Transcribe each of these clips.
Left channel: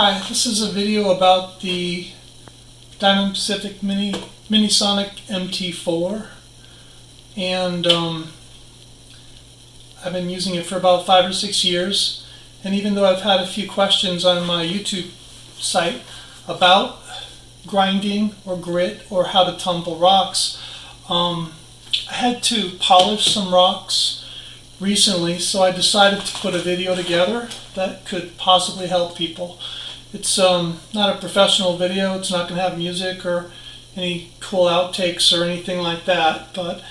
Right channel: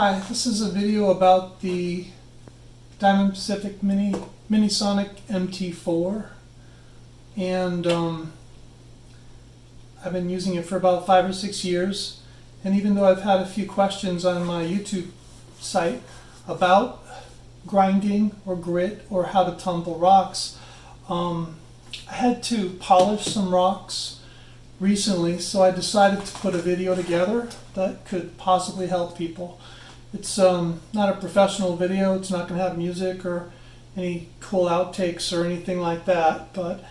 Hi, this is a video about the Diamond Pacific Minisonic MT-4, and I've been using it for about 5 or 6 years, and even though I've had a few questions on my YouTube site about grinding or grit or how to tumble rocks, I had to polish some rocks recently, so I decided to put a video together that could possibly help people. It's not a professional video. It's not going to have music or any cool outtakes or anything like that, but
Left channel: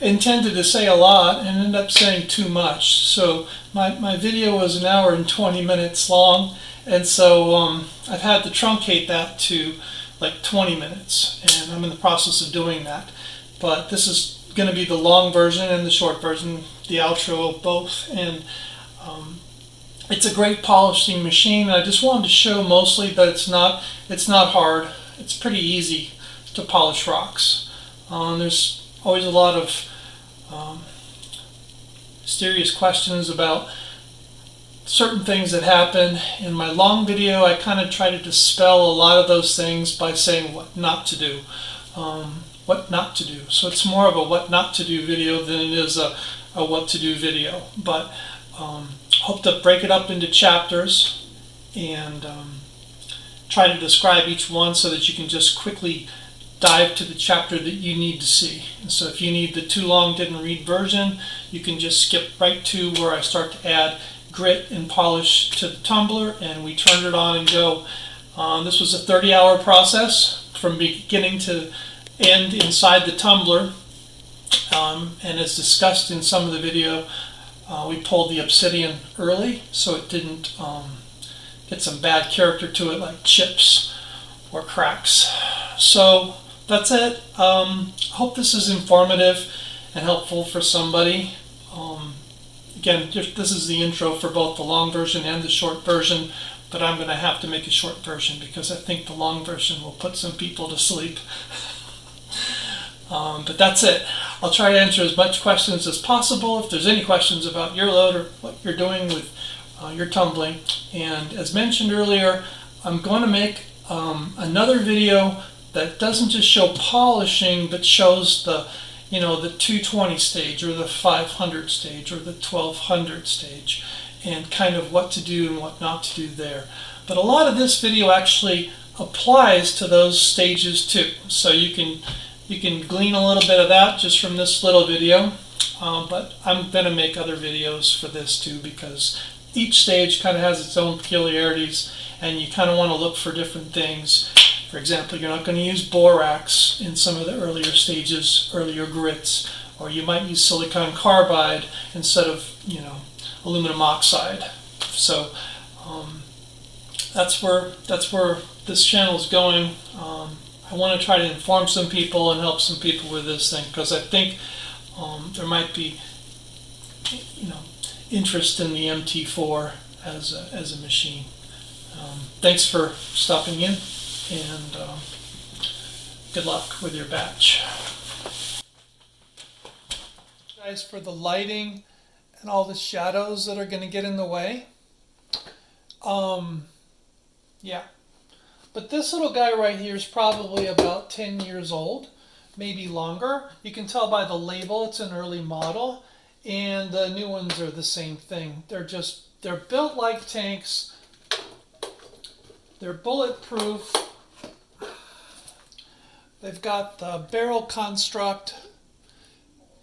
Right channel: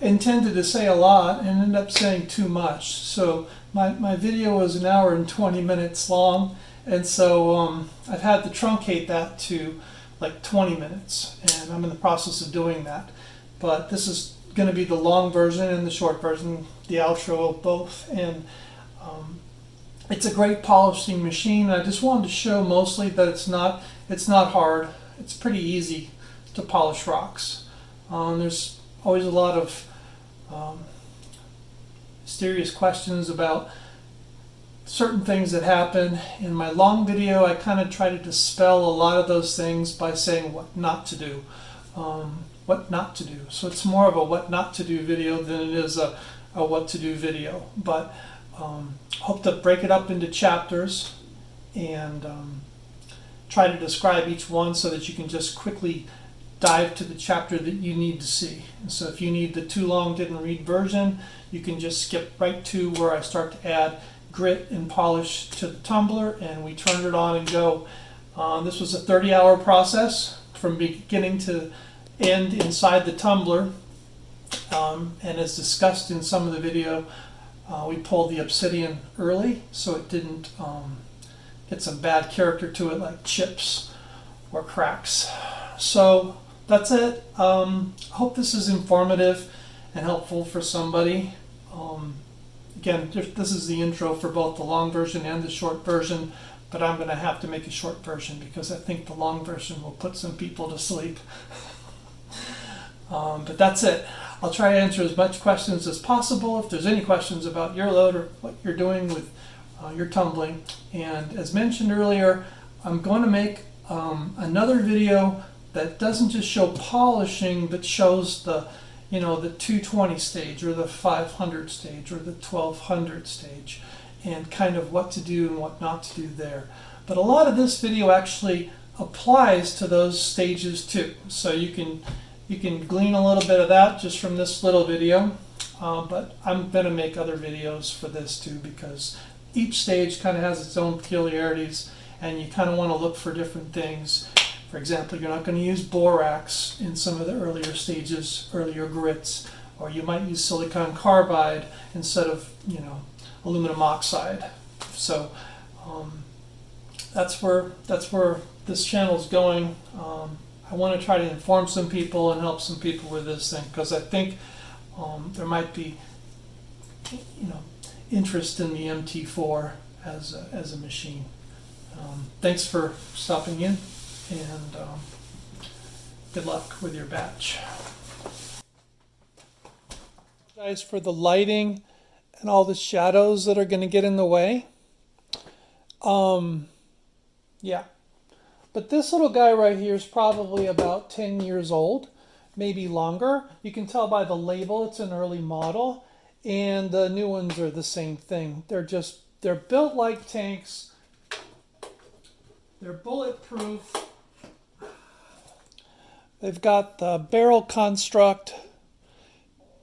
intended to say a lot and ended up saying too much. So my video was an hour and 20 minutes long, and so I've had to truncate that to like 20 minutes, and I'm in the process of doing that. But this is going to be the long version and the short version, the outro of both, and it's a great polishing machine. I just wanted to show mostly that it's not hard. It's pretty easy to polish rocks. There's always a lot of mysterious questions about certain things that happen. In my long video, I kind of try to dispel a lot of those things by saying what not to do. So it's more of a what not to do video than it is a what to do video. But hope to break it up into chapters and try to describe each one so that you can just quickly dive to the chapter that you need to see. And so if you need the too long didn't read version, you can just skip right to where I start to add grit and polish to the tumbler, and we turn it on and go. This was a 30-hour process from beginning to end inside the tumbler, and as discussed in some of the video, we pulled the obsidian early so it didn't get some bad character to it like chips or cracks. So that's it. Hope this is informative and helpful for somebody. Again, this is the intro for both the long version and the short version, but I'm going to have to make a short version because I think the long version will put some people to sleep. But that's it. I'll try to answer as much questions as possible. If there's any questions about your load or what you're doing with your tumbling. And as mentioned earlier, I'm going to make another video that doesn't just show polishing, but shows the the 220 stage or the 500 stage or the 1200 stage, and kind of what to do and what not to do there. But a lot of this video actually applies to those stages too. So you can glean a little bit of that just from this little video, but I'm going to make other videos for this too, because each stage kind of has its own peculiarities and you kind of want to look for different things. For example, you're not going to use borax in some of the earlier stages, earlier grits, or you might use silicon carbide instead of aluminum oxide. So that's where this channel is going. I want to try to inform some people and help some people with this thing, because I think there might be interest in the MT-4 as a machine. Thanks for stopping in, and good luck with your batch. Guys, for the lighting and all the shadows that are going to get in the way. Yeah. But this little guy right here is probably about 10 years old, maybe longer. You can tell by the label it's an early model, and the new ones are the same thing. They're built like tanks. They're bulletproof. They've got the barrel construct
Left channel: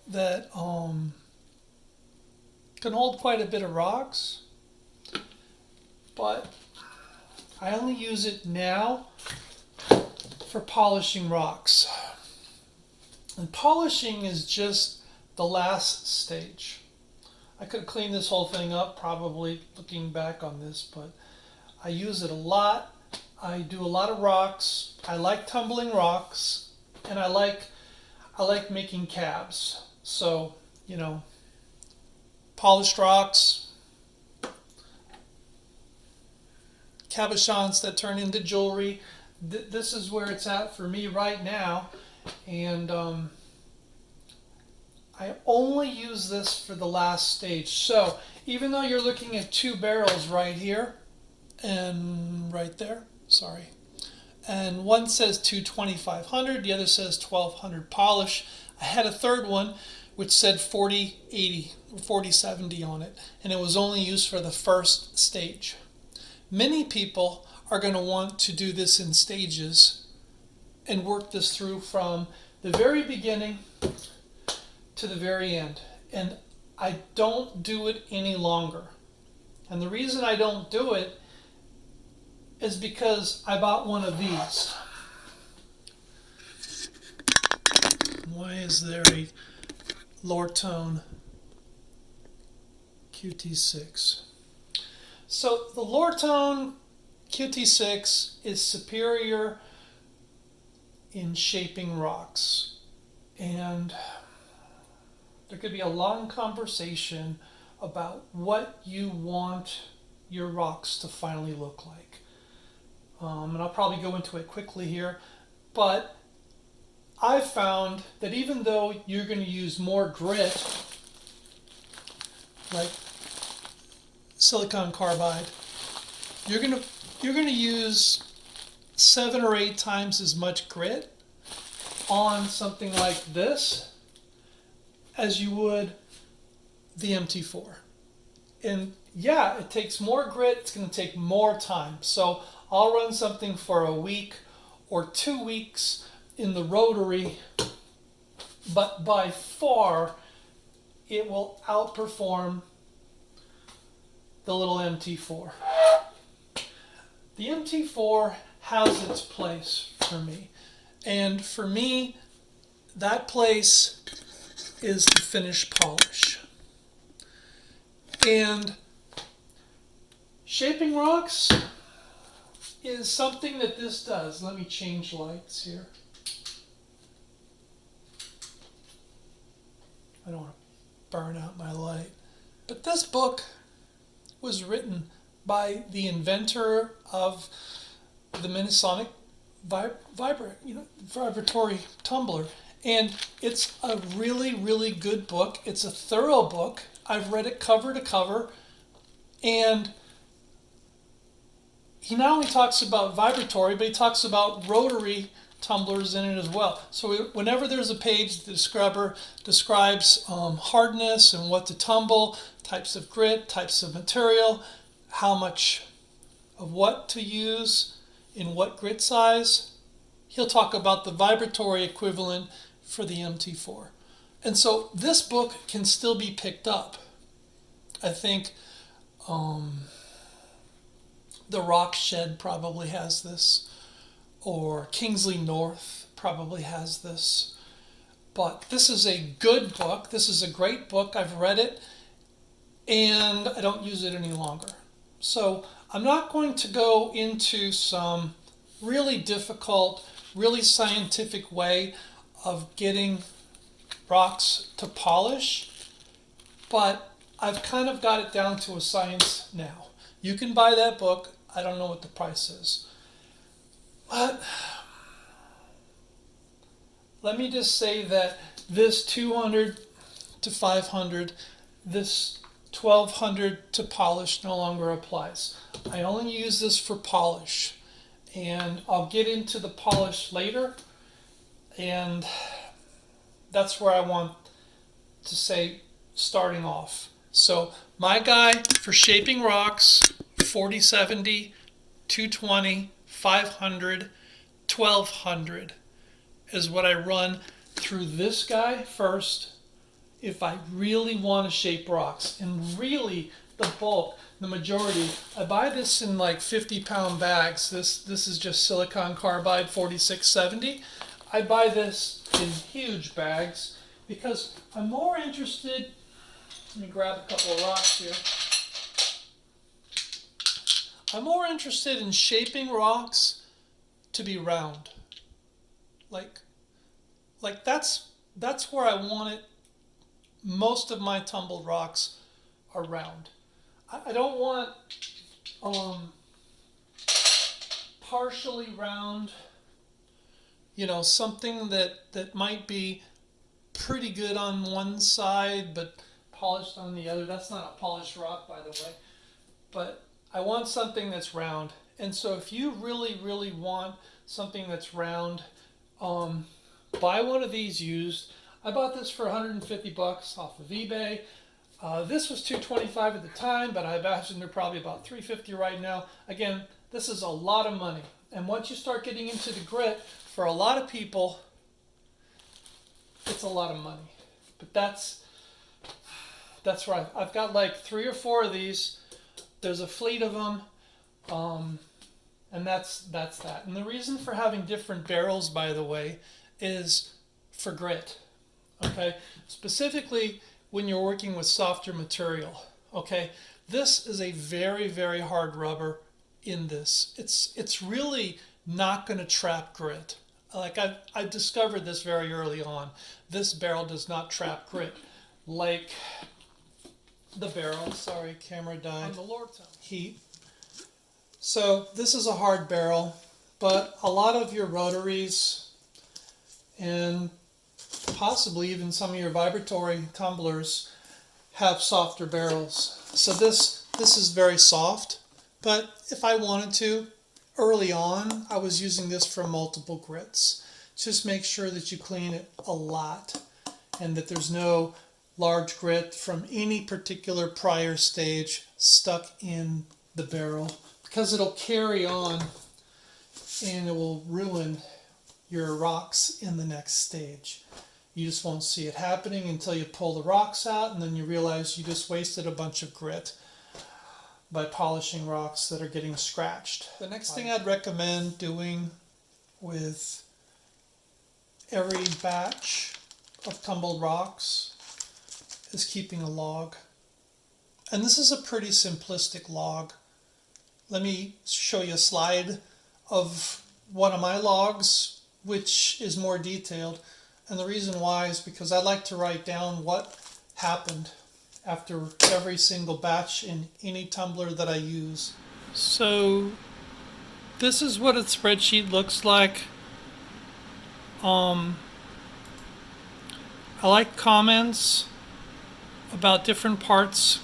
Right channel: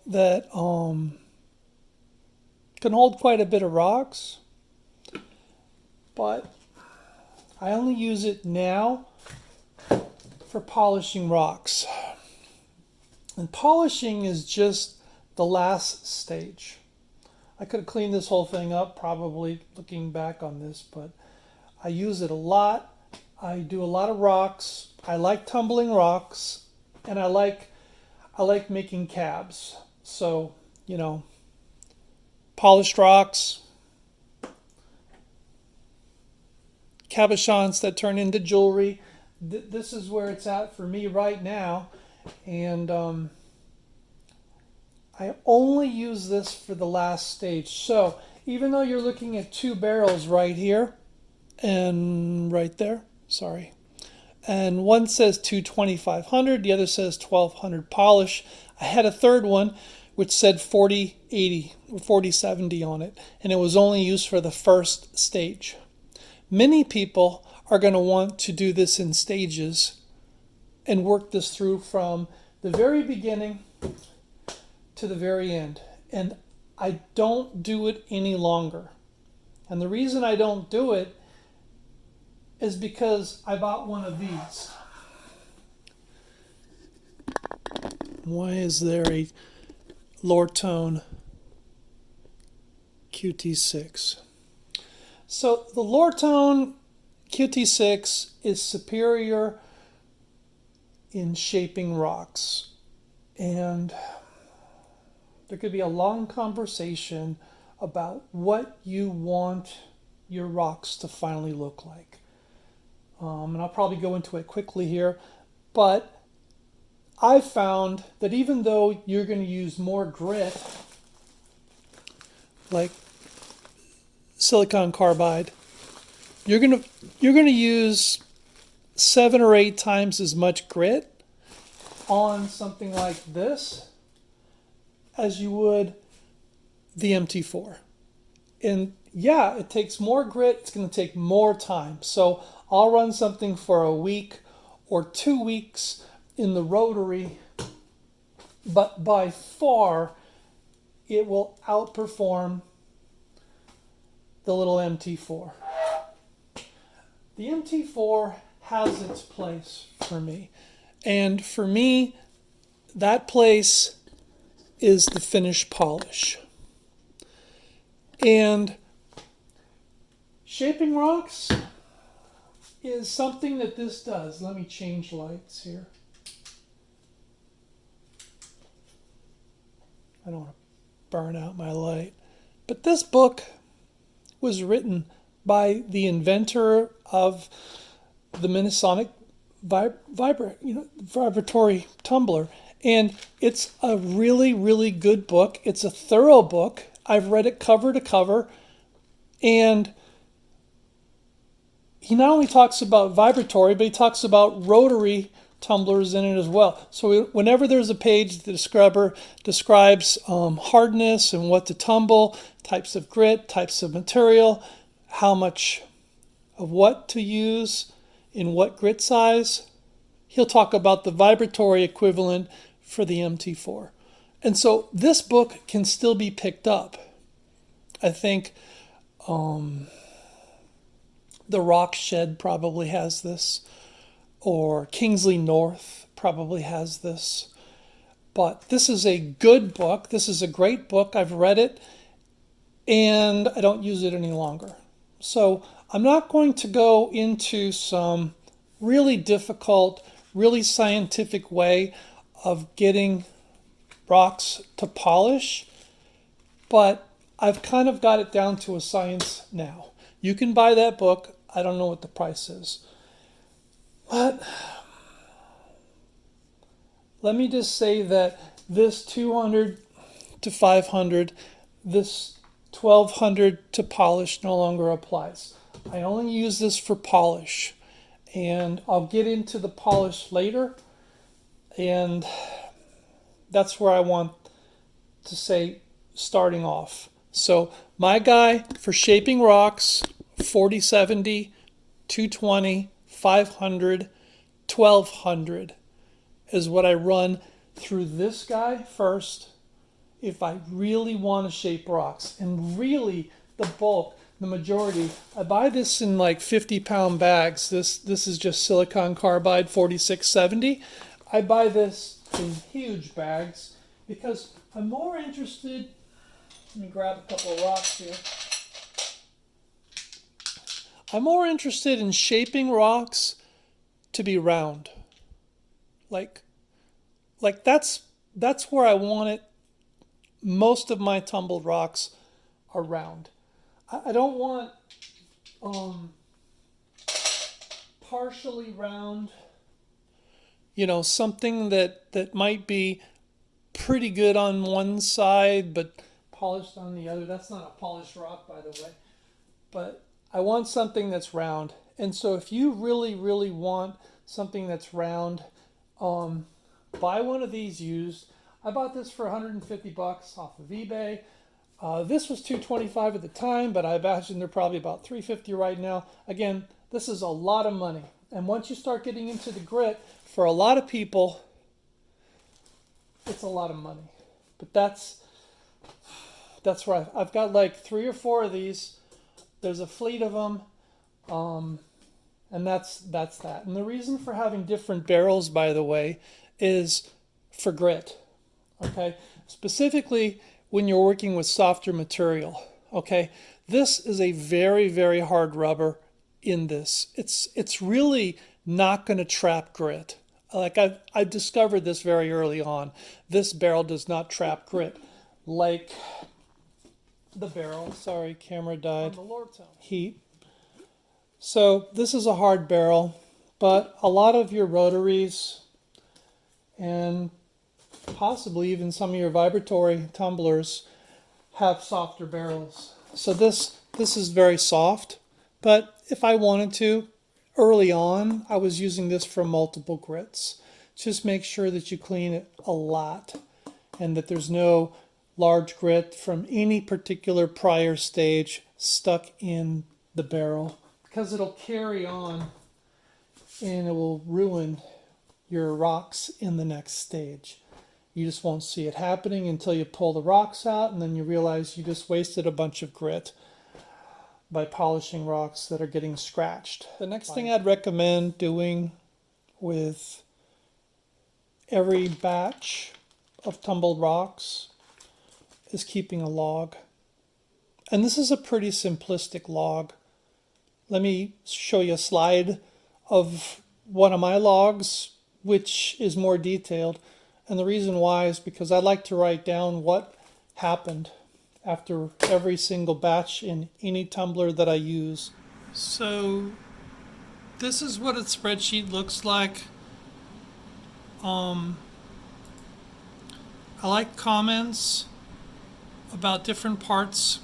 that can hold quite a bit of rocks, but I only use it now for polishing rocks. And polishing is just the last stage. I could clean this whole thing up probably looking back on this, but I use it a lot. I do a lot of rocks. I like tumbling rocks, and I like making cabs. So, polished rocks, cabochons that turn into jewelry. This is where it's at for me right now, and I only use this for the last stage. So even though you're looking at two barrels right here and right there, sorry, and one says 22500, the other says 1200 polish. I had a third one which said 4080 or 4070 on it, and it was only used for the first stage. Many people are going to want to do this in stages and work this through from the very beginning to the very end. And I don't do it any longer. And the reason I don't do it is because I bought one of these. Why is there a Lortone QT6? So the Lortone QT6 is superior in shaping rocks, and there could be a long conversation about what you want your rocks to finally look like. And I'll probably go into it quickly here, but I've found that even though you're going to use more grit, like silicon carbide, you're going to use 7 or 8 times as much grit on something like this as you would the MT-4. And yeah, it takes more grit, it's going to take more time. So I'll run something for a week or 2 weeks in the Rotary, but by far it will outperform the little MT-4. The MT-4 has its place for me. And for me, that place is the finished polish. And shaping rocks is something that this does. Let me change lights here. I don't want to burn out my light. But this book was written by the inventor of the Minnesonic Vibratory Tumbler. And it's a really, really good book. It's a thorough book. I've read it cover to cover. And he not only talks about vibratory, but he talks about rotary tumblers in it as well. So whenever there's a page that describes hardness and what to tumble, types of grit, types of material, how much of what to use in what grit size, he'll talk about the vibratory equivalent for the MT-4. And so this book can still be picked up. I think the Rock Shed probably has this, or Kingsley North probably has this. But this is a good book. This is a great book. I've read it, and I don't use it any longer. So I'm not going to go into some really difficult, really scientific way of getting rocks to polish, but I've kind of got it down to a science now. You can buy that book. I don't know what the price is. But let me just say that this 200 to 500, this 1200 to polish no longer applies. I only use this for polish, and I'll get into the polish later, and that's where I want to say starting off. So my guy for shaping rocks, 4070, 220, 500, 1200 is what I run through this guy first if I really want to shape rocks. And really the bulk, the majority, I buy this in like 50-pound bags. This is just silicon carbide 4670. I buy this in huge bags because I'm more interested. Let me grab a couple of rocks here. I'm more interested in shaping rocks to be round. Like that's where I want it. Most of my tumbled rocks are round. I don't want partially round, something that might be pretty good on one side but polished on the other. That's not a polished rock, by the way. But I want something that's round. And so if you really, really want something that's round, buy one of these used. I bought this for 150 bucks off of eBay. This was 225 at the time, but I imagine they're probably about 350 right now. Again, this is a lot of money. And once you start getting into the grit, for a lot of people, it's a lot of money. But that's right. I've got like 3 or 4 of these. There's a fleet of them. And that's that. And the reason for having different barrels, by the way, is for grit. Okay? Specifically when you're working with softer material. Okay? This is a very, very hard rubber in this. It's really not going to trap grit. Like I discovered this very early on. This barrel does not trap grit like the barrel. Sorry, camera died. On the Lordstown. Heat. So this is a hard barrel, but a lot of your rotaries and possibly even some of your vibratory tumblers have softer barrels. So this is very soft, but if I wanted to, early on, I was using this for multiple grits. Just make sure that you clean it a lot and that there's no large grit from any particular prior stage stuck in the barrel, because it'll carry on and it will ruin your rocks in the next stage. You just won't see it happening until you pull the rocks out, and then you realize you just wasted a bunch of grit by polishing rocks that are getting scratched. The next thing I'd recommend doing with every batch of tumbled rocks is keeping a log. And this is a pretty simplistic log. Let me show you a slide of one of my logs, which is more detailed. And the reason why is because I like to write down what happened after every single batch in any tumbler that I use. So this is what a spreadsheet looks like. I like comments about different parts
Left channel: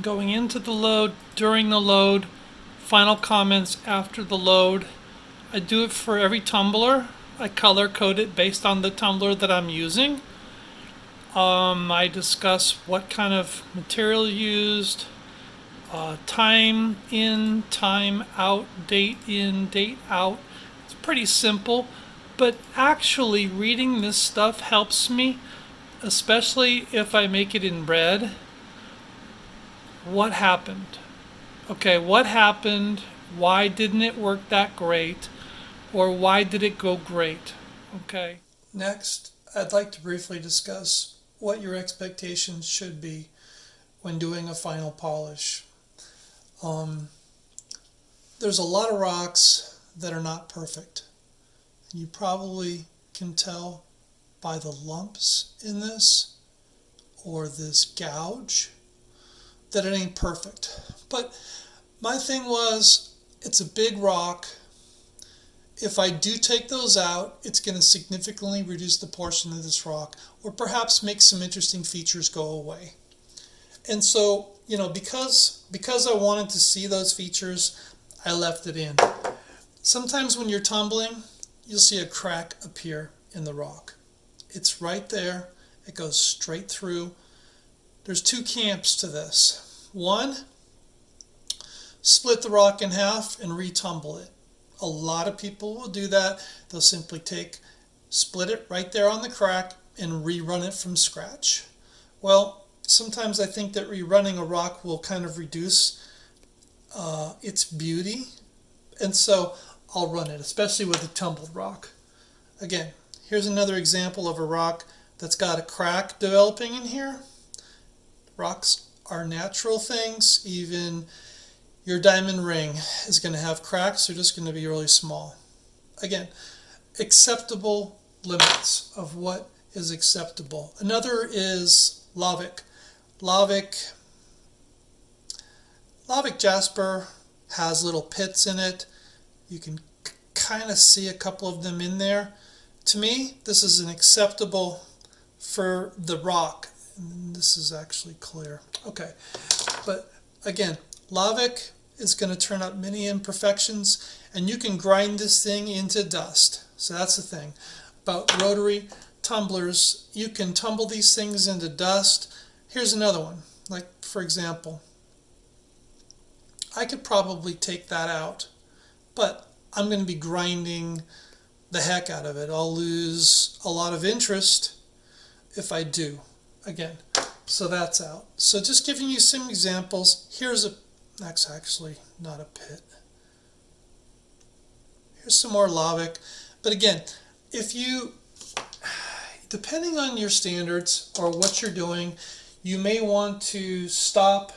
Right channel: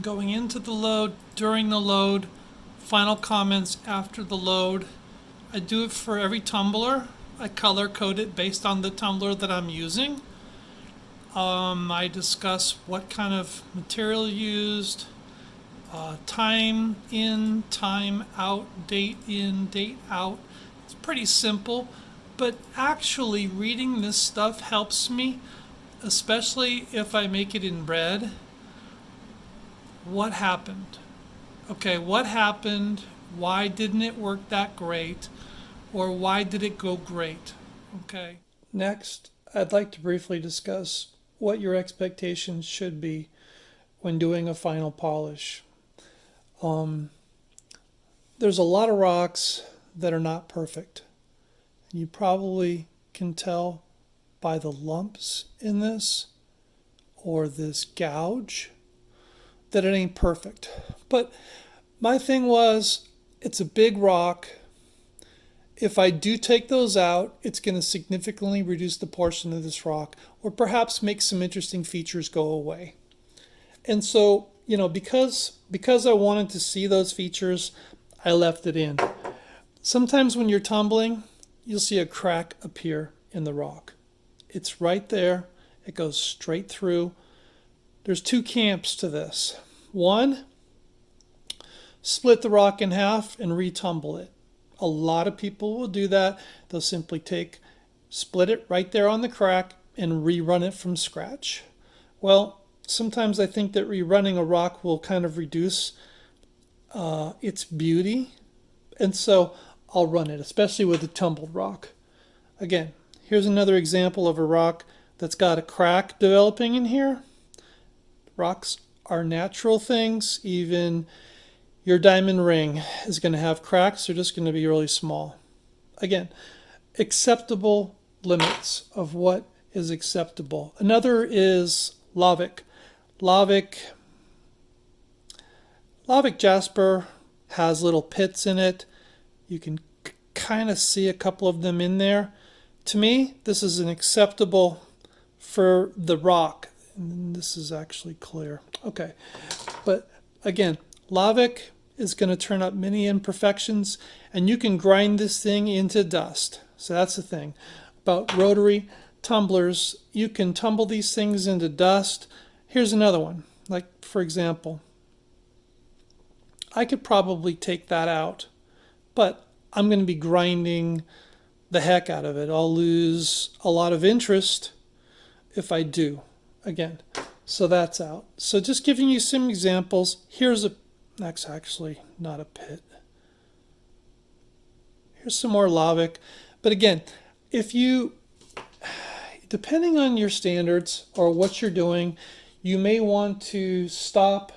going into the load, during the load, final comments after the load. I do it for every tumbler. I color code it based on the tumbler that I'm using. I discuss what kind of material used, time in, time out, date in, date out. It's pretty simple, but actually reading this stuff helps me, especially if I make it in red. What happened? Okay, what happened? Why didn't it work that great? Or why did it go great? Okay. Next, I'd like to briefly discuss what your expectations should be when doing a final polish. There's a lot of rocks that are not perfect. You probably can tell by the lumps in this or this gouge that it ain't perfect. But my thing was, it's a big rock. If I do take those out, it's going to significantly reduce the portion of this rock, or perhaps make some interesting features go away. And so, because I wanted to see those features, I left it in. Sometimes when you're tumbling, you'll see a crack appear in the rock. It's right there. It goes straight through. There's 2 camps to this. One, split the rock in half and retumble it. A lot of people will do that. They'll simply split it right there on the crack and rerun it from scratch. Well, sometimes I think that rerunning a rock will kind of reduce its beauty. And so I'll run it, especially with a tumbled rock. Again, here's another example of a rock that's got a crack developing in here. Rocks are natural things. Even your diamond ring is going to have cracks. They're just going to be really small. Again, acceptable limits of what is acceptable. Another is lavic. Lavic jasper has little pits in it. You can kind of see a couple of them in there. To me, this is an acceptable for the rock. And this is actually clear. Okay, but again, lavic is going to turn up many imperfections, and you can grind this thing into dust. So that's the thing about rotary tumblers. You can tumble these things into dust. Here's another one. Like, for example, I could probably take that out, but I'm going to be grinding the heck out of it. I'll lose a lot of interest if I do. Again, so that's out. So just giving you some examples. That's actually not a pit. Here's some more lavic. But again, depending on your standards or what you're doing, you may want to stop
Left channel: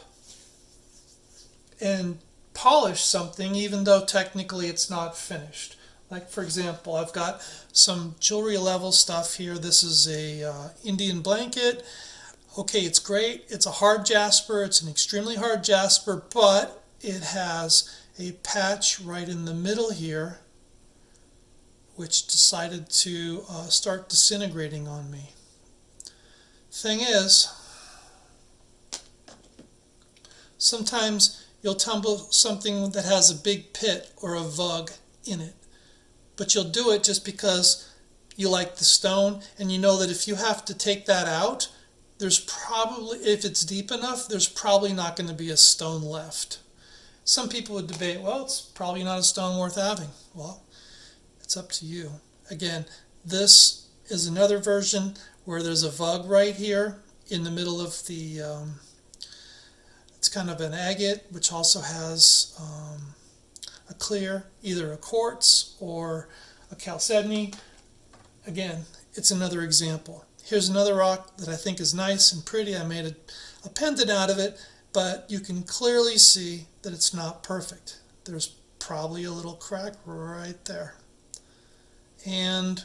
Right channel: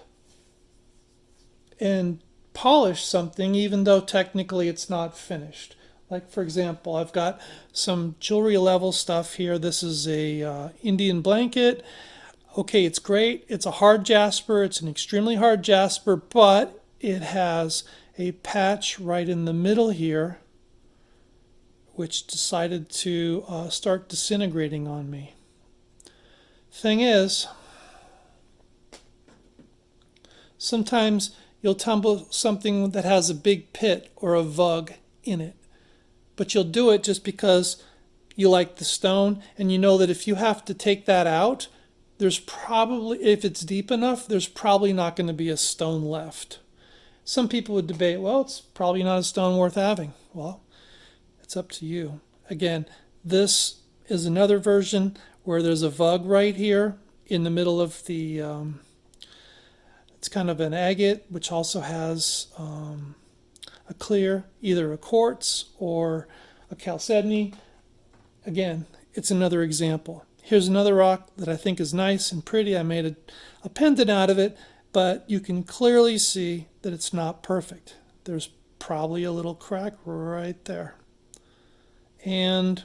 and polish something even though technically it's not finished. Like, for example, I've got some jewelry level stuff here. This is a Indian blanket. Okay, it's great. It's a hard jasper. It's an extremely hard jasper, but it has a patch right in the middle here which decided to start disintegrating on me. Thing is, sometimes you'll tumble something that has a big pit or a vug in it, but you'll do it just because you like the stone, and you know that if you have to take that out, there's probably, if it's deep enough, there's probably not going to be a stone left. Some people would debate, well, it's probably not a stone worth having. Well, it's up to you. Again, this is another version where there's a vug right here in the middle of the, it's kind of an agate, which also has a clear, either a quartz or a chalcedony. Again, it's another example. Here's another rock that I think is nice and pretty. I made a pendant out of it, but you can clearly see that it's not perfect. There's probably a little crack right there. And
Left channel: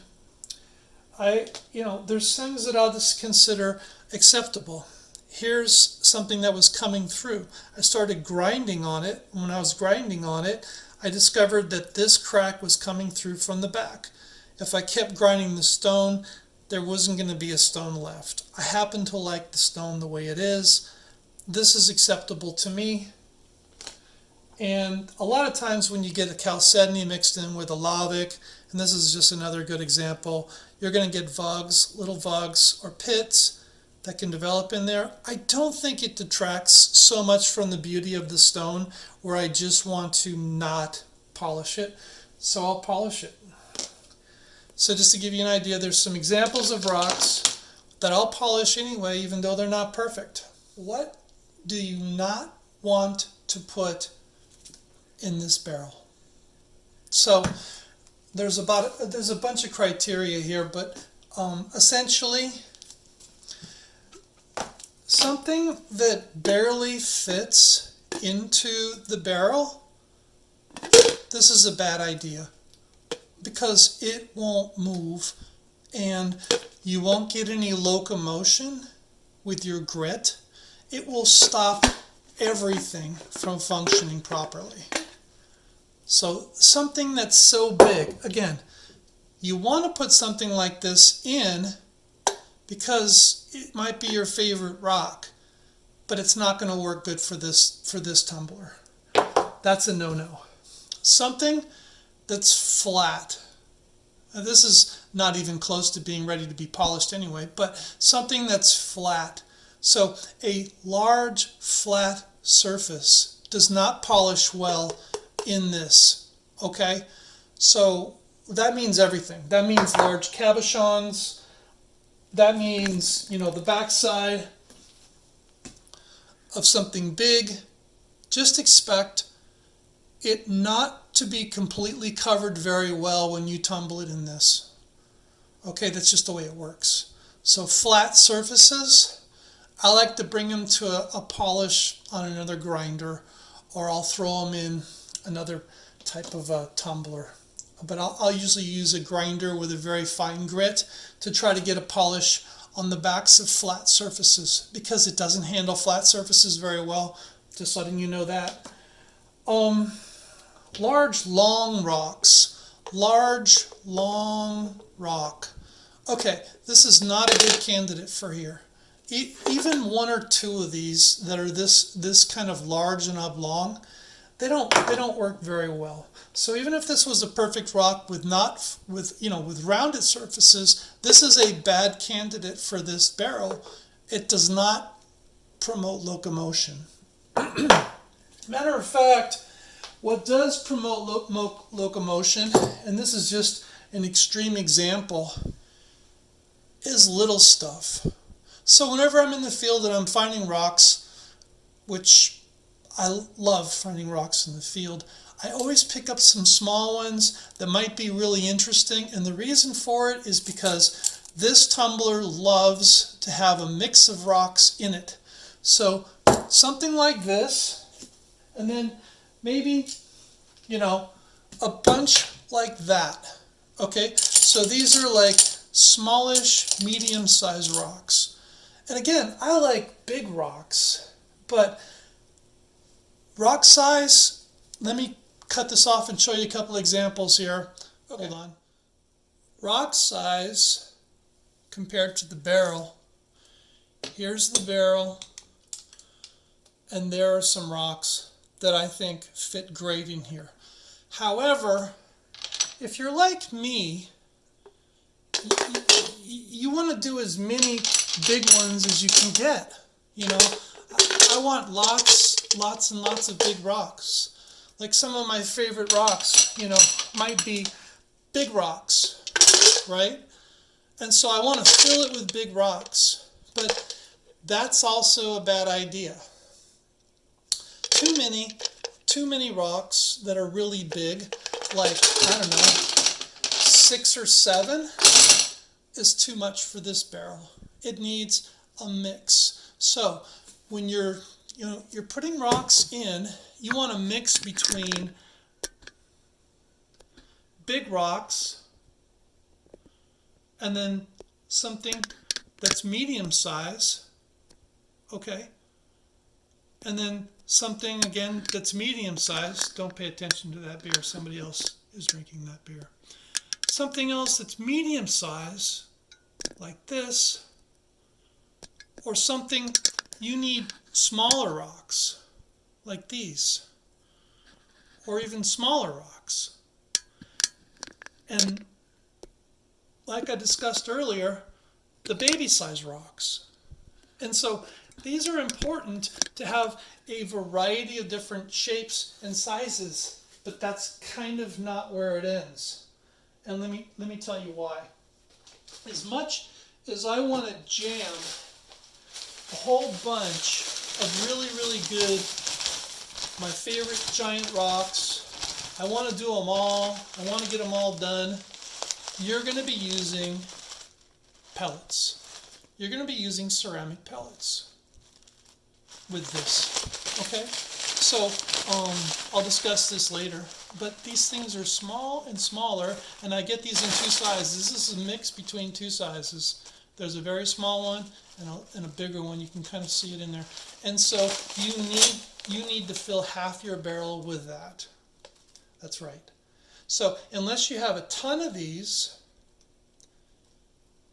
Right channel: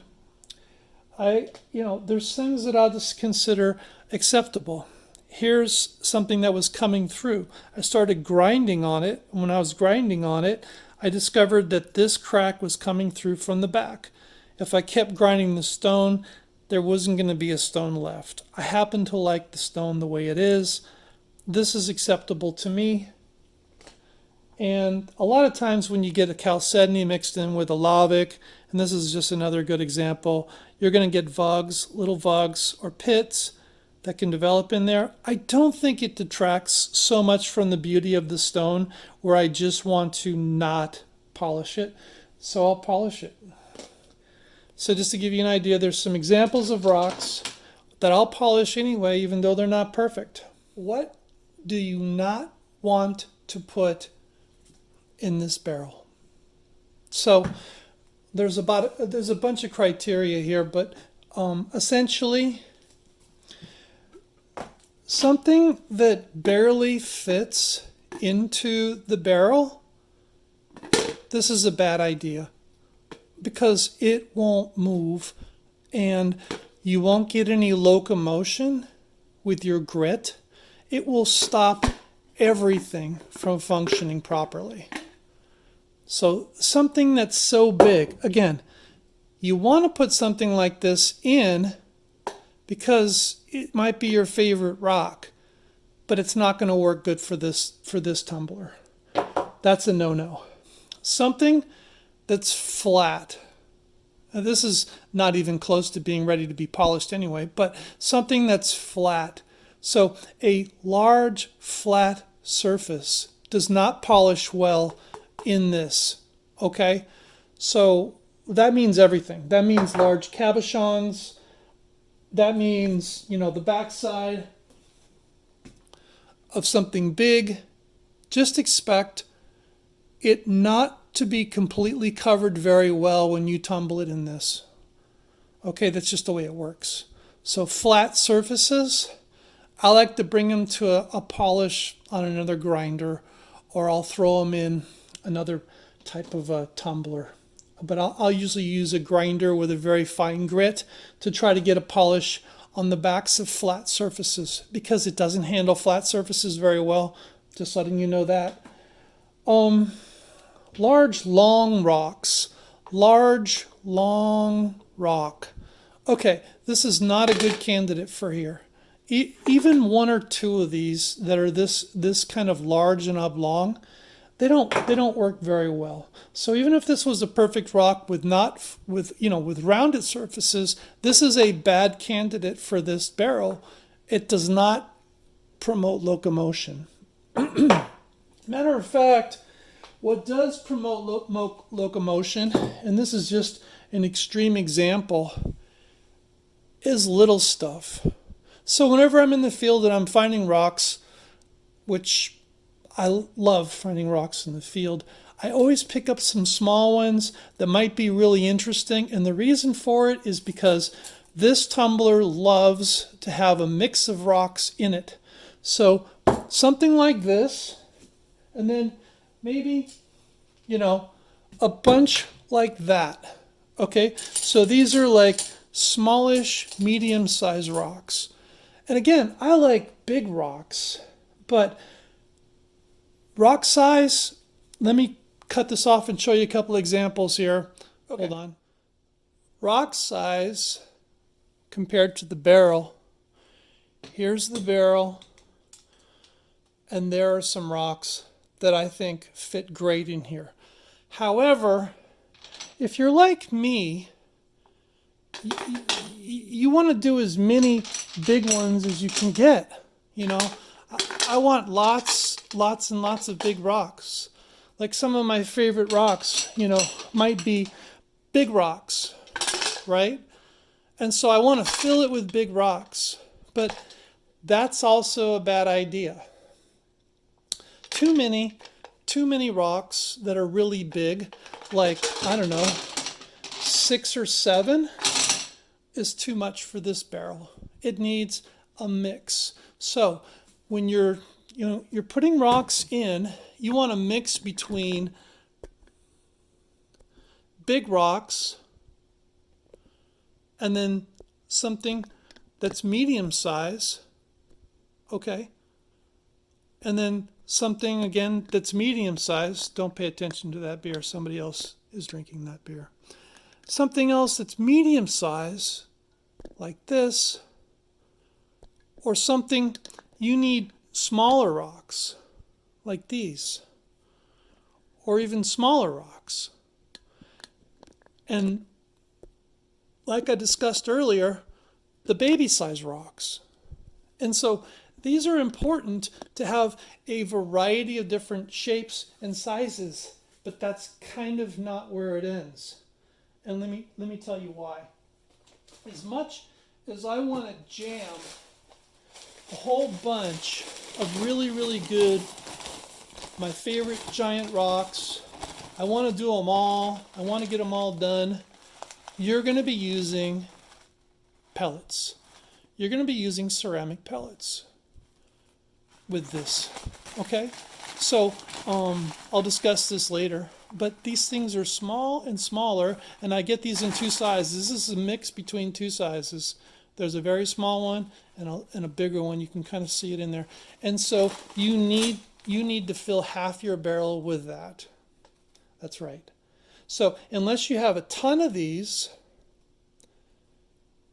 there's things that I'll just consider acceptable. Here's something that was coming through. I started grinding on it. When I was grinding on it, I discovered that this crack was coming through from the back. If I kept grinding the stone, there wasn't going to be a stone left. I happen to like the stone the way it is. This is acceptable to me. And a lot of times when you get a chalcedony mixed in with a lavic, and this is just another good example, you're going to get vugs, little vugs or pits that can develop in there. I don't think it detracts so much from the beauty of the stone where I just want to not polish it. So I'll polish it. So just to give you an idea, there's some examples of rocks that I'll polish anyway, even though they're not perfect. What do you not want to put in this barrel? So there's a bunch of criteria here, but essentially something that barely fits into the barrel, this is a bad idea because it won't move and you won't get any locomotion with your grit. It will stop everything from functioning properly. So something that's so big, again, you want to put something like this in because it might be your favorite rock, but it's not going to work good for this tumbler. That's a no-no. Something that's flat. Now, this is not even close to being ready to be polished anyway, but something that's flat. So a large flat surface does not polish well in this, okay? So that means everything. That means large cabochons. That means, the backside of something big. Just expect it not to be completely covered very well when you tumble it in this. Okay, that's just the way it works. So flat surfaces, I like to bring them to a polish on another grinder, or I'll throw them in another type of a tumbler. But I'll usually use a grinder with a very fine grit to try to get a polish on the backs of flat surfaces because it doesn't handle flat surfaces very well. Just letting you know that. Large, long rocks. Large, long rock. Okay, this is not a good candidate for here. even one or two of these that are this kind of large and oblong, they don't work very well. So even if this was a perfect rock with rounded surfaces, this is a bad candidate for this barrel. It does not promote locomotion. Matter of fact, what does promote locomotion, and this is just an extreme example, is little stuff. So whenever I'm in the field and I'm finding rocks, which I love finding rocks in the field, I always pick up some small ones that might be really interesting. And the reason for it is because this tumbler loves to have a mix of rocks in it. So something like this, and then maybe, a bunch like that. Okay, so these are like smallish, medium-sized rocks. And again, I like big rocks, but rock size, let me cut this off and show you a couple examples here. Okay. Hold on. Rock size compared to the barrel. Here's the barrel, and there are some rocks that I think fit great in here. However, if you're like me, you want to do as many big ones as you can get. I want lots and lots of big rocks. Like some of my favorite rocks, might be big rocks, right? And so I want to fill it with big rocks, but that's also a bad idea. Too many rocks that are really big, like, 6 or 7, is too much for this barrel. It needs a mix. So when you're putting rocks in, you want to mix between big rocks and then something that's medium size, okay? And then something, again, that's medium size. Don't pay attention to that beer. Somebody else is drinking that beer. Something else that's medium size, like this, or something, you need smaller rocks, like these, or even smaller rocks. And like I discussed earlier, the baby size rocks. And so these are important to have a variety of different shapes and sizes, but that's kind of not where it ends. And let me tell you why. As much as I want to jam a whole bunch of really, really good, my favorite giant rocks, I want to do them all, I want to get them all done, you're going to be using pellets. You're going to be using ceramic pellets with this, okay? So I'll discuss this later, but these things are small and smaller, and I get these in 2 sizes. This is a mix between 2 sizes. There's a very small one and a bigger one. You can kind of see it in there. And so you need to fill half your barrel with that. That's right. So unless you have a ton of these,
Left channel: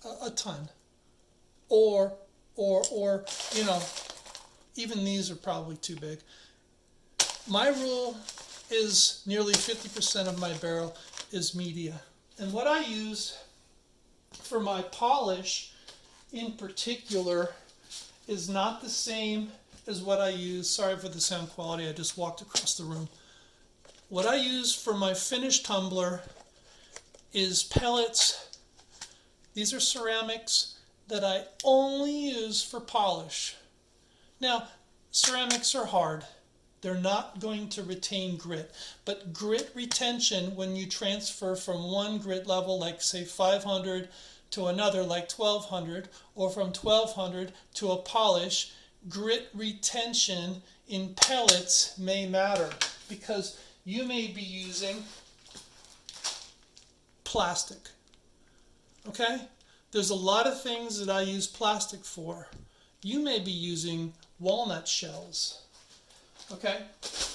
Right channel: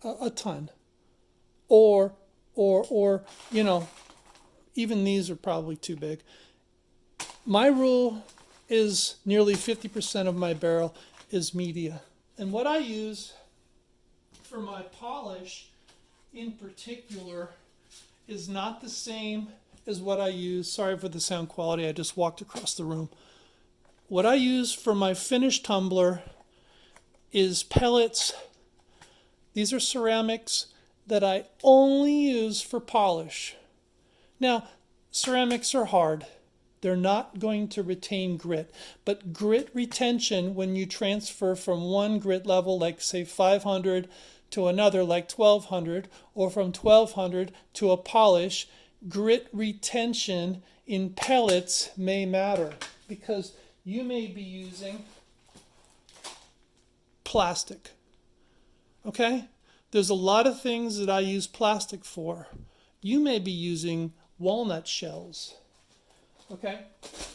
a ton, or even these are probably too big. My rule is nearly 50% of my barrel is media. And what I use for my polish in particular is not the same as what I use. Sorry for the sound quality, I just walked across the room. What I use for my finished tumbler is pellets. These are ceramics that I only use for polish. Now, ceramics are hard. They're not going to retain grit. But grit retention, when you transfer from one grit level, like say 500, to another, like 1200, or from 1200 to a polish, grit retention in pellets may matter because you may be using plastic. Okay? There's a lot of things that I use plastic for. You may be using walnut shells. Okay?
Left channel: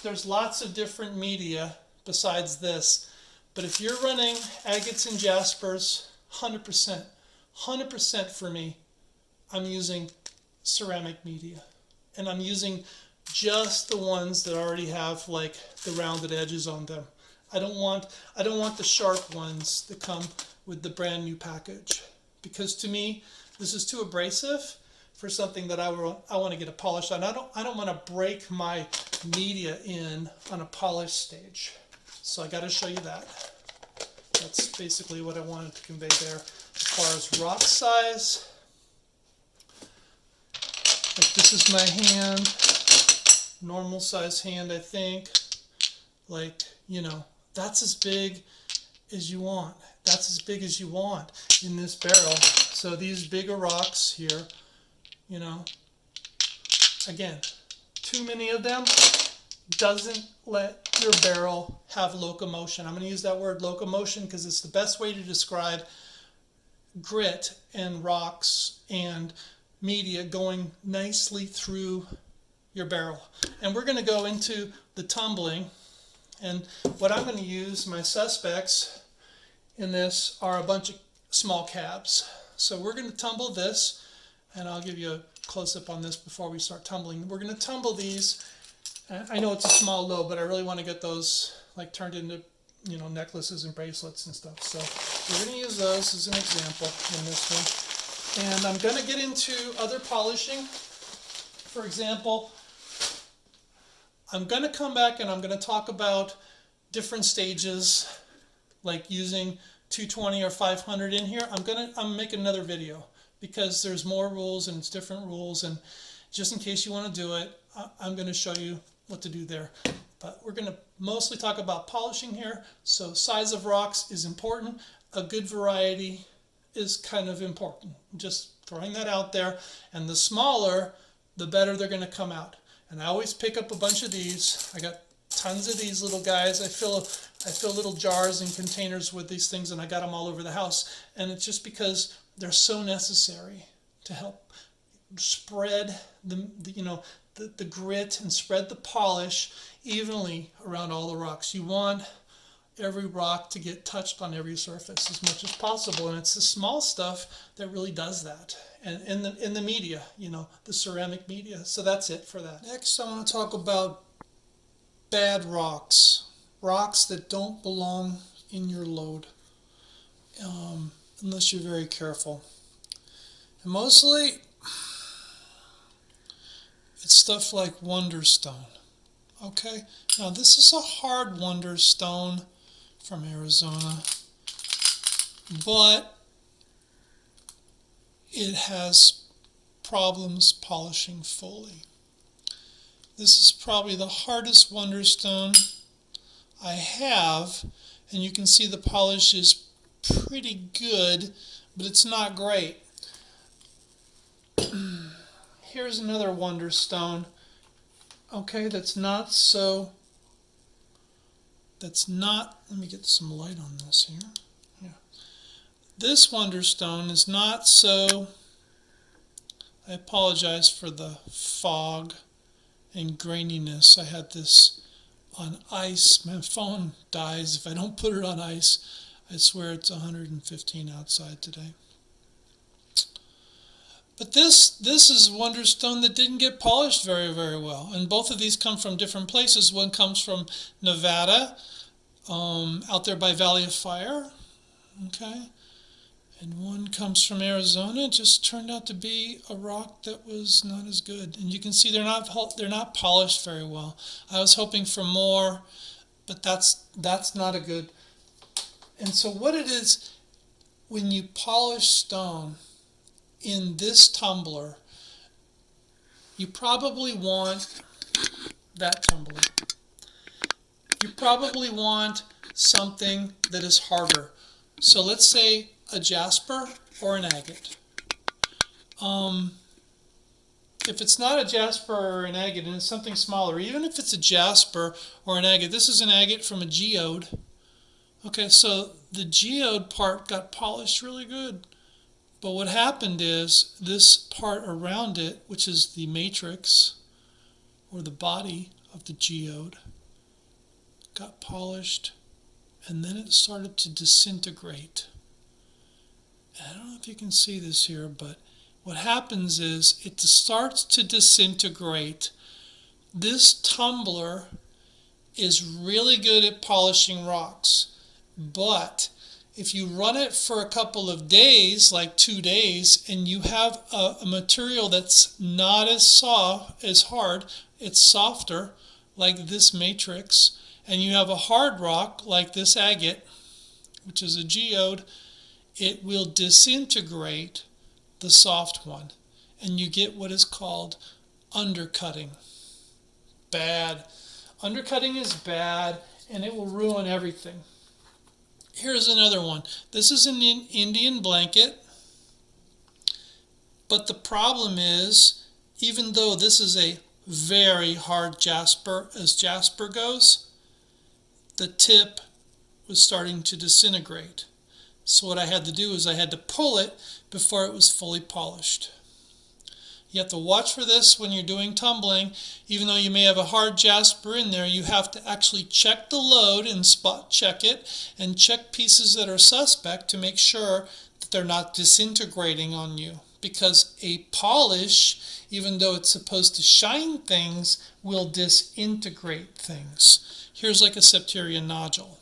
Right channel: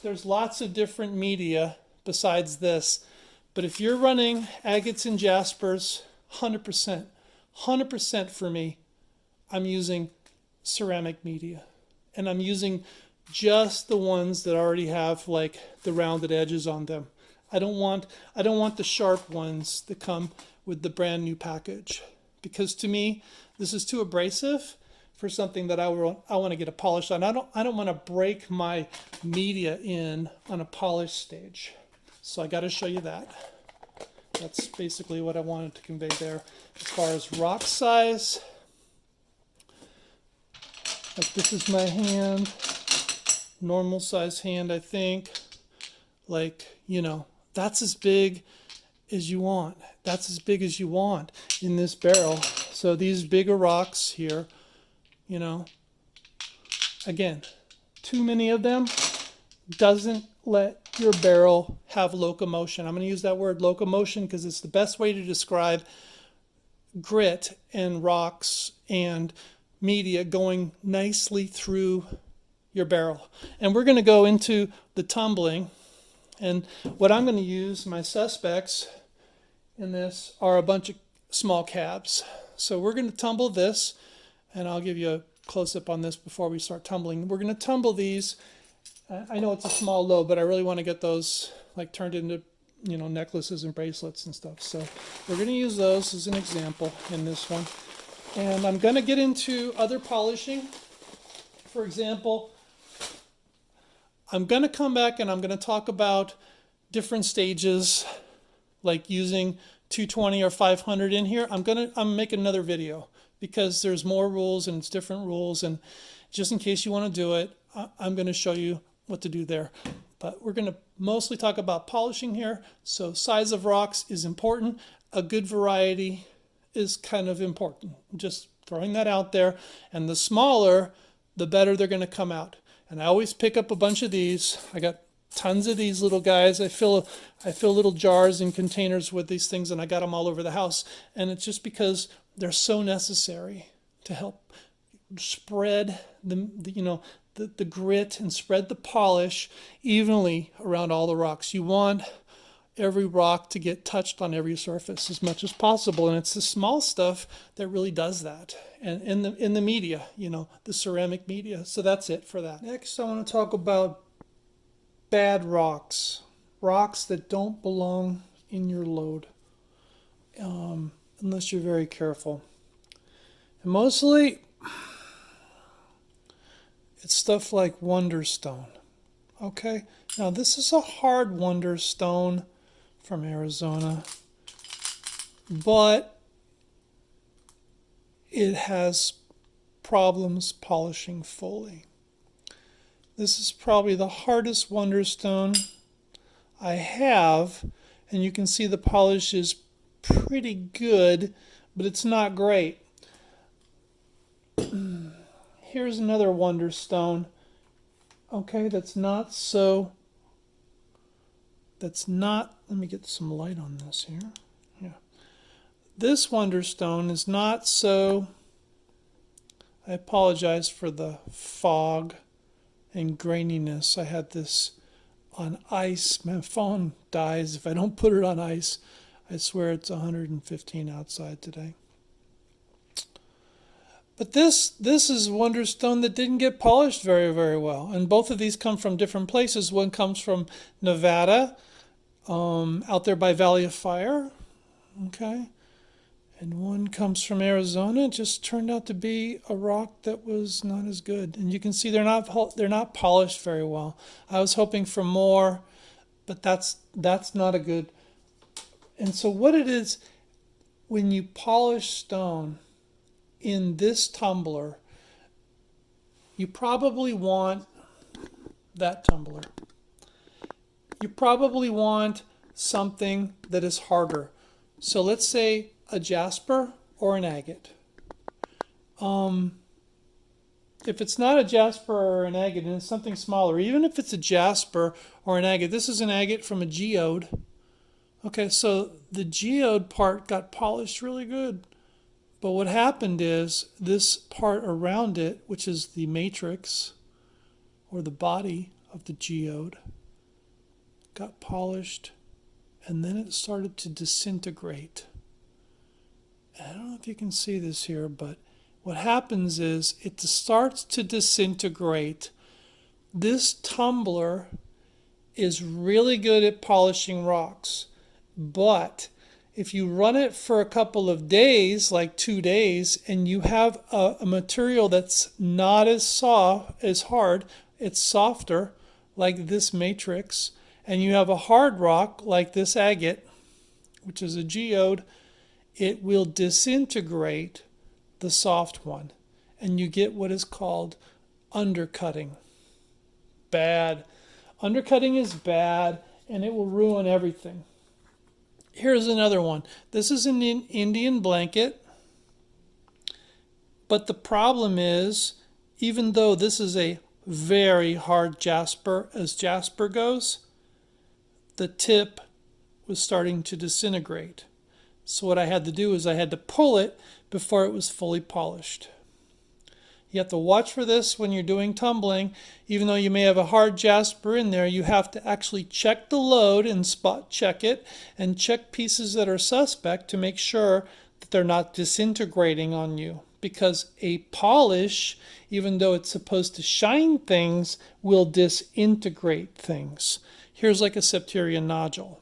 There's lots of different media besides this. But if you're running agates and jaspers, 100% for me, I'm using ceramic media. And I'm using just the ones that already have like the rounded edges on them. I don't want the sharp ones that come with the brand new package, because to me this is too abrasive for something that I want to get a polish on. I don't want to break my media in on a polish stage. So I got to show you that. That's basically what I wanted to convey there. As far as rock size, like this is my hand, normal size hand, I think. Like, you know, that's as big as you want. That's as big as you want in this barrel. So these bigger rocks here, you know, again, too many of them doesn't let your barrel have locomotion. I'm going to use that word locomotion because it's the best way to describe grit and rocks and media going nicely through your barrel. And we're going to go into the tumbling. And what I'm going to use, my suspects in this are a bunch of small cabs. So we're going to tumble this, and I'll give you a close-up on this before we start tumbling. We're going to tumble these. I know it's a small load, but I really want to get those like turned into, you know, necklaces and bracelets and stuff. So we're going to use those as an example in this one. And I'm going to get into other polishing. For example, I'm going to come back and I'm going to talk about different stages, like using 220 or 500 in here. I'm making another video because there's more rules and it's different rules. And just in case you want to do it, I'm going to show you what to do there. But we're going to mostly talk about polishing here. So size of rocks is important. A good variety is kind of important. Just throwing that out there. And the smaller, the better they're going to come out. And I always pick up a bunch of these. I got tons of these little guys. I fill little jars and containers with these things, and I got them all over the house. And it's just because they're so necessary to help spread the grit and spread the polish evenly around all the rocks. You want every rock to get touched on every surface as much as possible, and it's the small stuff that really does that. And in the media, you know, the ceramic media. So that's it for that. Next, I want to talk about bad rocks that don't belong in your load, unless you're very careful. And mostly, it's stuff like Wonderstone. Okay, now this is a hard Wonderstone from Arizona, but it has problems polishing fully. This is probably the hardest Wonderstone I have, and you can see the polish is pretty good, but it's not great. Here's another Wonderstone. Okay, let me get some light on this here. Yeah. This Wonderstone is not so, I apologize for the fog and graininess. I had this on ice. My phone dies if I don't put it on ice. I swear it's 115 outside today. But this is Wonderstone that didn't get polished very, very well. And both of these come from different places. One comes from Nevada, out there by Valley of Fire. Okay. And one comes from Arizona. It just turned out to be a rock that was not as good. And you can see they're not polished very well. I was hoping for more, but that's not a good. And so what it is, when you polish stone in this tumbler, you probably want that tumbler. You probably want something that is harder. So let's say a jasper or an agate. If it's not a jasper or an agate and it's something smaller, even if it's a jasper or an agate, this is an agate from a geode. Okay, so the geode part got polished really good. But what happened is this part around it, which is the matrix or the body of the geode, got polished, and then it started to disintegrate. And I don't know if you can see this here, but what happens is it starts to disintegrate. This tumbler is really good at polishing rocks, but if you run it for a couple of days, like 2 days, and you have a material that's not as hard, it's softer, like this matrix, and you have a hard rock like this agate, which is a geode, it will disintegrate the soft one, and you get what is called undercutting. Bad. Undercutting is bad, and it will ruin everything. Here's another one. This is an Indian blanket, but the problem is, even though this is a very hard jasper, as jasper goes, the tip was starting to disintegrate. So what I had to do is I had to pull it before it was fully polished. You have to watch for this when you're doing tumbling. Even though you may have a hard jasper in there, you have to actually check the load and spot check it and check pieces that are suspect to make sure that they're not disintegrating on you. Because a polish, even though it's supposed to shine things, will disintegrate things. Here's like a septarian nodule.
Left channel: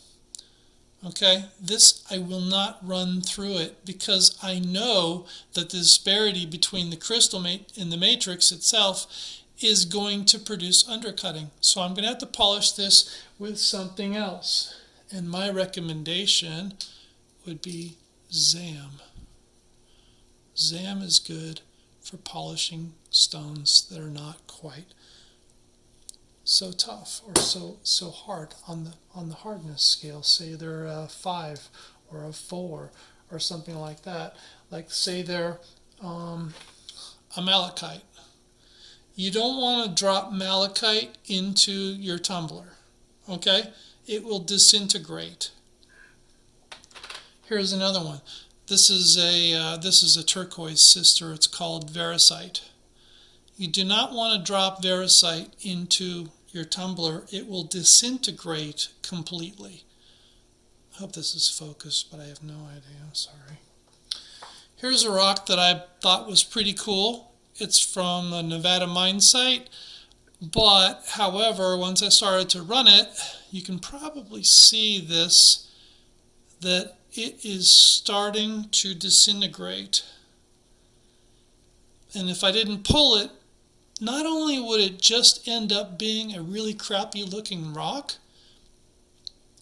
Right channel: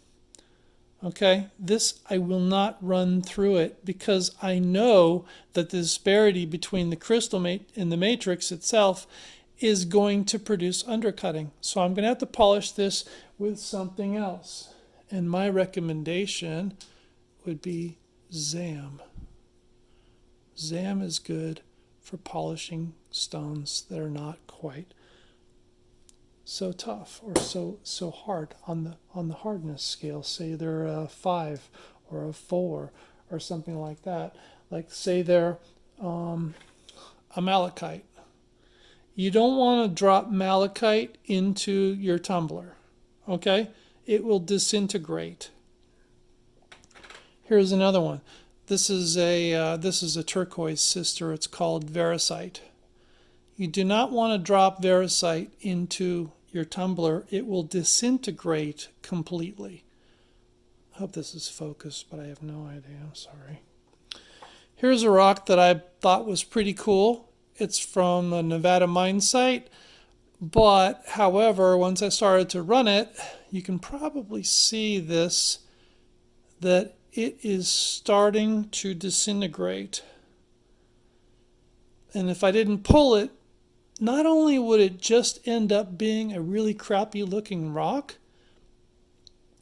Okay, this I will not run through it because I know that the disparity between the crystal and the matrix itself is going to produce undercutting. So I'm going to have to polish this with something else. And my recommendation would be ZAM. ZAM is good for polishing stones that are not quite so tough or so hard on the hardness scale. Say they're a 5 or a 4 or something like that. Like say they're a malachite. You don't want to drop malachite into your tumbler. Okay, it will disintegrate. Here's another one. This is a turquoise sister. It's called variscite. You do not want to drop variscite into your tumbler. It will disintegrate completely. I hope this is focused, but I have no idea. I'm sorry. Here's a rock that I thought was pretty cool. It's from a Nevada mine site, but however, once I started to run it, you can probably see this, that it is starting to disintegrate. And if I didn't pull it, not only would it just end up being a really crappy looking rock,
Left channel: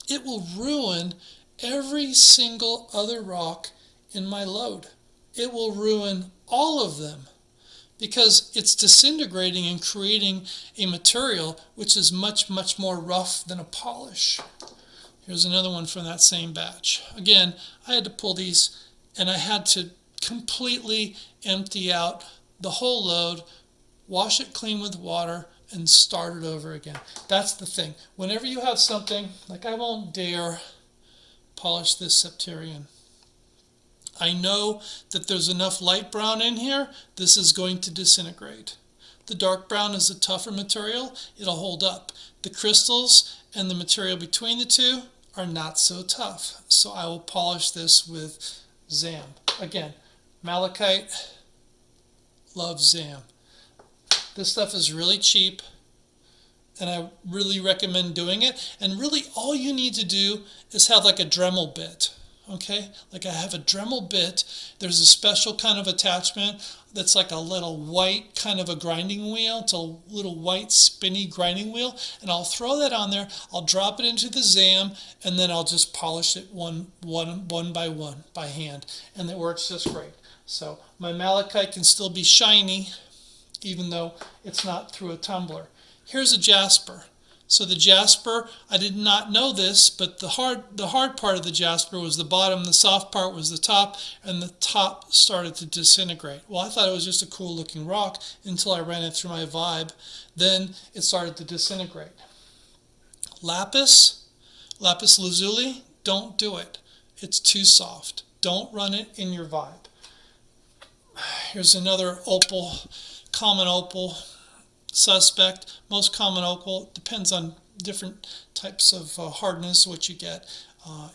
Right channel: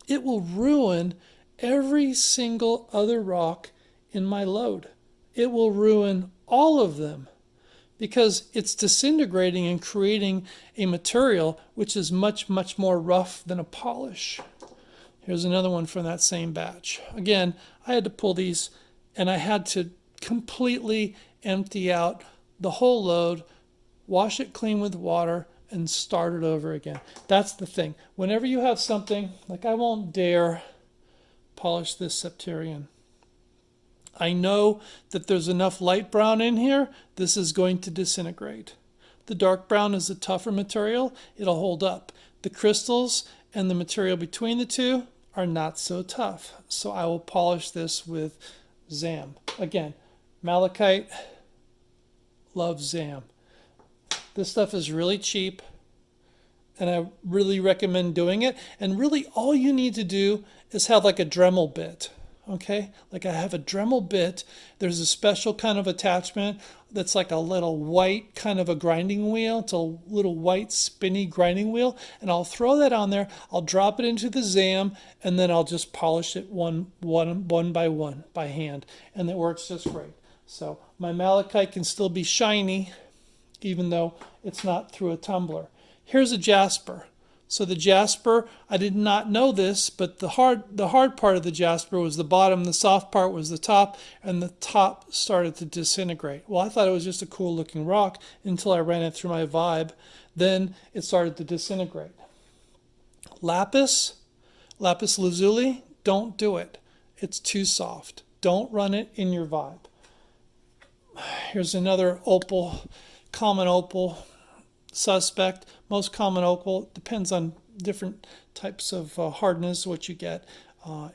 it will ruin every single other rock in my load. It will ruin all of them because it's disintegrating and creating a material which is much, much more rough than a polish. Here's another one from that same batch. Again, I had to pull these and I had to completely empty out the whole load, wash it clean with water, and start it over again. That's the thing. Whenever you have something, like I won't dare polish this septarian. I know that there's enough light brown in here, this is going to disintegrate. The dark brown is a tougher material, it'll hold up. The crystals and the material between the two are not so tough. So I will polish this with ZAM. Again, malachite, love ZAM. This stuff is really cheap, and I really recommend doing it. And really all you need to do is have like a Dremel bit. Okay, like I have a Dremel bit. There's a special kind of attachment that's like a little white kind of a grinding wheel. It's a little white spinny grinding wheel, and I'll throw that on there. I'll drop it into the ZAM, and then I'll just polish it one by one by hand, and it works just great. So my malachite can still be shiny, even though it's not through a tumbler. Here's a jasper. So the jasper, I did not know this, but the hard part of the jasper was the bottom, the soft part was the top, and the top started to disintegrate. Well, I thought it was just a cool looking rock until I ran it through my vibe. Then it started to disintegrate. Lapis lazuli, don't do it. It's too soft. Don't run it in your vibe. Here's another opal, common opal. Suspect, most common opal, depends on different types of hardness, what you get.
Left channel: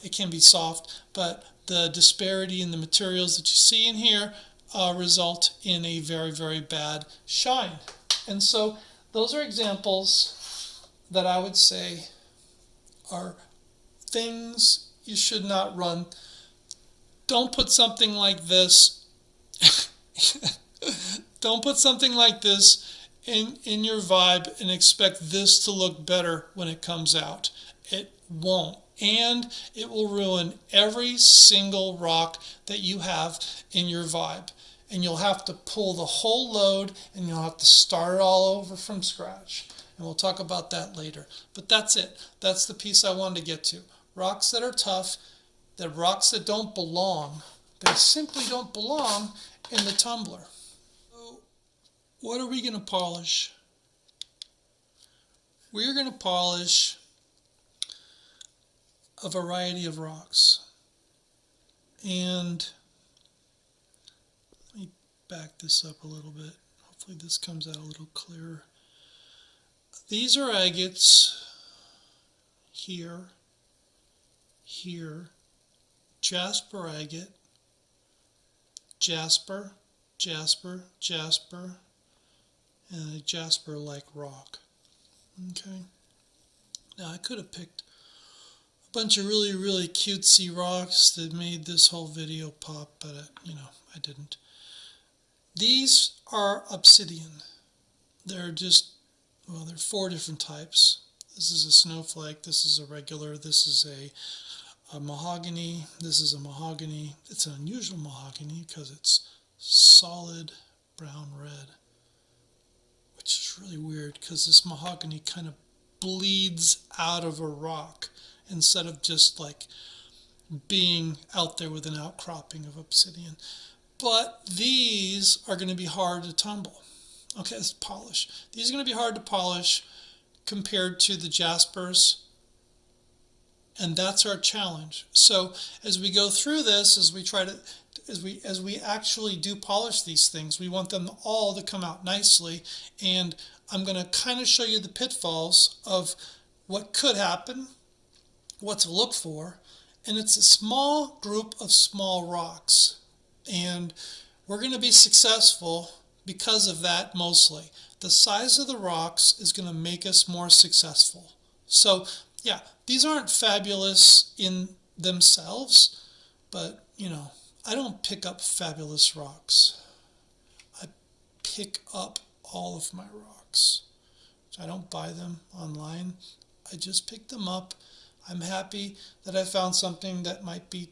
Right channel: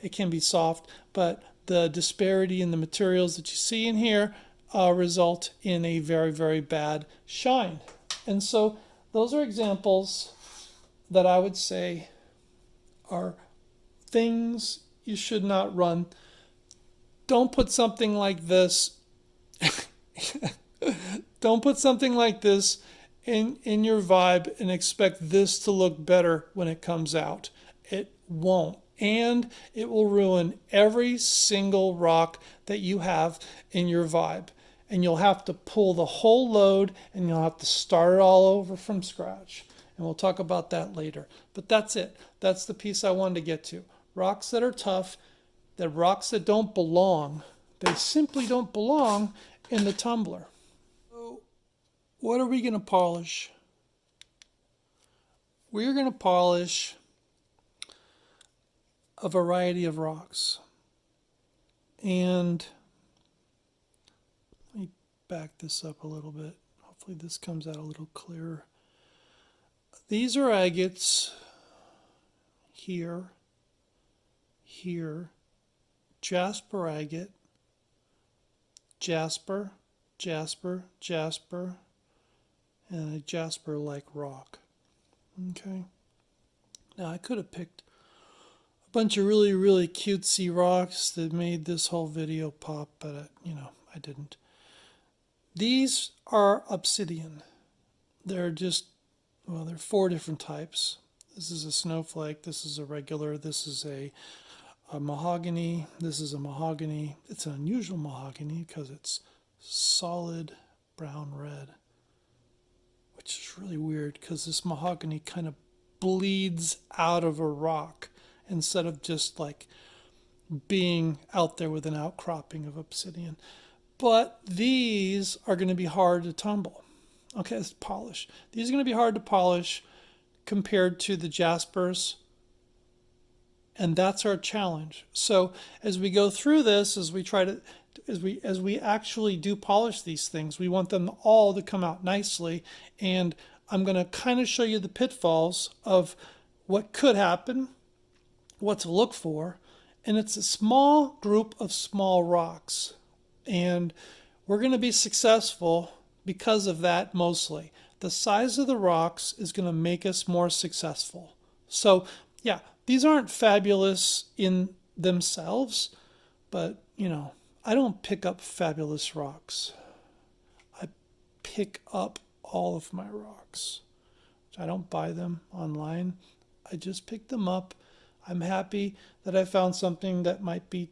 It can be soft, but the disparity in the materials that you see in here, result in a very, very bad shine. And so those are examples that I would say are things you should not run. Don't put something like this don't put something like this in your Vibe and expect this to look better when it comes out. It won't. And it will ruin every single rock that you have in your Vibe. And you'll have to pull the whole load and you'll have to start it all over from scratch. And we'll talk about that later. But that's it. That's the piece I wanted to get to. Rocks that are tough, the rocks that don't belong, they simply don't belong in the tumbler. So what are we going to polish? We're going to polish a variety of rocks. And let me back this up a little bit. Hopefully this comes out a little clearer. These are agates here, here, jasper agate, jasper, jasper, jasper, and a jasper-like rock. Okay. Now I could have picked a bunch of really, really cutesy rocks that made this whole video pop, but I didn't. These are obsidian. They're just, well, they're 4 different types. This is a snowflake, this is a regular, this is a mahogany, this is a mahogany. It's an unusual mahogany because it's solid brown red, which is really weird because this mahogany kind of bleeds out of a rock instead of just like being out there with an outcropping of obsidian. But these are going to be hard to tumble. Okay, let's polish. These are going to be hard to polish compared to the jaspers, and that's our challenge. So as we go through this, as we actually do polish these things, we want them all to come out nicely. And I'm going to kind of show you the pitfalls of what could happen, what to look for, and it's a small group of small rocks. And we're going to be successful because of that mostly. The size of the rocks is going to make us more successful. So, yeah, these aren't fabulous in themselves, but, I don't pick up fabulous rocks. I pick up all of my rocks. I don't buy them online. I just pick them up. I'm happy that I found something that might be,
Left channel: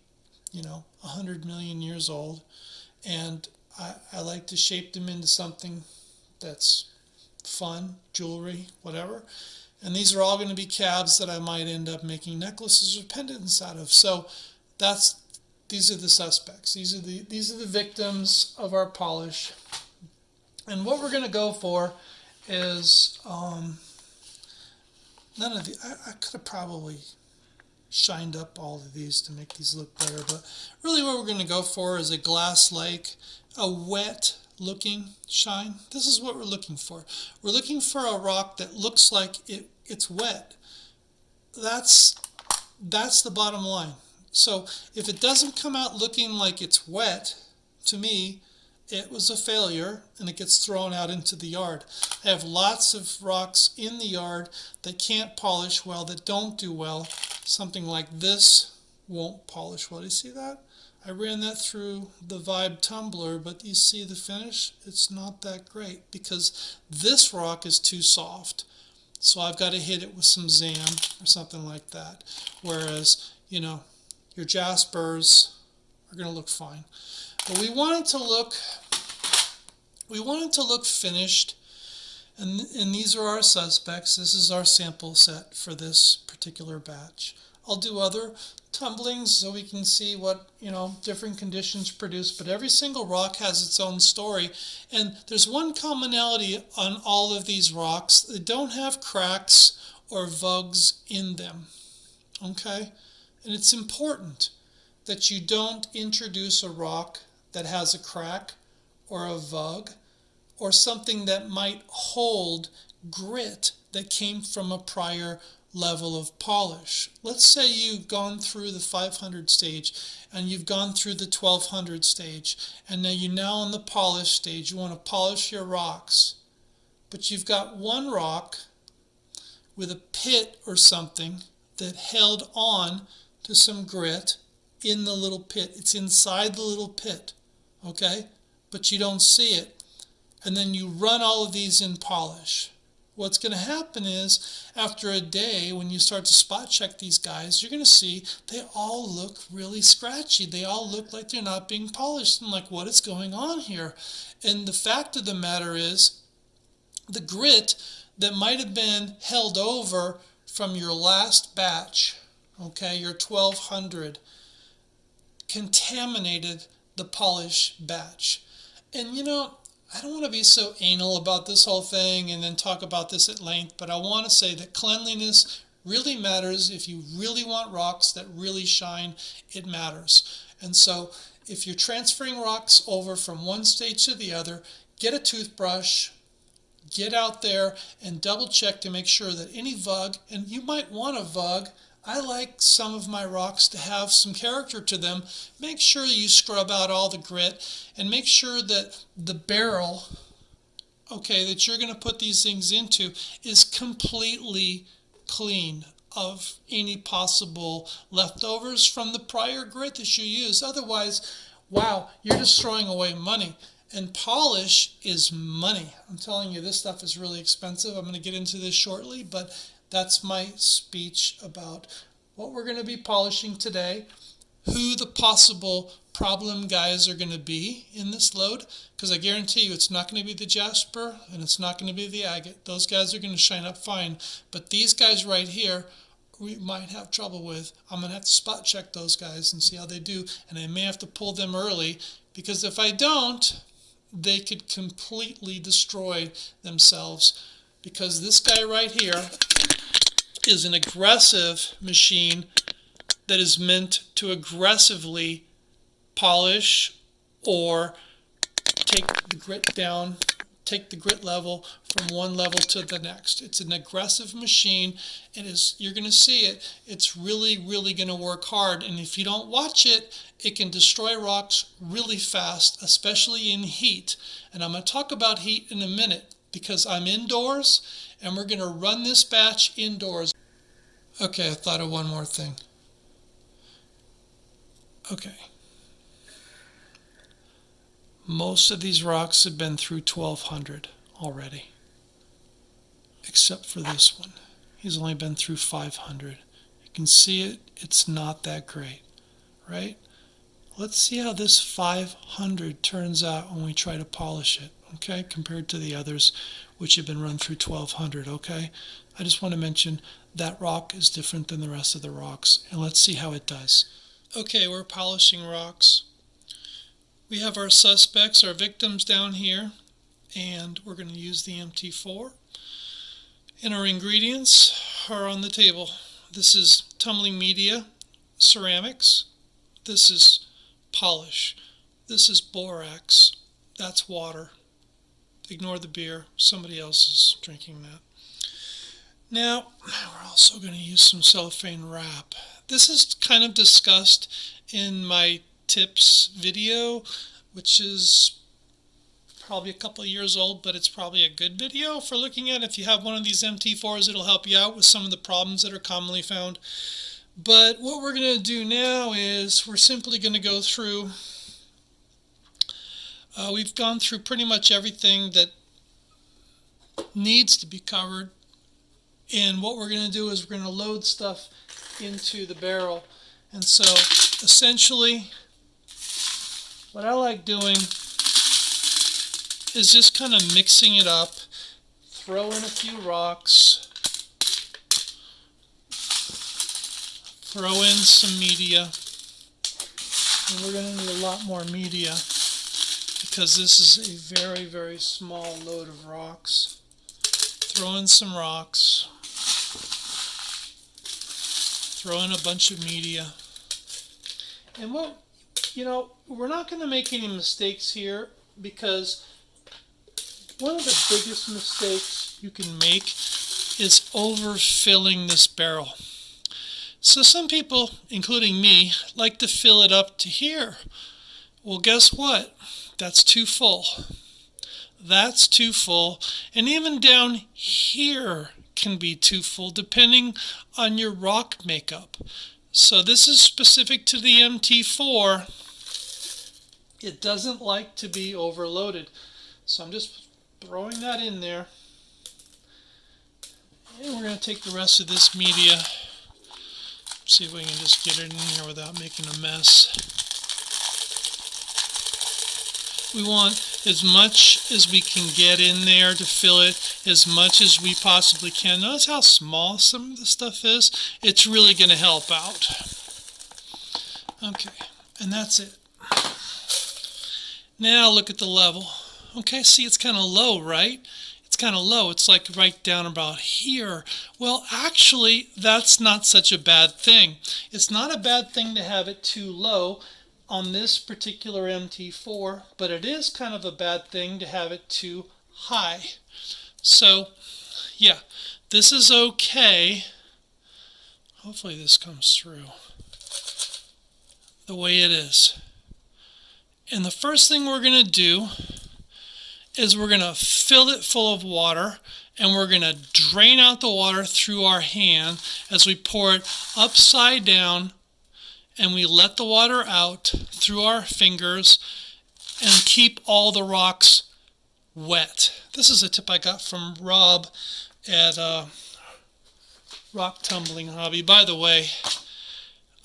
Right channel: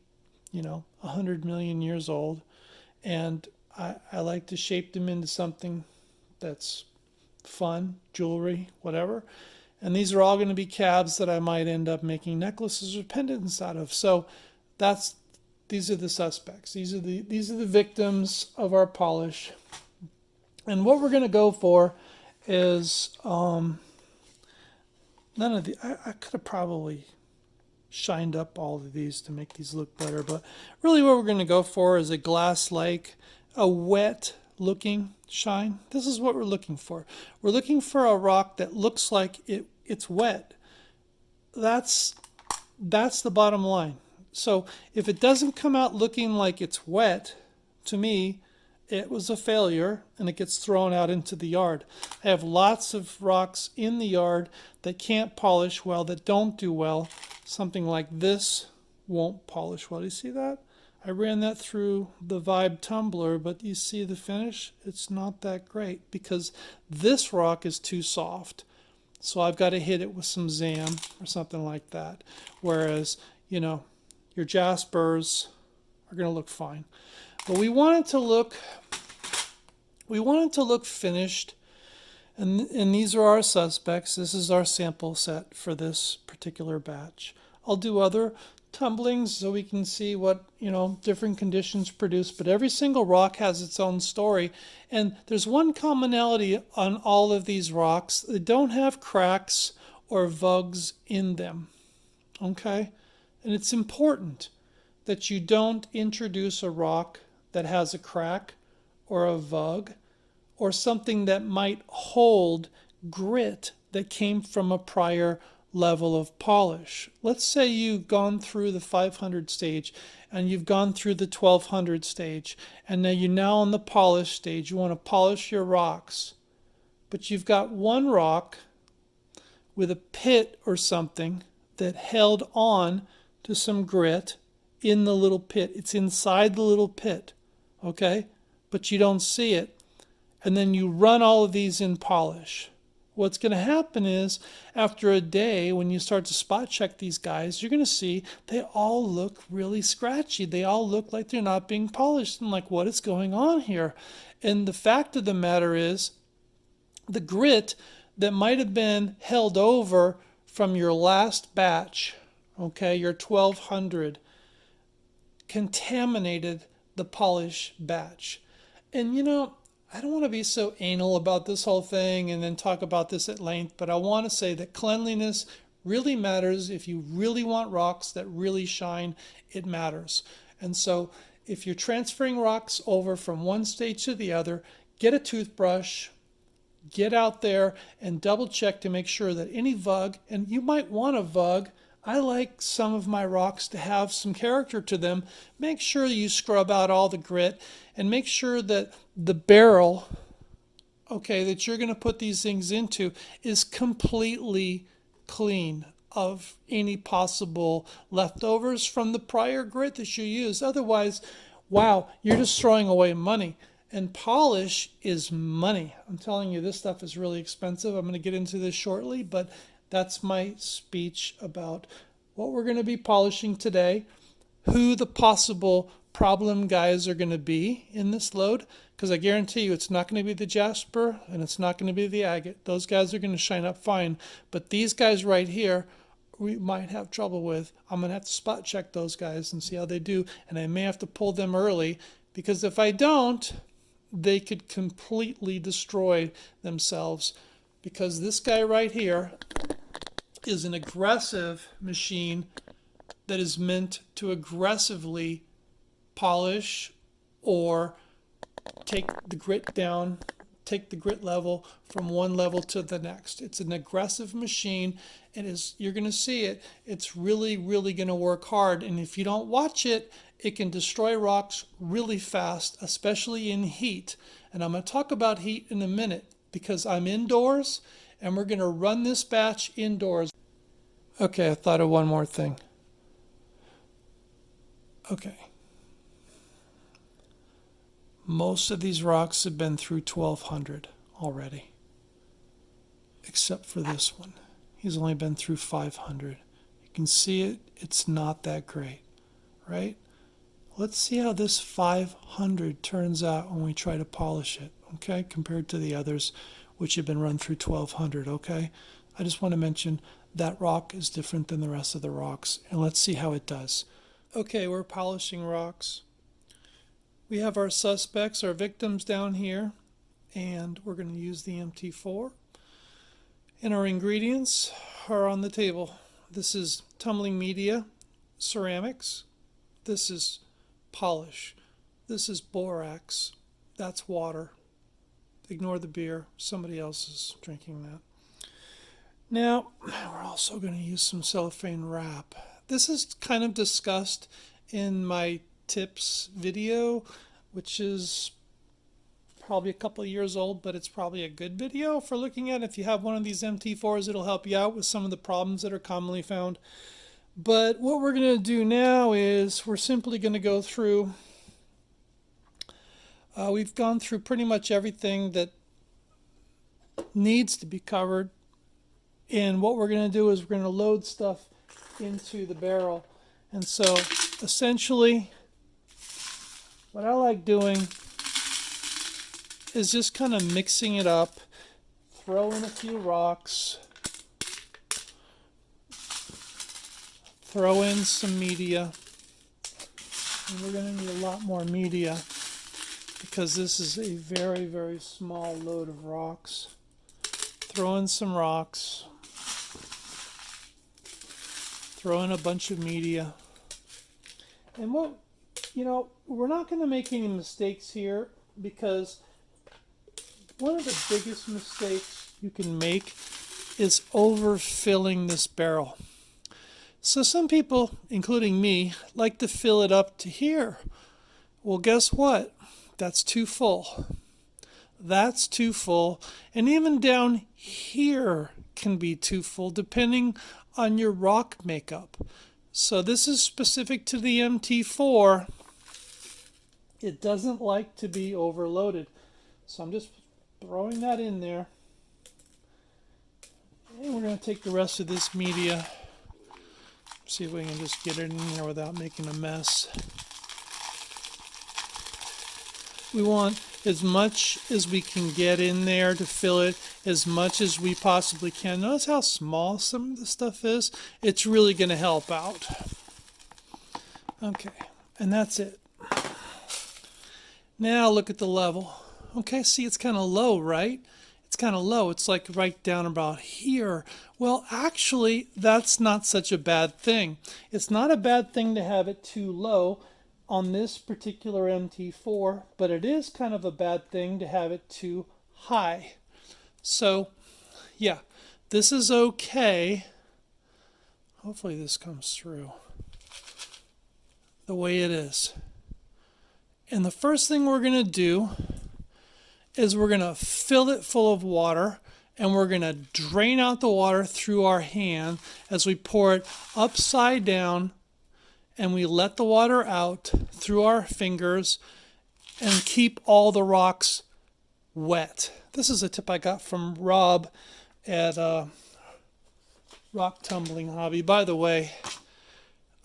100 million years old. And I like to shape them into something that's fun, jewelry, whatever. And these are all going to be cabs that I might end up making necklaces or pendants out of. So these are the suspects. These are the victims of our polish. And what we're going to go for is none of the. I could have probably shined up all of these to make these look better, but really what we're going to go for is a glass-like, a wet looking shine. This is what we're looking for. We're looking for a rock that looks like it's wet. That's the bottom line. So if it doesn't come out looking like it's wet, to me, it was a failure and it gets thrown out into the yard. I have lots of rocks in the yard that can't polish well, that don't do well. Something like this won't polish well. Do you see that? I ran that through the Vibe Tumbler, but you see the finish? It's not that great because this rock is too soft. So I've got to hit it with some Zam or something like that. Whereas, your jaspers are going to look fine. But we want it to look finished. And these are our suspects. This is our sample set for this particular batch. I'll do other tumblings so we can see what, different conditions produce. But every single rock has its own story. And there's one commonality on all of these rocks. They don't have cracks or vugs in them. Okay? And it's important that you don't introduce a rock that has a crack or a vug or something that might hold grit that came from a prior level of polish. Let's say you've gone through the 500 stage and you've gone through the 1200 stage, and now you're now on the polish stage. You want to polish your rocks, but you've got one rock with a pit or something that held on to some grit in the little pit. It's inside the little pit, okay? But you don't see it. And then you run all of these in polish. What's going to happen is, after a day, when you start to spot check these guys, you're going to see they all look really scratchy. They all look like they're not being polished. And like, what is going on here? And the fact of the matter is, the grit that might have been held over from your last batch, okay, your 1200, contaminated the polish batch. And you know, I don't want to be so anal about this whole thing and then talk about this at length, but I want to say that cleanliness really matters. If you really want rocks that really shine, it matters. And so if you're transferring rocks over from one stage to the other, get a toothbrush, get out there and double check to make sure that any vug, and you might want a vug, I like some of my rocks to have some character to them. Make sure you scrub out all the grit and make sure that the barrel, okay, that you're going to put these things into is completely clean of any possible leftovers from the prior grit that you use. Otherwise, wow, you're just throwing away money. And polish is money. I'm telling you, this stuff is really expensive. I'm going to get into this shortly, but that's my speech about what we're going to be polishing today, who the possible problem guys are going to be in this load, because I guarantee you it's not going to be the jasper and it's not going to be the agate. Those guys are going to shine up fine, but these guys right here we might have trouble with. I'm going to have to spot check those guys and see how they do, and I may have to pull them early, because if I don't, they could completely destroy themselves, because this guy right here is an aggressive machine that is meant to aggressively polish or take the grit down, take the grit level from one level to the next. It's an aggressive machine. It is, you're going to see it. It's really, really going to work hard. And if you don't watch it, it can destroy rocks really fast, especially in heat. And I'm going to talk about heat in a minute, because I'm indoors and we're going to run this batch indoors. Okay, I thought of one more thing. Okay. Most of these rocks have been through 1200 already, except for this one. He's only been through 500. You can see it, it's not that great, right? Let's see how this 500 turns out when we try to polish it, okay, compared to the others which have been run through 1200, okay? I just want to mention that rock is different than the rest of the rocks, and let's see how it does. Okay, we're polishing rocks. We have our suspects, our victims down here, and we're going to use the MT-4. And our ingredients are on the table. This is tumbling media, ceramics. This is polish. This is borax. That's water. Ignore the beer. Somebody else is drinking that. Now, we're also going to use some cellophane wrap. This is kind of discussed in my tips video, which is probably a couple of years old, but it's probably a good video for looking at. If you have one of these MT-4s, it'll help you out with some of the problems that are commonly found. But what we're going to do now is we're simply going to go through, we've gone through pretty much everything that needs to be covered. And what we're going to do is we're going to load stuff into the barrel. And so essentially what I like doing is just kind of mixing it up, throw in a few rocks, throw in some media, and we're going to need a lot more media because this is a very, very small load of rocks. Throw in some rocks, throw in a bunch of media, and we're not going to make any mistakes here, because one of the biggest mistakes you can make is overfilling this barrel. So some people, including me, like to fill it up to here. Well, guess what? That's too full. That's too full. And even down here can be too full depending on your rock makeup. So this is specific to the MT-4. It doesn't like to be overloaded. So I'm just throwing that in there. And we're going to take the rest of this media. See if we can just get it in here without making a mess. We want as much as we can get in there to fill it as much as we possibly can. Notice how small some of the stuff is? It's really going to help out. Okay, and that's it. Now look at the level. Okay, see it's kind of low, right? It's kind of low. It's like right down about here. Well, actually, that's not such a bad thing. It's not a bad thing to have it too low on this particular MT-4, but it is kind of a bad thing to have it too high. So, yeah, this is okay. Hopefully this comes through the way it is. And the first thing we're going to do is we're going to fill it full of water, and we're going to drain out the water through our hand as we pour it upside down, and we let the water out through our fingers and keep all the rocks wet. This is a tip I got from Rob at Rock Tumbling Hobby. By the way,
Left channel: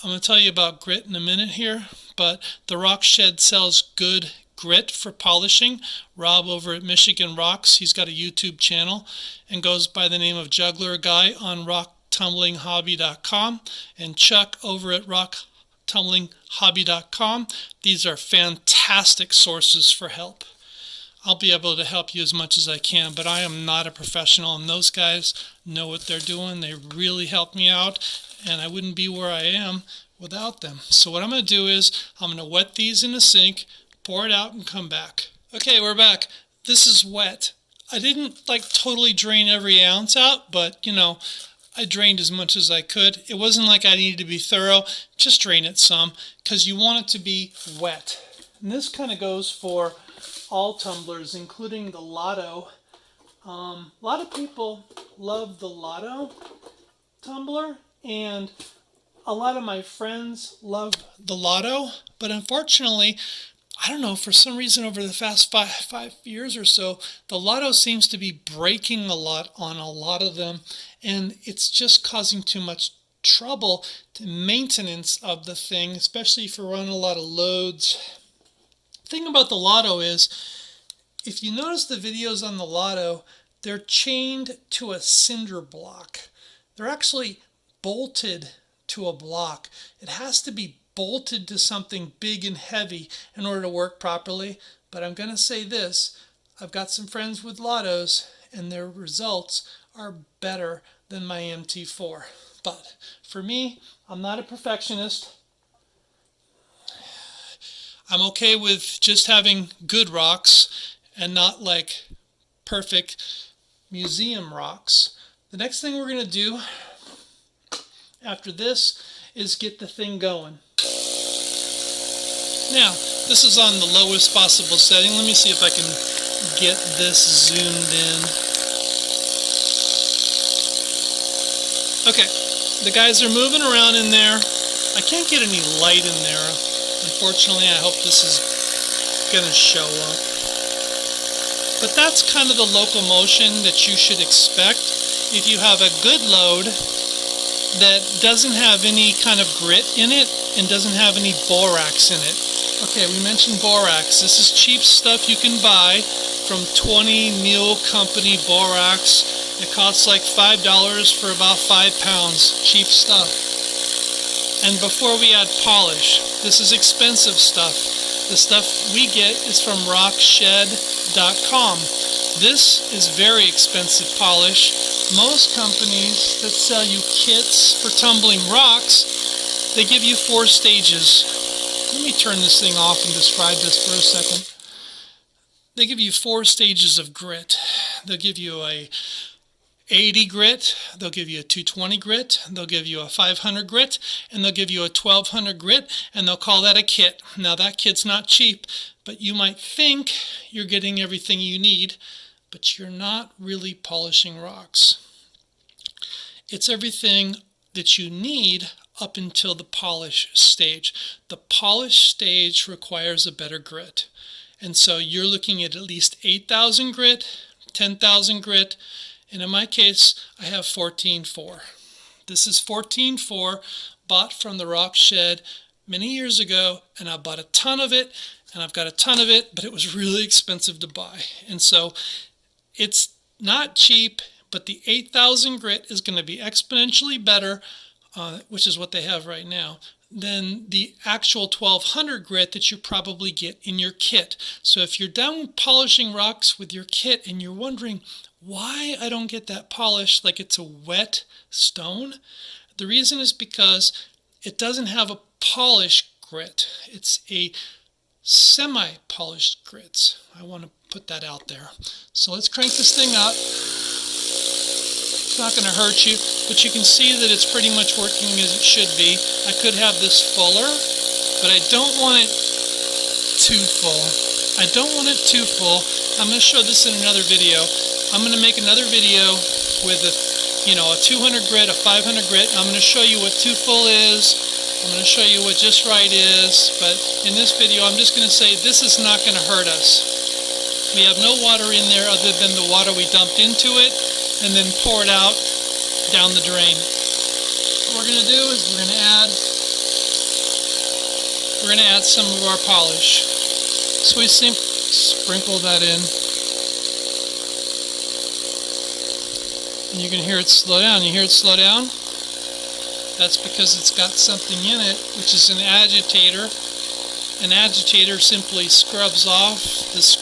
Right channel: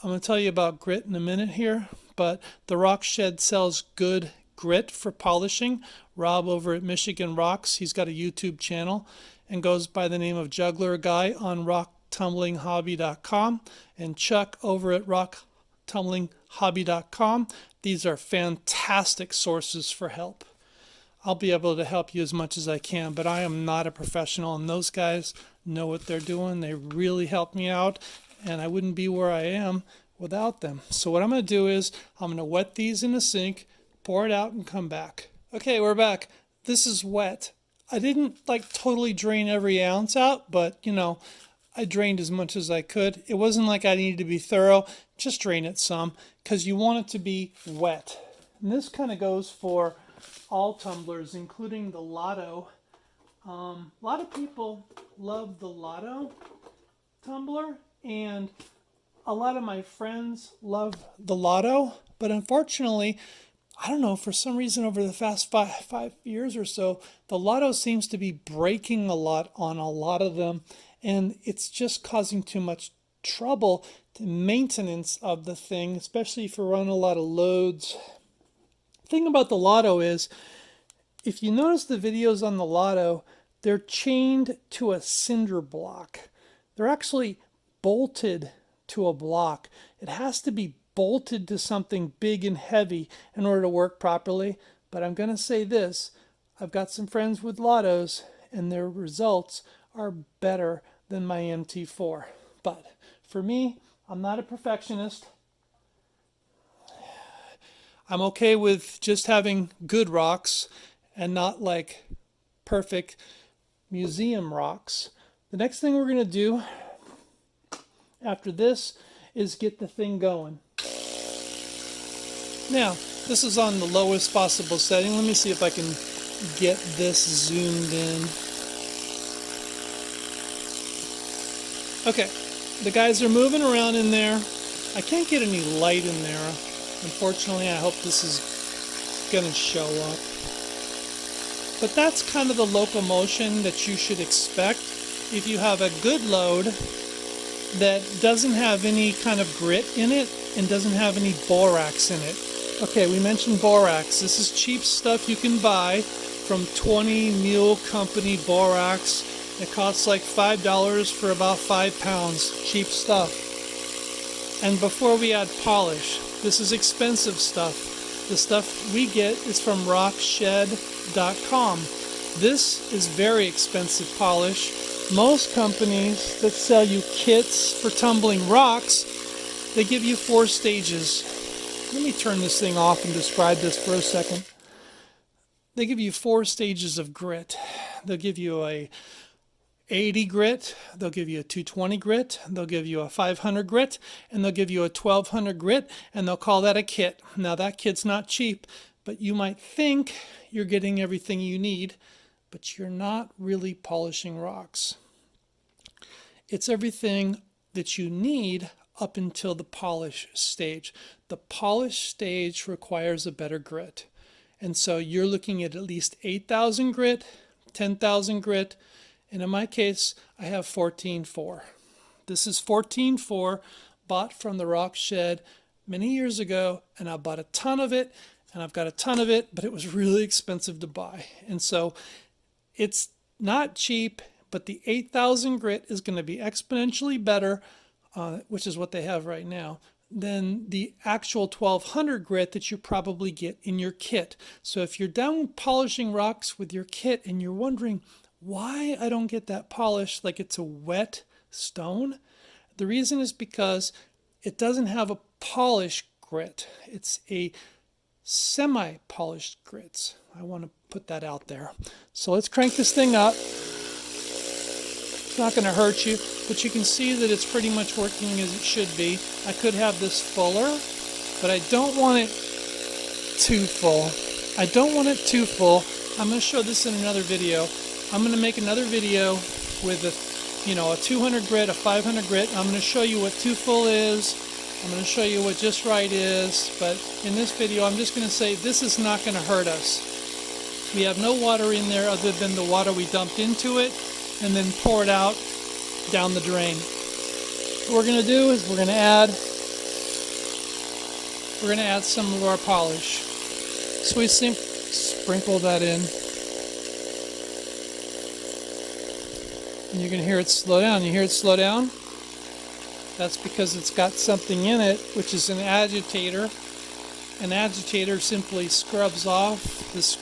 I'm going to tell you about grit in a minute here, but the Rock Shed sells good grit for polishing. Rob over at Michigan Rocks, he's got a YouTube channel and goes by the name of Juggler Guy on rocktumblinghobby.com, and Chuck over at rocktumblinghobby.com. These are fantastic sources for help. I'll be able to help you as much as I can, but I am not a professional, and those guys know what they're doing. They really help me out, and I wouldn't be where I am without them. So what I'm going to do is I'm going to wet these in the sink, pour it out, and come back. Okay, we're back. This is wet. I didn't totally drain every ounce out, but I drained as much as I could. It wasn't like I needed to be thorough. Just drain it some because you want it to be wet. And this kind of goes for all tumblers, including the Lotto. A lot of people love the Lotto tumbler, and a lot of my friends love the Lotto, but unfortunately, I don't know, for some reason over the past five years or so, the Lotto seems to be breaking a lot on a lot of them, and it's just causing too much trouble to maintenance of the thing, especially if you run a lot of loads. The thing about the Lotto is, if you notice the videos on the Lotto, they're chained to a cinder block. They're actually bolted to a block. It has to be bolted to something big and heavy in order to work properly. But I'm going to say this, I've got some friends with Lottos, and their results are better than my MT-4. But for me, I'm not a perfectionist. I'm okay with just having good rocks and not perfect museum rocks. The next thing we're going to do after this is get the thing going. Now, this is on the lowest possible setting. Let me see if I can get this zoomed in. Okay, the guys are moving around in there. I can't get any light in there. Unfortunately, I hope this is going to show up. But that's kind of the locomotion that you should expect if you have a good load that doesn't have any kind of grit in it and doesn't have any borax in it. Okay, we mentioned borax. This is cheap stuff you can buy from 20 Mule Company borax. It costs like $5 for about 5 pounds. Cheap stuff. And before we add polish, this is expensive stuff. The stuff we get is from rockshed.com. This is very expensive polish. Most companies that sell you kits for tumbling rocks, they give you 4 stages. Let me turn this thing off and describe this for a second. They give you 4 stages of grit. They'll give you a 80 grit, they'll give you a 220 grit, they'll give you a 500 grit, and they'll give you a 1200 grit, and they'll call that a kit. Now that kit's not cheap, but you might think you're getting everything you need, but you're not really polishing rocks. It's everything that you need up until the polish stage. The polish stage requires a better grit. And so you're looking at least 8,000 grit, 10,000 grit, and in my case, I have 14.4. This is 14.4, bought from the rock shed many years ago, and I bought a ton of it, and I've got a ton of it, but it was really expensive to buy. And so it's not cheap, but the 8,000 grit is going to be exponentially better, which is what they have right now, than the actual 1200 grit that you probably get in your kit. So if you're done polishing rocks with your kit and you're wondering why I don't get that polish like it's a wet stone, the reason is because it doesn't have a polished grit. It's a semi-polished grit. I want to put that out there. So let's crank this thing up. It's not going to hurt you, but you can see that it's pretty much working as it should be. I could have this fuller, but I don't want it too full. I don't want it too full. I'm going to show this in another video. I'm going to make another video with a 200 grit, a 500 grit. I'm going to show you what too full is. I'm going to show you what just right is. But in this video, I'm just going to say this is not going to hurt us. We have no water in there other than the water we dumped into it and then pour it out down the drain. What we're going to do is we're going to add some of our polish. So we sprinkle that in. And you can hear it slow down. You hear it slow down? That's because it's got something in it, which is an agitator. An agitator simply scrubs off this,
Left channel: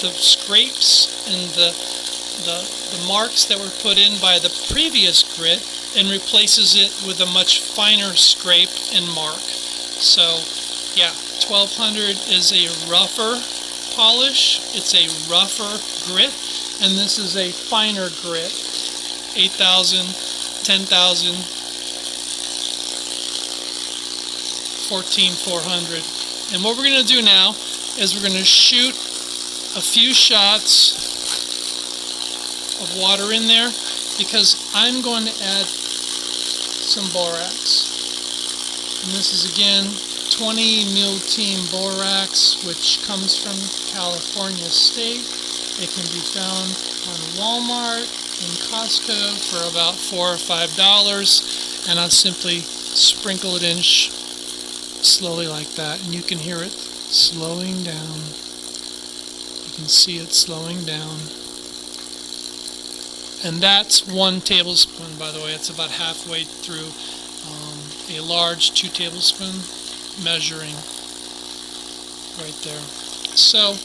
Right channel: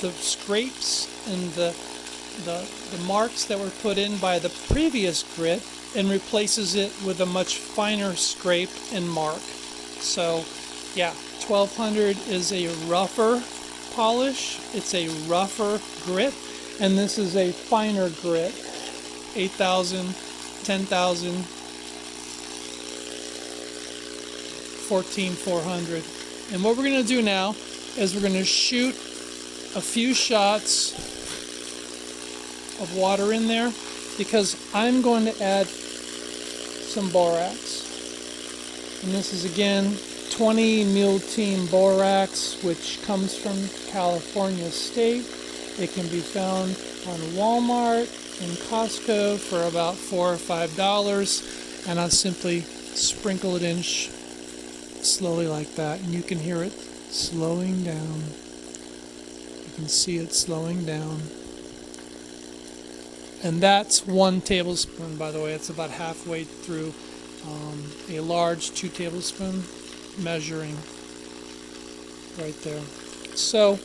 the scrapes and the marks that were put in by the previous grit and replaces it with a much finer scrape and mark. So, yeah, 1200 is a rougher polish. It's a rougher grit. And this is a finer grit, 8,000, 10,000, 14,400. And what we're going to do now is we're going to shoot a few shots of water in there because I'm going to add some borax. And this is again 20 mule team borax, which comes from California State. It can be found on Walmart and Costco for about $4 or $5, and I'll simply sprinkle it in slowly like that, and you can hear it slowing down. You can see it slowing down. And that's 1 tablespoon, by the way. It's about halfway through a large 2 tablespoon measuring right there. So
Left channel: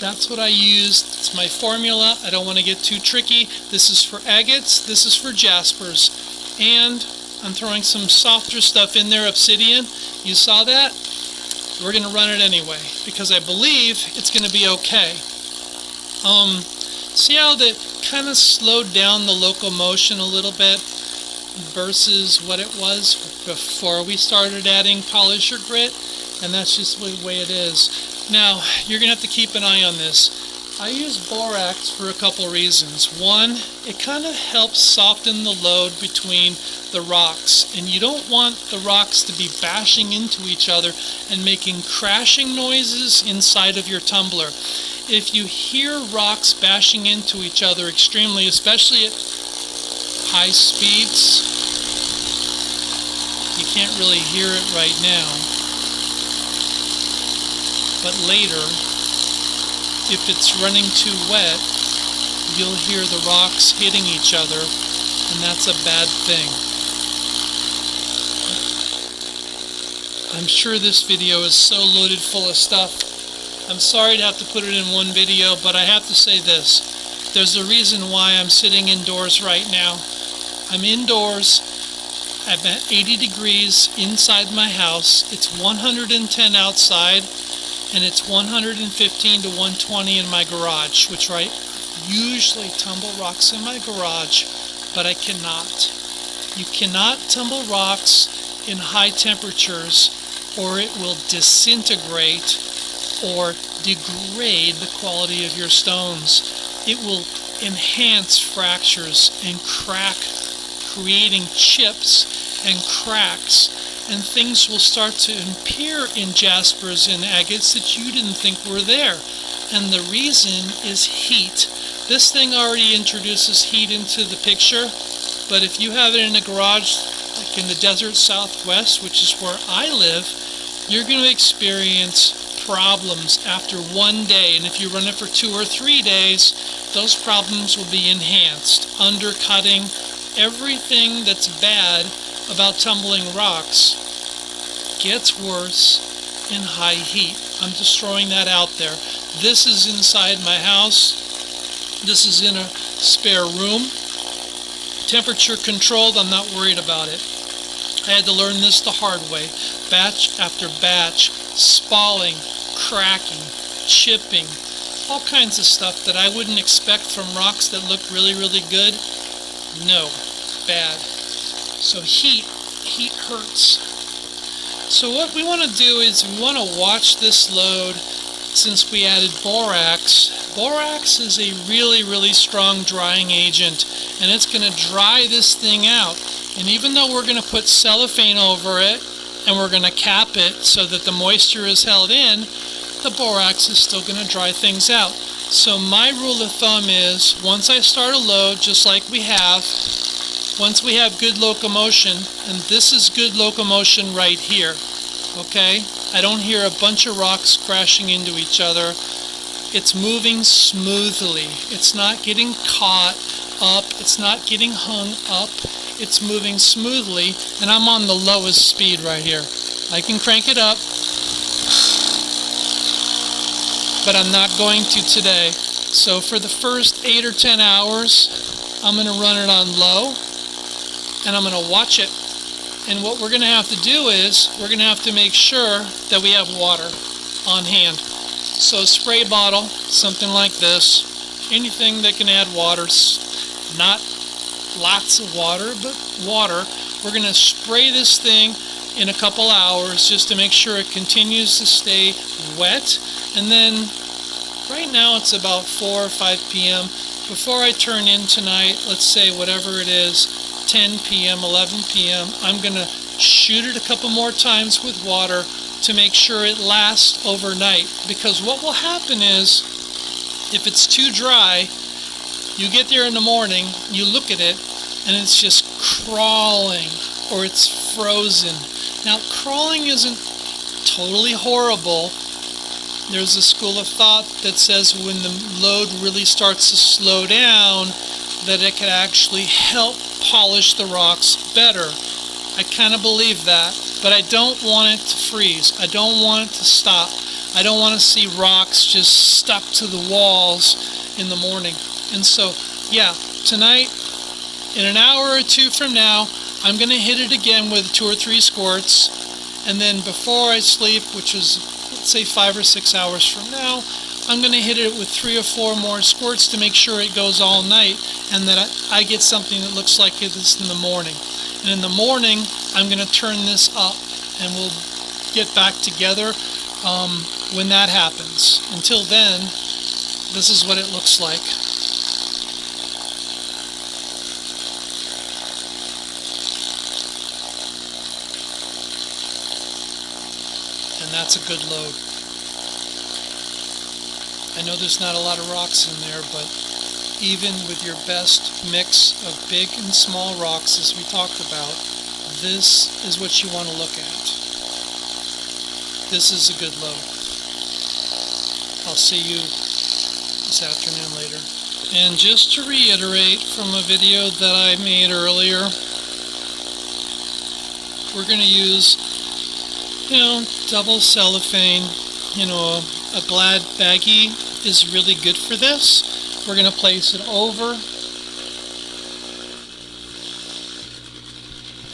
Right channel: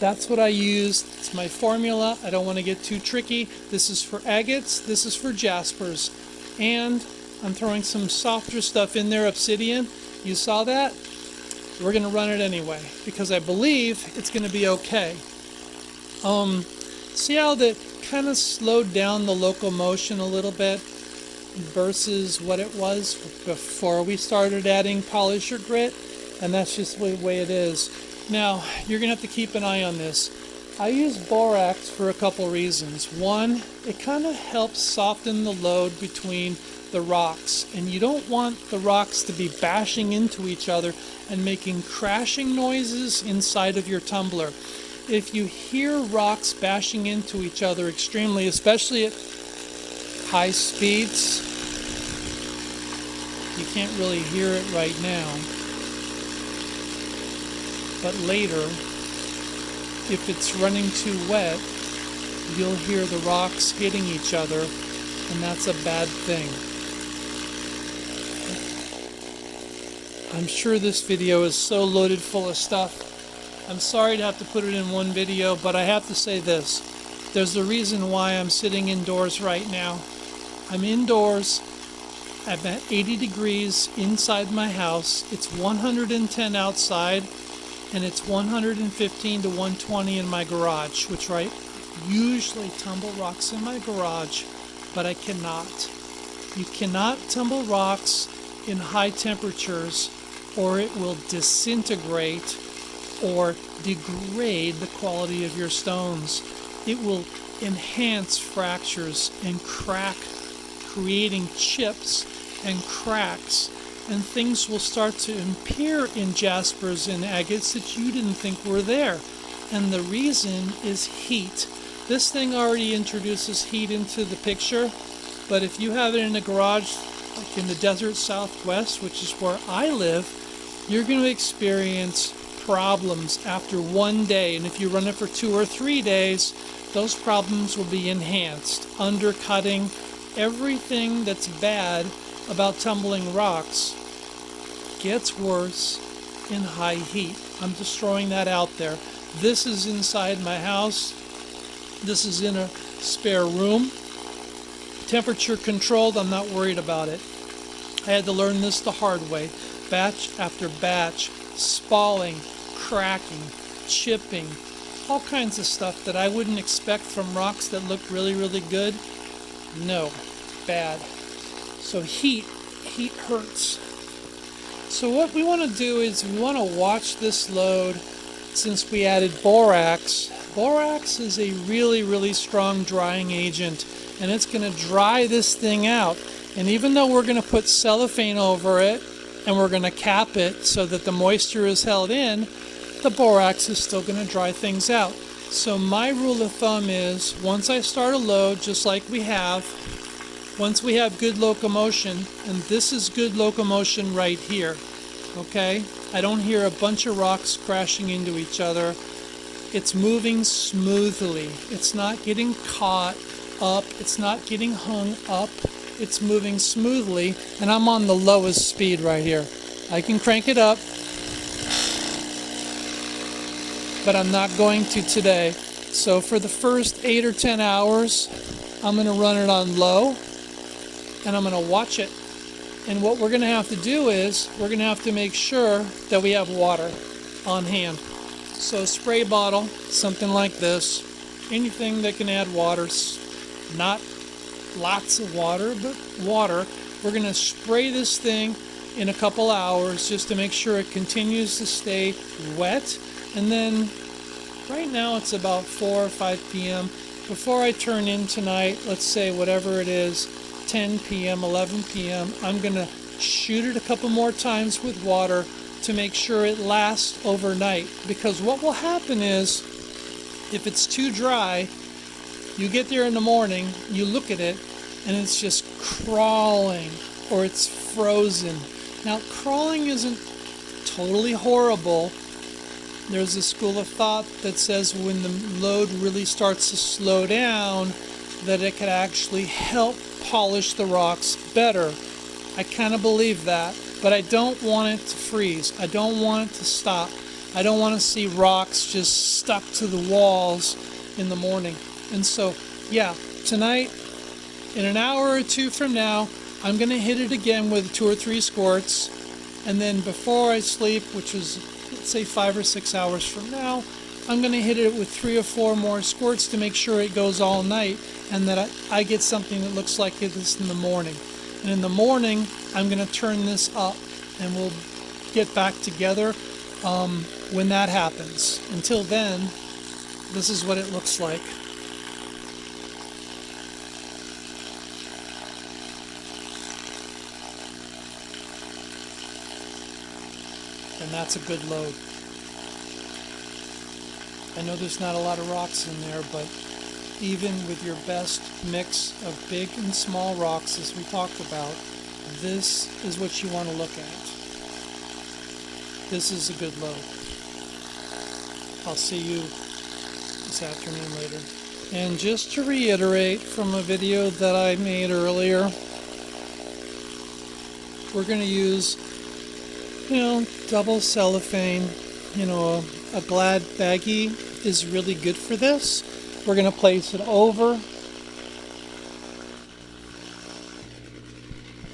that's what I used. It's my formula. I don't want to get too tricky. This is for agates. This is for jaspers. And I'm throwing some softer stuff in there, obsidian. You saw that? We're going to run it anyway because I believe it's going to be okay. See how that kind of slowed down the locomotion a little bit versus what it was before we started adding polish or grit? And that's just the way it is. Now, you're going to have to keep an eye on this. I use borax for a couple reasons. One, it kind of helps soften the load between the rocks. And you don't want the rocks to be bashing into each other and making crashing noises inside of your tumbler. If you hear rocks bashing into each other extremely, especially at high speeds, you can't really hear it right now. But later, if it's running too wet, you'll hear the rocks hitting each other, and that's a bad thing. I'm sure this video is so loaded full of stuff. I'm sorry to have to put it in one video, but I have to say this. There's a reason why I'm sitting indoors right now. I'm indoors. I'm at 80 degrees inside my house. It's 110 outside. And it's 115 to 120 in my garage, which right usually tumble rocks in my garage, but I cannot. You cannot tumble rocks in high temperatures, or it will disintegrate or degrade the quality of your stones. It will enhance fractures and crack, creating chips and cracks, and things will start to appear in jaspers and agates that you didn't think were there. And the reason is heat. This thing already introduces heat into the picture, but if you have it in a garage, like in the desert Southwest, which is where I live, you're going to experience problems after one day. And if you run it for 2 or 3 days, those problems will be enhanced, undercutting everything that's bad about tumbling rocks. Gets worse in high heat. I'm just throwing that out there. This is inside my house. This is in a spare room. Temperature controlled, I'm not worried about it. I had to learn this the hard way. Batch after batch, spalling, cracking, chipping, all kinds of stuff that I wouldn't expect from rocks that look really, really good. No, bad. So heat hurts. So what we want to do is we want to watch this load. Since we added borax, borax is a really, really strong drying agent, and it's going to dry this thing out. And even though we're going to put cellophane over it, and we're going to cap it so that the moisture is held in, the borax is still going to dry things out. So my rule of thumb is, once I start a load, just like we have, once we have good locomotion, and this is good locomotion right here, okay? I don't hear a bunch of rocks crashing into each other. It's moving smoothly. It's not getting caught up. It's not getting hung up. It's moving smoothly, and I'm on the lowest speed right here. I can crank it up, but I'm not going to today. So for the first 8 or 10 hours, I'm going to run it on low, and I'm going to watch it. And what we're going to have to do is, we're going to have to make sure that we have water on hand. So a spray bottle, something like this, anything that can add water, not lots of water, but water. We're going to spray this thing in a couple hours just to make sure it continues to stay wet. And then right now it's about 4 or 5 p.m. Before I turn in tonight, let's say whatever it is, 10 p.m., 11 p.m., I'm going to shoot it a couple more times with water to make sure it lasts overnight. Because what will happen is, if it's too dry, you get there in the morning, you look at it, and it's just crawling, or it's frozen. Now, crawling isn't totally horrible. There's a school of thought that says when the load really starts to slow down, that it can actually help polish the rocks better. I kind of believe that, but I don't want it to freeze. I don't want it to stop. I don't want to see rocks just stuck to the walls in the morning. And so, yeah, tonight, in an hour or two from now, I'm going to hit it again with 2 or 3 squirts. And then before I sleep, which is, let's say 5 or 6 hours from now, I'm going to hit it with 3 or 4 more squirts to make sure it goes all night, and that I get something that looks like this in the morning. And in the morning, I'm going to turn this up, and we'll get back together when that happens. Until then, this is what it looks like. And that's a good load. I know there's not a lot of rocks in there, but even with your best mix of big and small rocks, as we talked about, this is what you want to look at. This is a good load. I'll see you this afternoon later. And just to reiterate from a video that I made earlier, we're going to use, double cellophane. A Glad baggie is really good for this. We're going to place it over,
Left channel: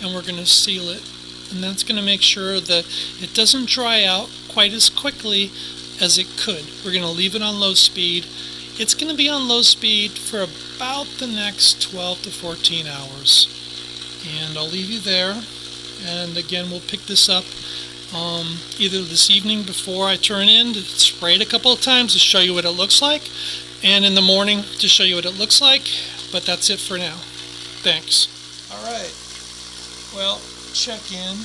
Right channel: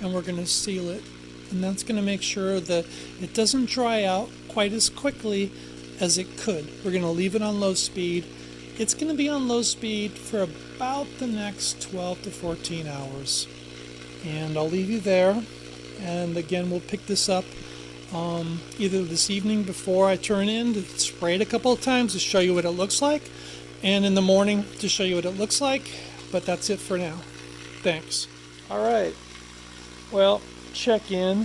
and we're going to seal it. And that's going to make sure that it doesn't dry out quite as quickly as it could. We're going to leave it on low speed. it's going to be on low speed for about the next 12 to 14 hours. And I'll leave you there. And again, we'll pick this up either this evening before I turn in to spray it a couple of times to show you what it looks like, and in the morning to show you what it looks like. But that's it for now. Thanks. Alright, well, check in.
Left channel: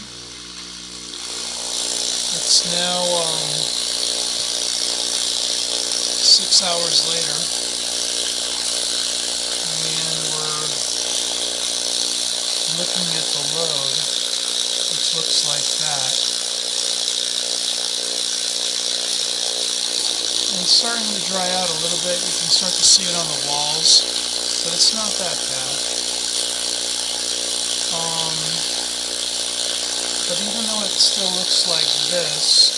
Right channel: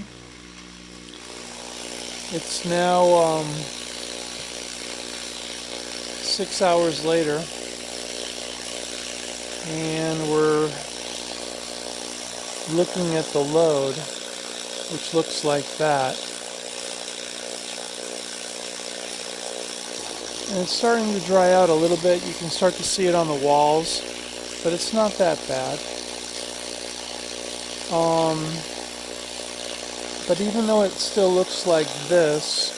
It's now 6 hours later, and we're looking at the load, which looks like that. And it's starting to dry out a little bit. You can start to see it on the walls, but it's not that bad. But even though it still looks like this,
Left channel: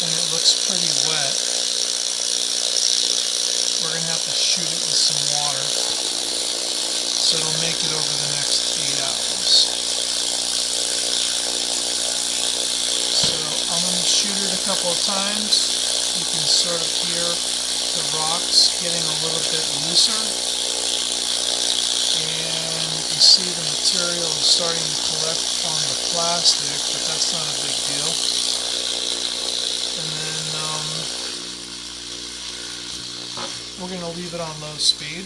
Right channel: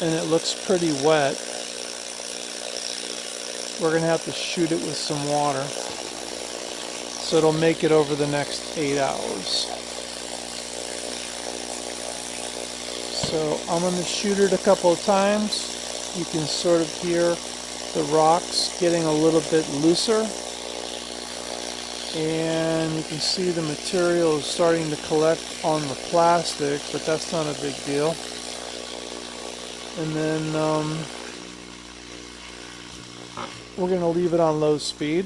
and it looks pretty wet, we're going to have to shoot it with some water, so it'll make it over the next 8 hours. So I'm going to shoot it a couple of times. You can sort of hear the rocks getting a little bit looser, and you can see the material is starting to collect on the plastic, but that's not a big deal. And then we're going to leave it on low speed,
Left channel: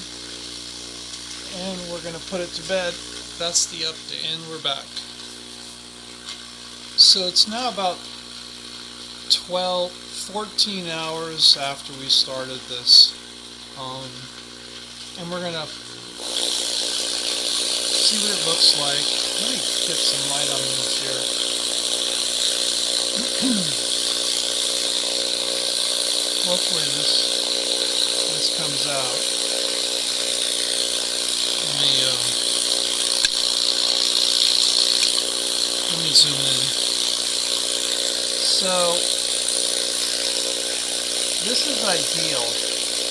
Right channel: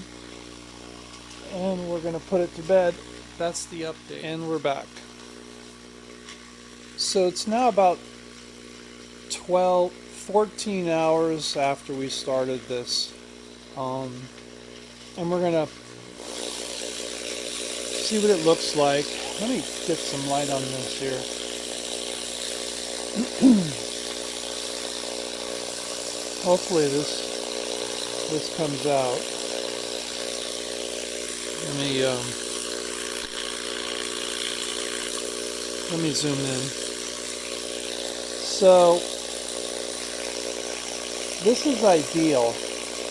and we're going to put it to bed. That's the update, and we're back. So it's now about 14 hours after we started this, and we're gonna see what it looks like. Let me get some light on this here. Hopefully this comes out. Let me zoom in. So this is ideal.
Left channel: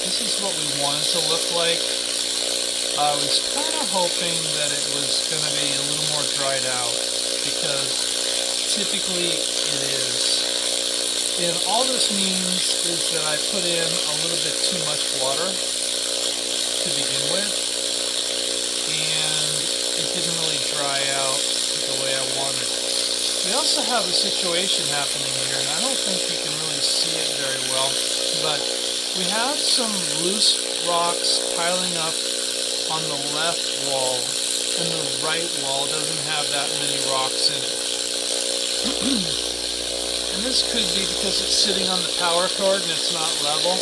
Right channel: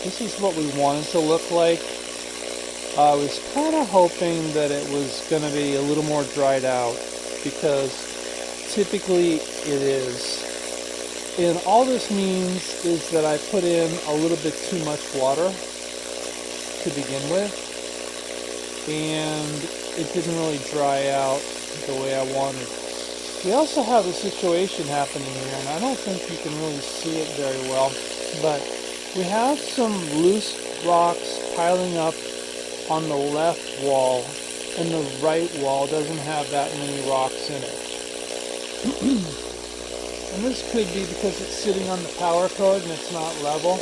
This is what we want it to look like. I was kind of hoping that it was going to be a little more dried out, because typically it is. And all this means is that I put in a little bit too much water to begin with, and it didn't really dry out the way I wanted. We also have a situation happening here, and I don't think you can really see it very well, but we have some loose rocks piling up on the left wall, and the right wall doesn't have that many rocks in it. And this could be because it's sitting on the power cord and it's not level,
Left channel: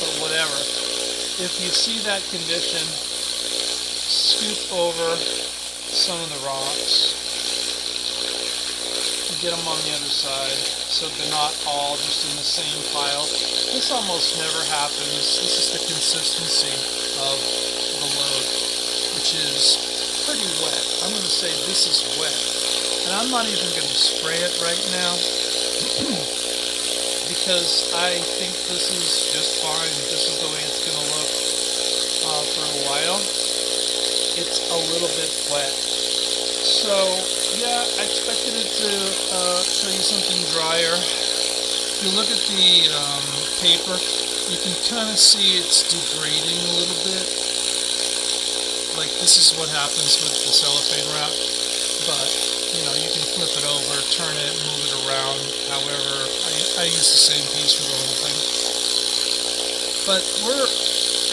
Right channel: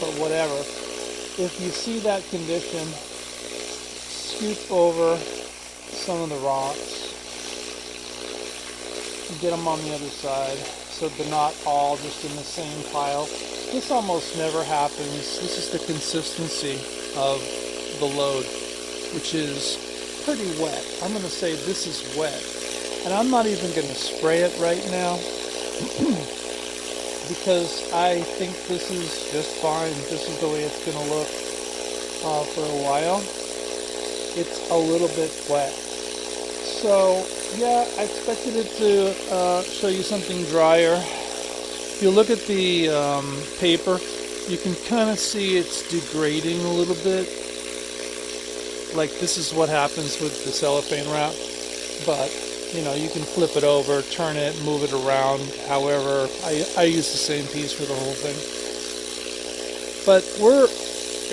but whatever. If you see that condition, scoop over some of the rocks and get them on the other side, so they're not all just in the same pile. This almost never happens. This is the consistency of the load, which is pretty wet. I'm going to say this is wet. And I'm not even going to spray it right now because I think this is just fine. This is the way it's going to look for a while. It's a little bit wet. So, yeah, I expected it to show you something drier. If you look at the paper, you can kind of see it's degrading a little bit. Like, this is what happens with the cellophane wrap. But, you know, you can flip it over, turn it, move it around. However, I use the same piece for the whole thing. But we're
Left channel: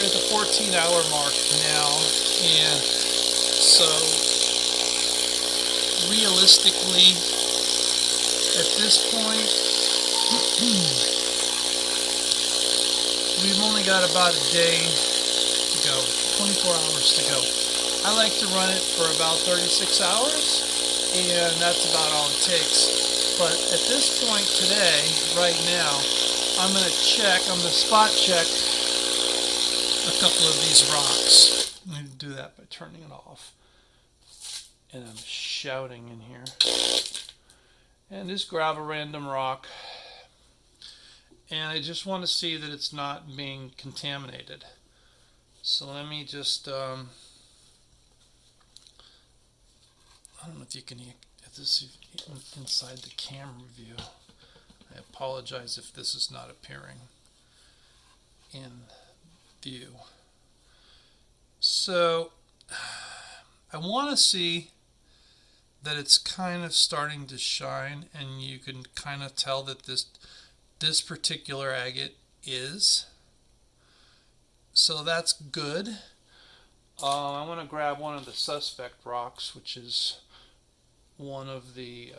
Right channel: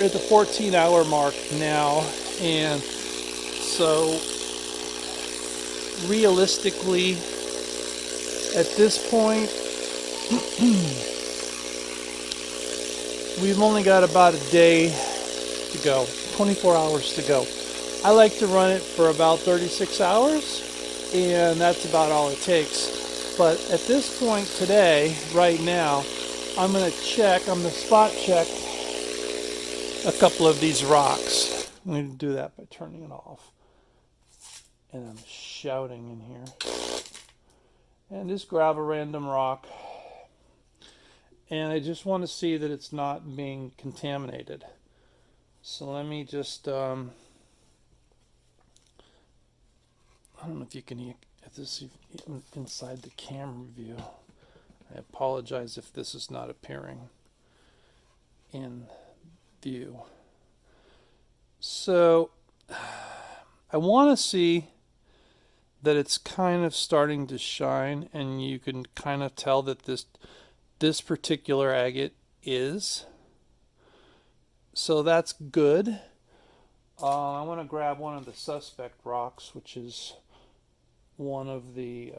at the 14-hour mark now, and so realistically, at this point, we've only got about a day to go, 24 hours to go. I like to run it for about 36 hours, and that's about all it takes. But at this point today, right now, I'm going to spot check a couple of these rocks. I'm going to do that by turning it off. And I'm shouting in here. And just grab a random rock. And I just want to see that it's not being contaminated. So let me just, I don't know if you can, if this is inside the camera view. I apologize if this is not appearing. in view. So I want to see that it's kind of starting to shine, and you can kind of tell that this particular agate is. So that's good. I want to grab one of the suspect rocks, which is one of the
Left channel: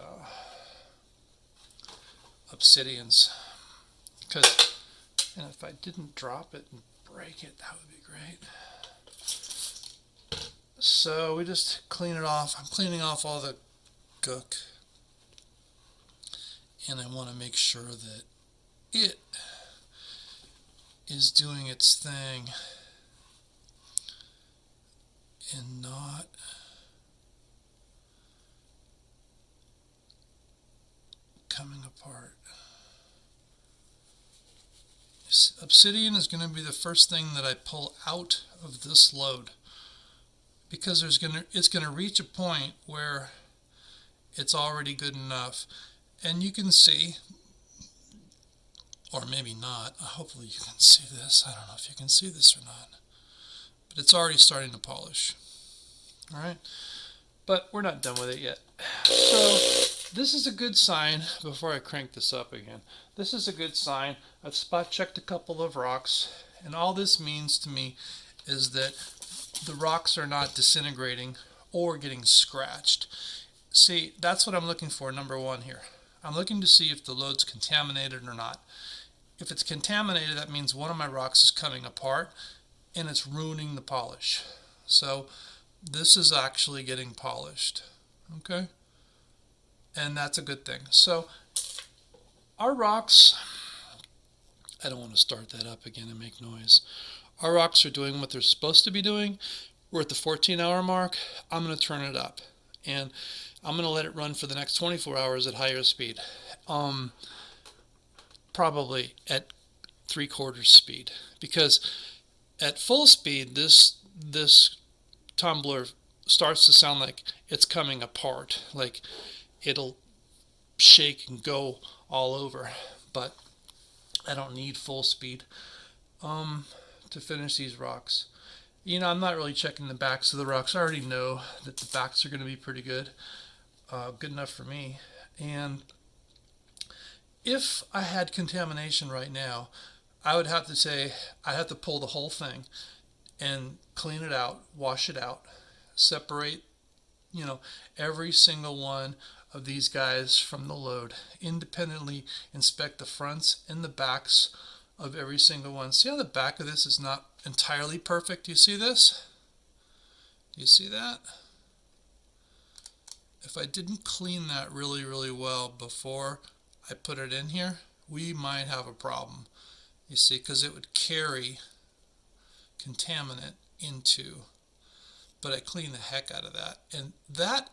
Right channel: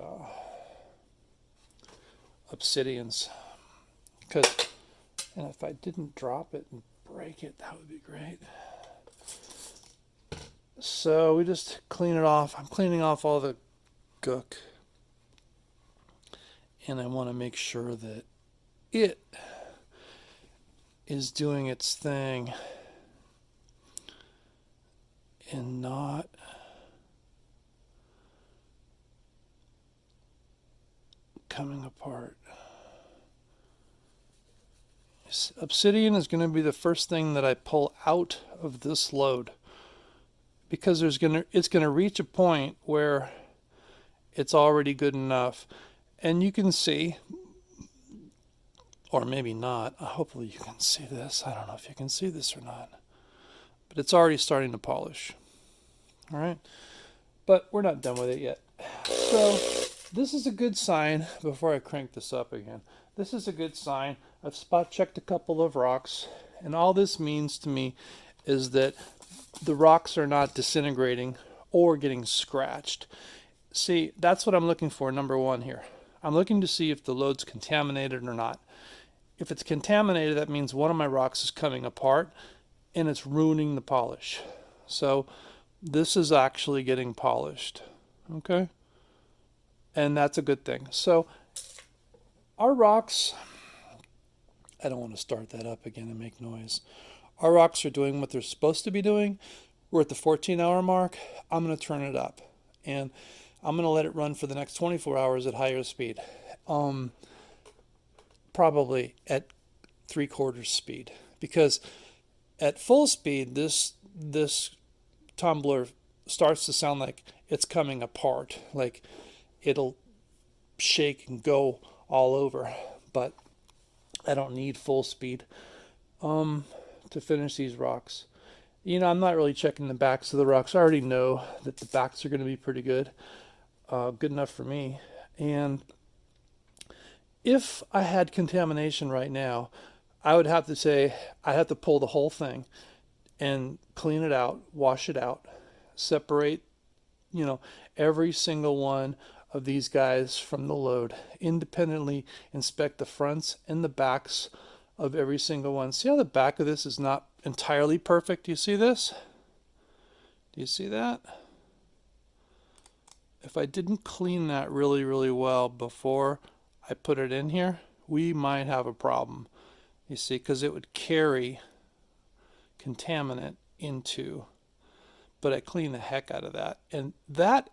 obsidians. Because, and if I didn't drop it and break it, that would be great. So we just clean it off. I'm cleaning off all the gook. And I want to make sure that it is doing its thing and not coming apart. Obsidian is going to be the first thing that I pull out of this load, because it's going to reach a point where it's already good enough. And you can see, or maybe not, hopefully you can see this. I don't know if you can see this or not, but it's already starting to polish. All right, but we're not done with it yet. So this is a good sign. Before I crank this up again, this is a good sign. I've spot checked a couple of rocks, and all this means to me is that the rocks are not disintegrating or getting scratched. See, that's what I'm looking for, number one here. I'm looking to see if the load's contaminated or not. If it's contaminated, that means one of my rocks is coming apart and it's ruining the polish. So this is actually getting polished, okay? And that's a good thing. So our rocks, I don't want to start that up again and make noise. Our rocks are doing what they're supposed to be doing. We're at the 14-hour mark. I'm going to turn it up, and I'm going to let it run for the next 24 hours at higher speed. Probably at 3/4 speed, because at full speed, this tumbler starts to sound like it's coming apart, like it'll shake and go all over. But I don't need full speed to finish these rocks. You know, I'm not really checking the backs of the rocks. I already know that the backs are going to be pretty good. Good enough for me. And if I had contamination right now, I would have to say, I'd have to pull the whole thing and clean it out, wash it out, separate, you know, every single one of these guys from the load, independently inspect the fronts and the backs of every single one. See how the back of this is not entirely perfect? Do you see this? Do you see that? If I didn't clean that really, really well before I put it in here, we might have a problem. You see, because it would carry contaminant into, but I cleaned the heck out of that. And that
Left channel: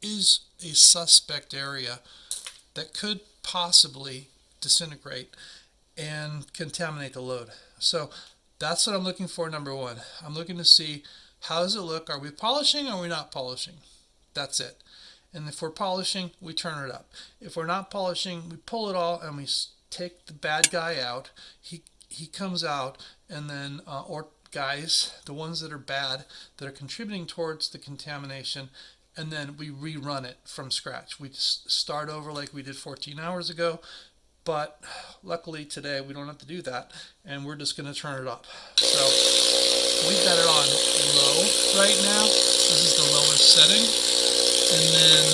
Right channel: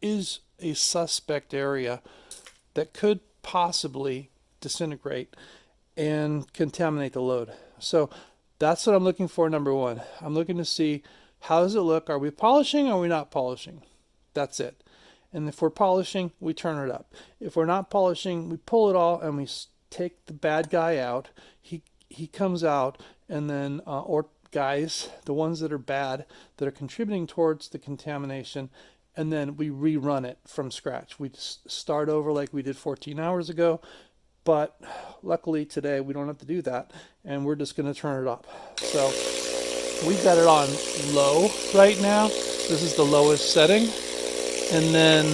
is a suspect area that could possibly disintegrate and contaminate the load. So that's what I'm looking for, number one. I'm looking to see, how does it look? Are we polishing or are we not polishing? That's it. And if we're polishing, we turn it up. If we're not polishing, we pull it all and we take the bad guy out. He comes out, and then, or guys, the ones that are bad, that are contributing towards the contamination, and then we rerun it from scratch. We start over like we did 14 hours ago, but luckily today we don't have to do that, and we're just going to turn it up. So we've got it on low right now. This is the lowest setting. And then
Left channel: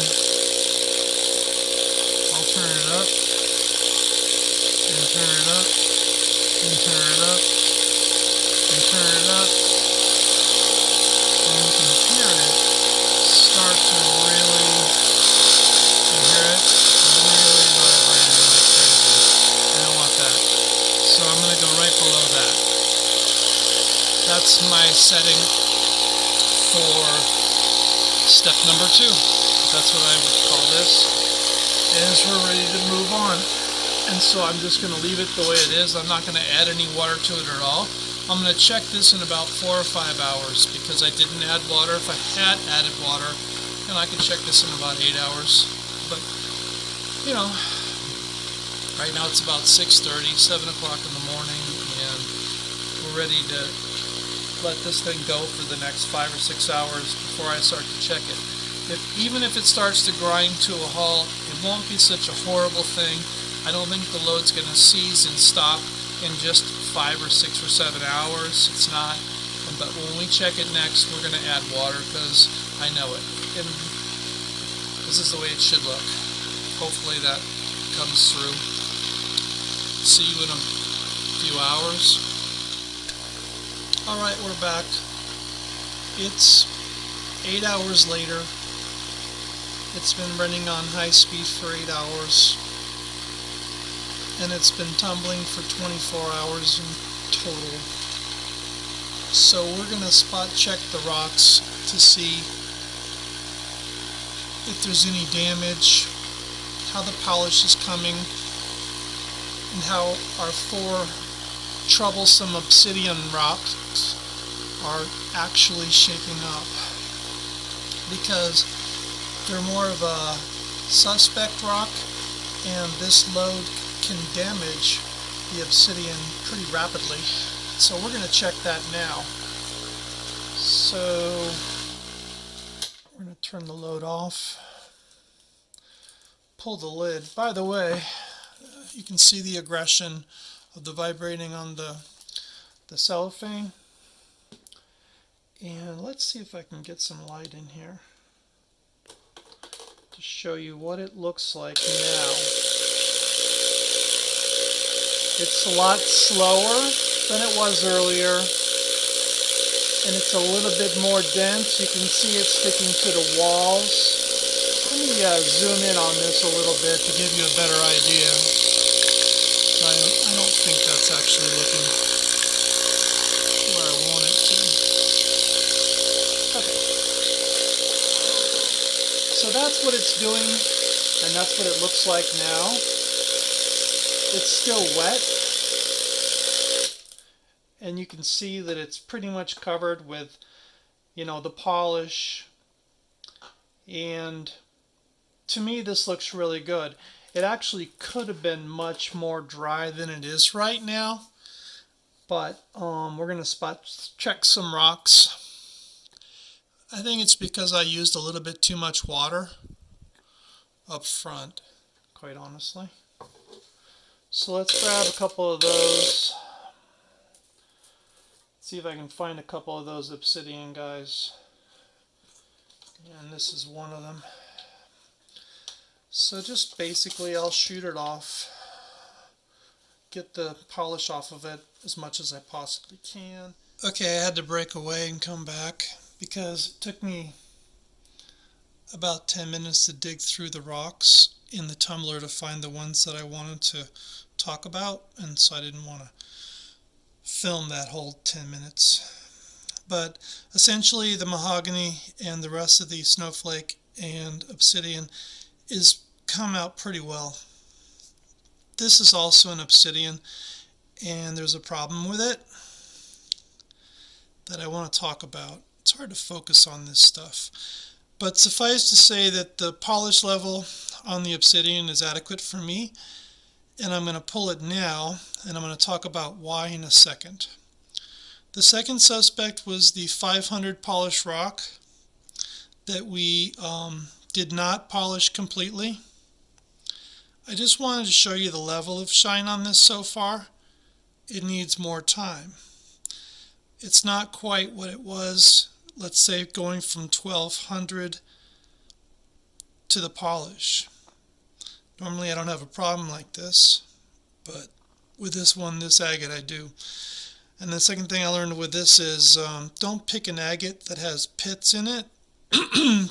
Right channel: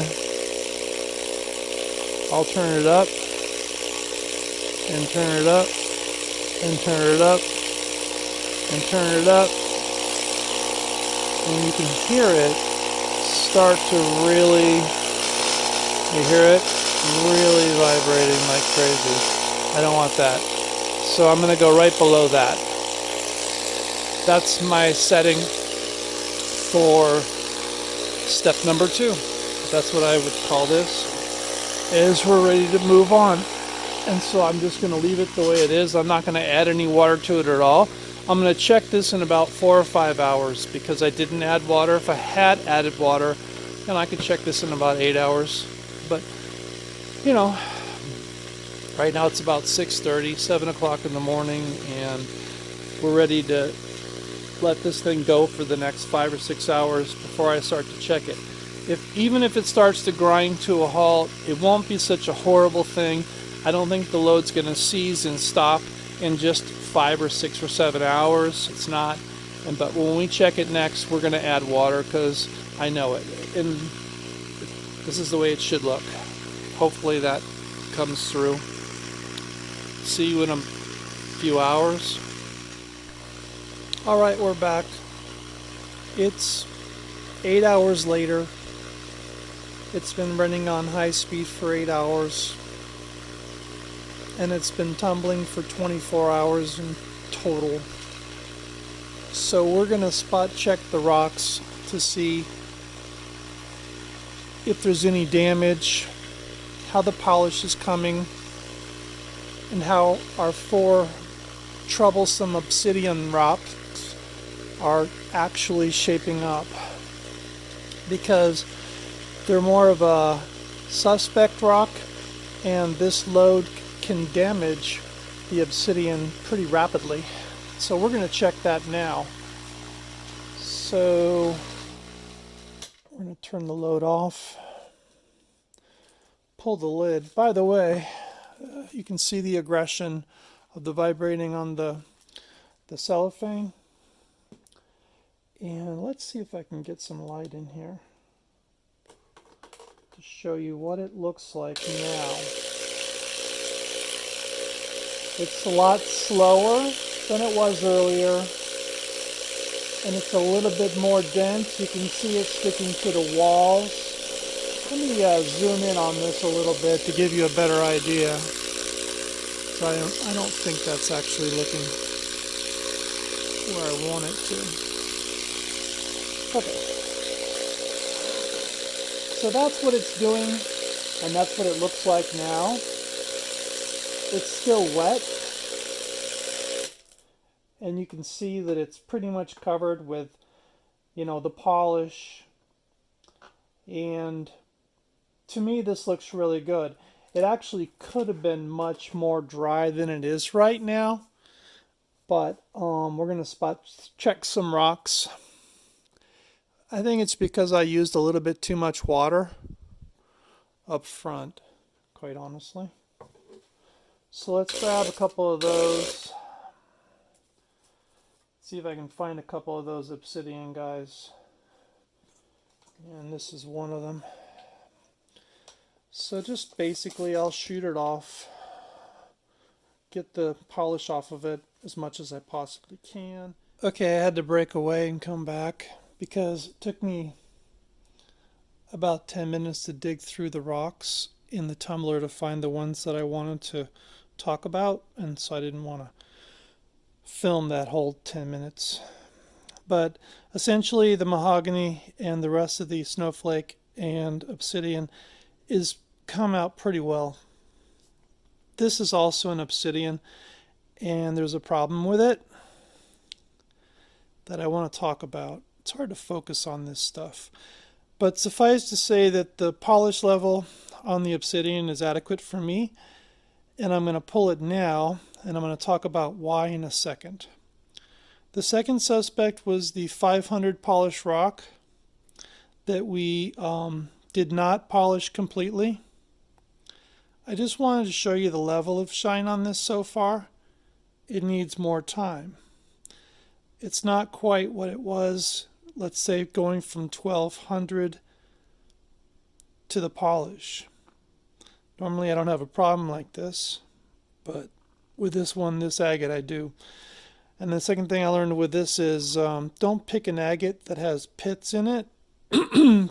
I'll turn it up and turn it up and turn it up and turn it up. And you can hear it start to really, you hear it really vibrating like crazy. I don't want that. So I'm going to go right below that. That's my setting for step number 2. That's what I would call this, is we're ready to move on. And so I'm just going to leave it the way it is. I'm not going to add any water to it at all. I'm going to check this in about 4 or 5 hours, because I didn't add water. If I had added water, then I could check this in about 8 hours. But, you know, right now it's about 6:30, 7 o'clock in the morning, and we're ready to let this thing go for the next 5 or 6 hours before I start to check it. Even if it starts to grind to a halt, it won't be such a horrible thing. I don't think the load's going to seize and stop in just 5 or 6 or 7 hours. It's not. But when we check it next, we're going to add water because I know it. And this is the way it should look. Hopefully that comes through. See you in a few hours. Alright, we're back. It's 8 hours later. It's been running on high speed for 8 hours. And it's been tumbling for 24 hours in total. So we're going to spot check the rocks to see if there's any damage, how the polish is coming, and how our 4 troublesome obsidian rocks are actually shaping up, because they're more of a suspect rock, and this load can damage the obsidian pretty rapidly. So we're going to check that now. So we're going to turn the load off, pull the lid. By the way, you can see the aggression of the vibrating on the cellophane. And let's see if I can get some light in here to show you what it looks like now. It's a lot slower than it was earlier, and it's a little bit more dense. You can see it sticking to the walls. Let me zoom in on this a little bit to give you a better idea. I don't think that's actually looking where I want it to. Okay. So that's what it's doing, and that's what it looks like now. It's still wet, and you can see that it's pretty much covered with, the polish. And to me, this looks really good. It actually could have been much more dry than it is right now, but we're going to spot check some rocks. I think it's because I used a little bit too much water up front, quite honestly. So let's grab a couple of those. See if I can find a couple of those obsidian guys. And this is one of them. So just basically I'll shoot it off, get the polish off of it as much as I possibly can. Okay, I had to break away and come back because it took me about 10 minutes to dig through the rocks in the tumbler to find the ones that I wanted to talk about, and so I didn't want to film that whole 10 minutes. But essentially the mahogany and the rest of the snowflake and obsidian is come out pretty well. This is also an obsidian, and there's a problem with it that I want to talk about. It's hard to focus on this stuff, but suffice to say that the polish level on the obsidian is adequate for me, and I'm going to pull it now, and I'm going to talk about why in a second. The second suspect was the 500 polished rock that we did not polish completely. I just wanted to show you the level of shine on this so far. It needs more time. It's not quite what it was, let's say, going from 1200 to the polish. Normally I don't have a problem like this, but with this one, this agate, I do. And the second thing I learned with this is don't pick an agate that has pits in it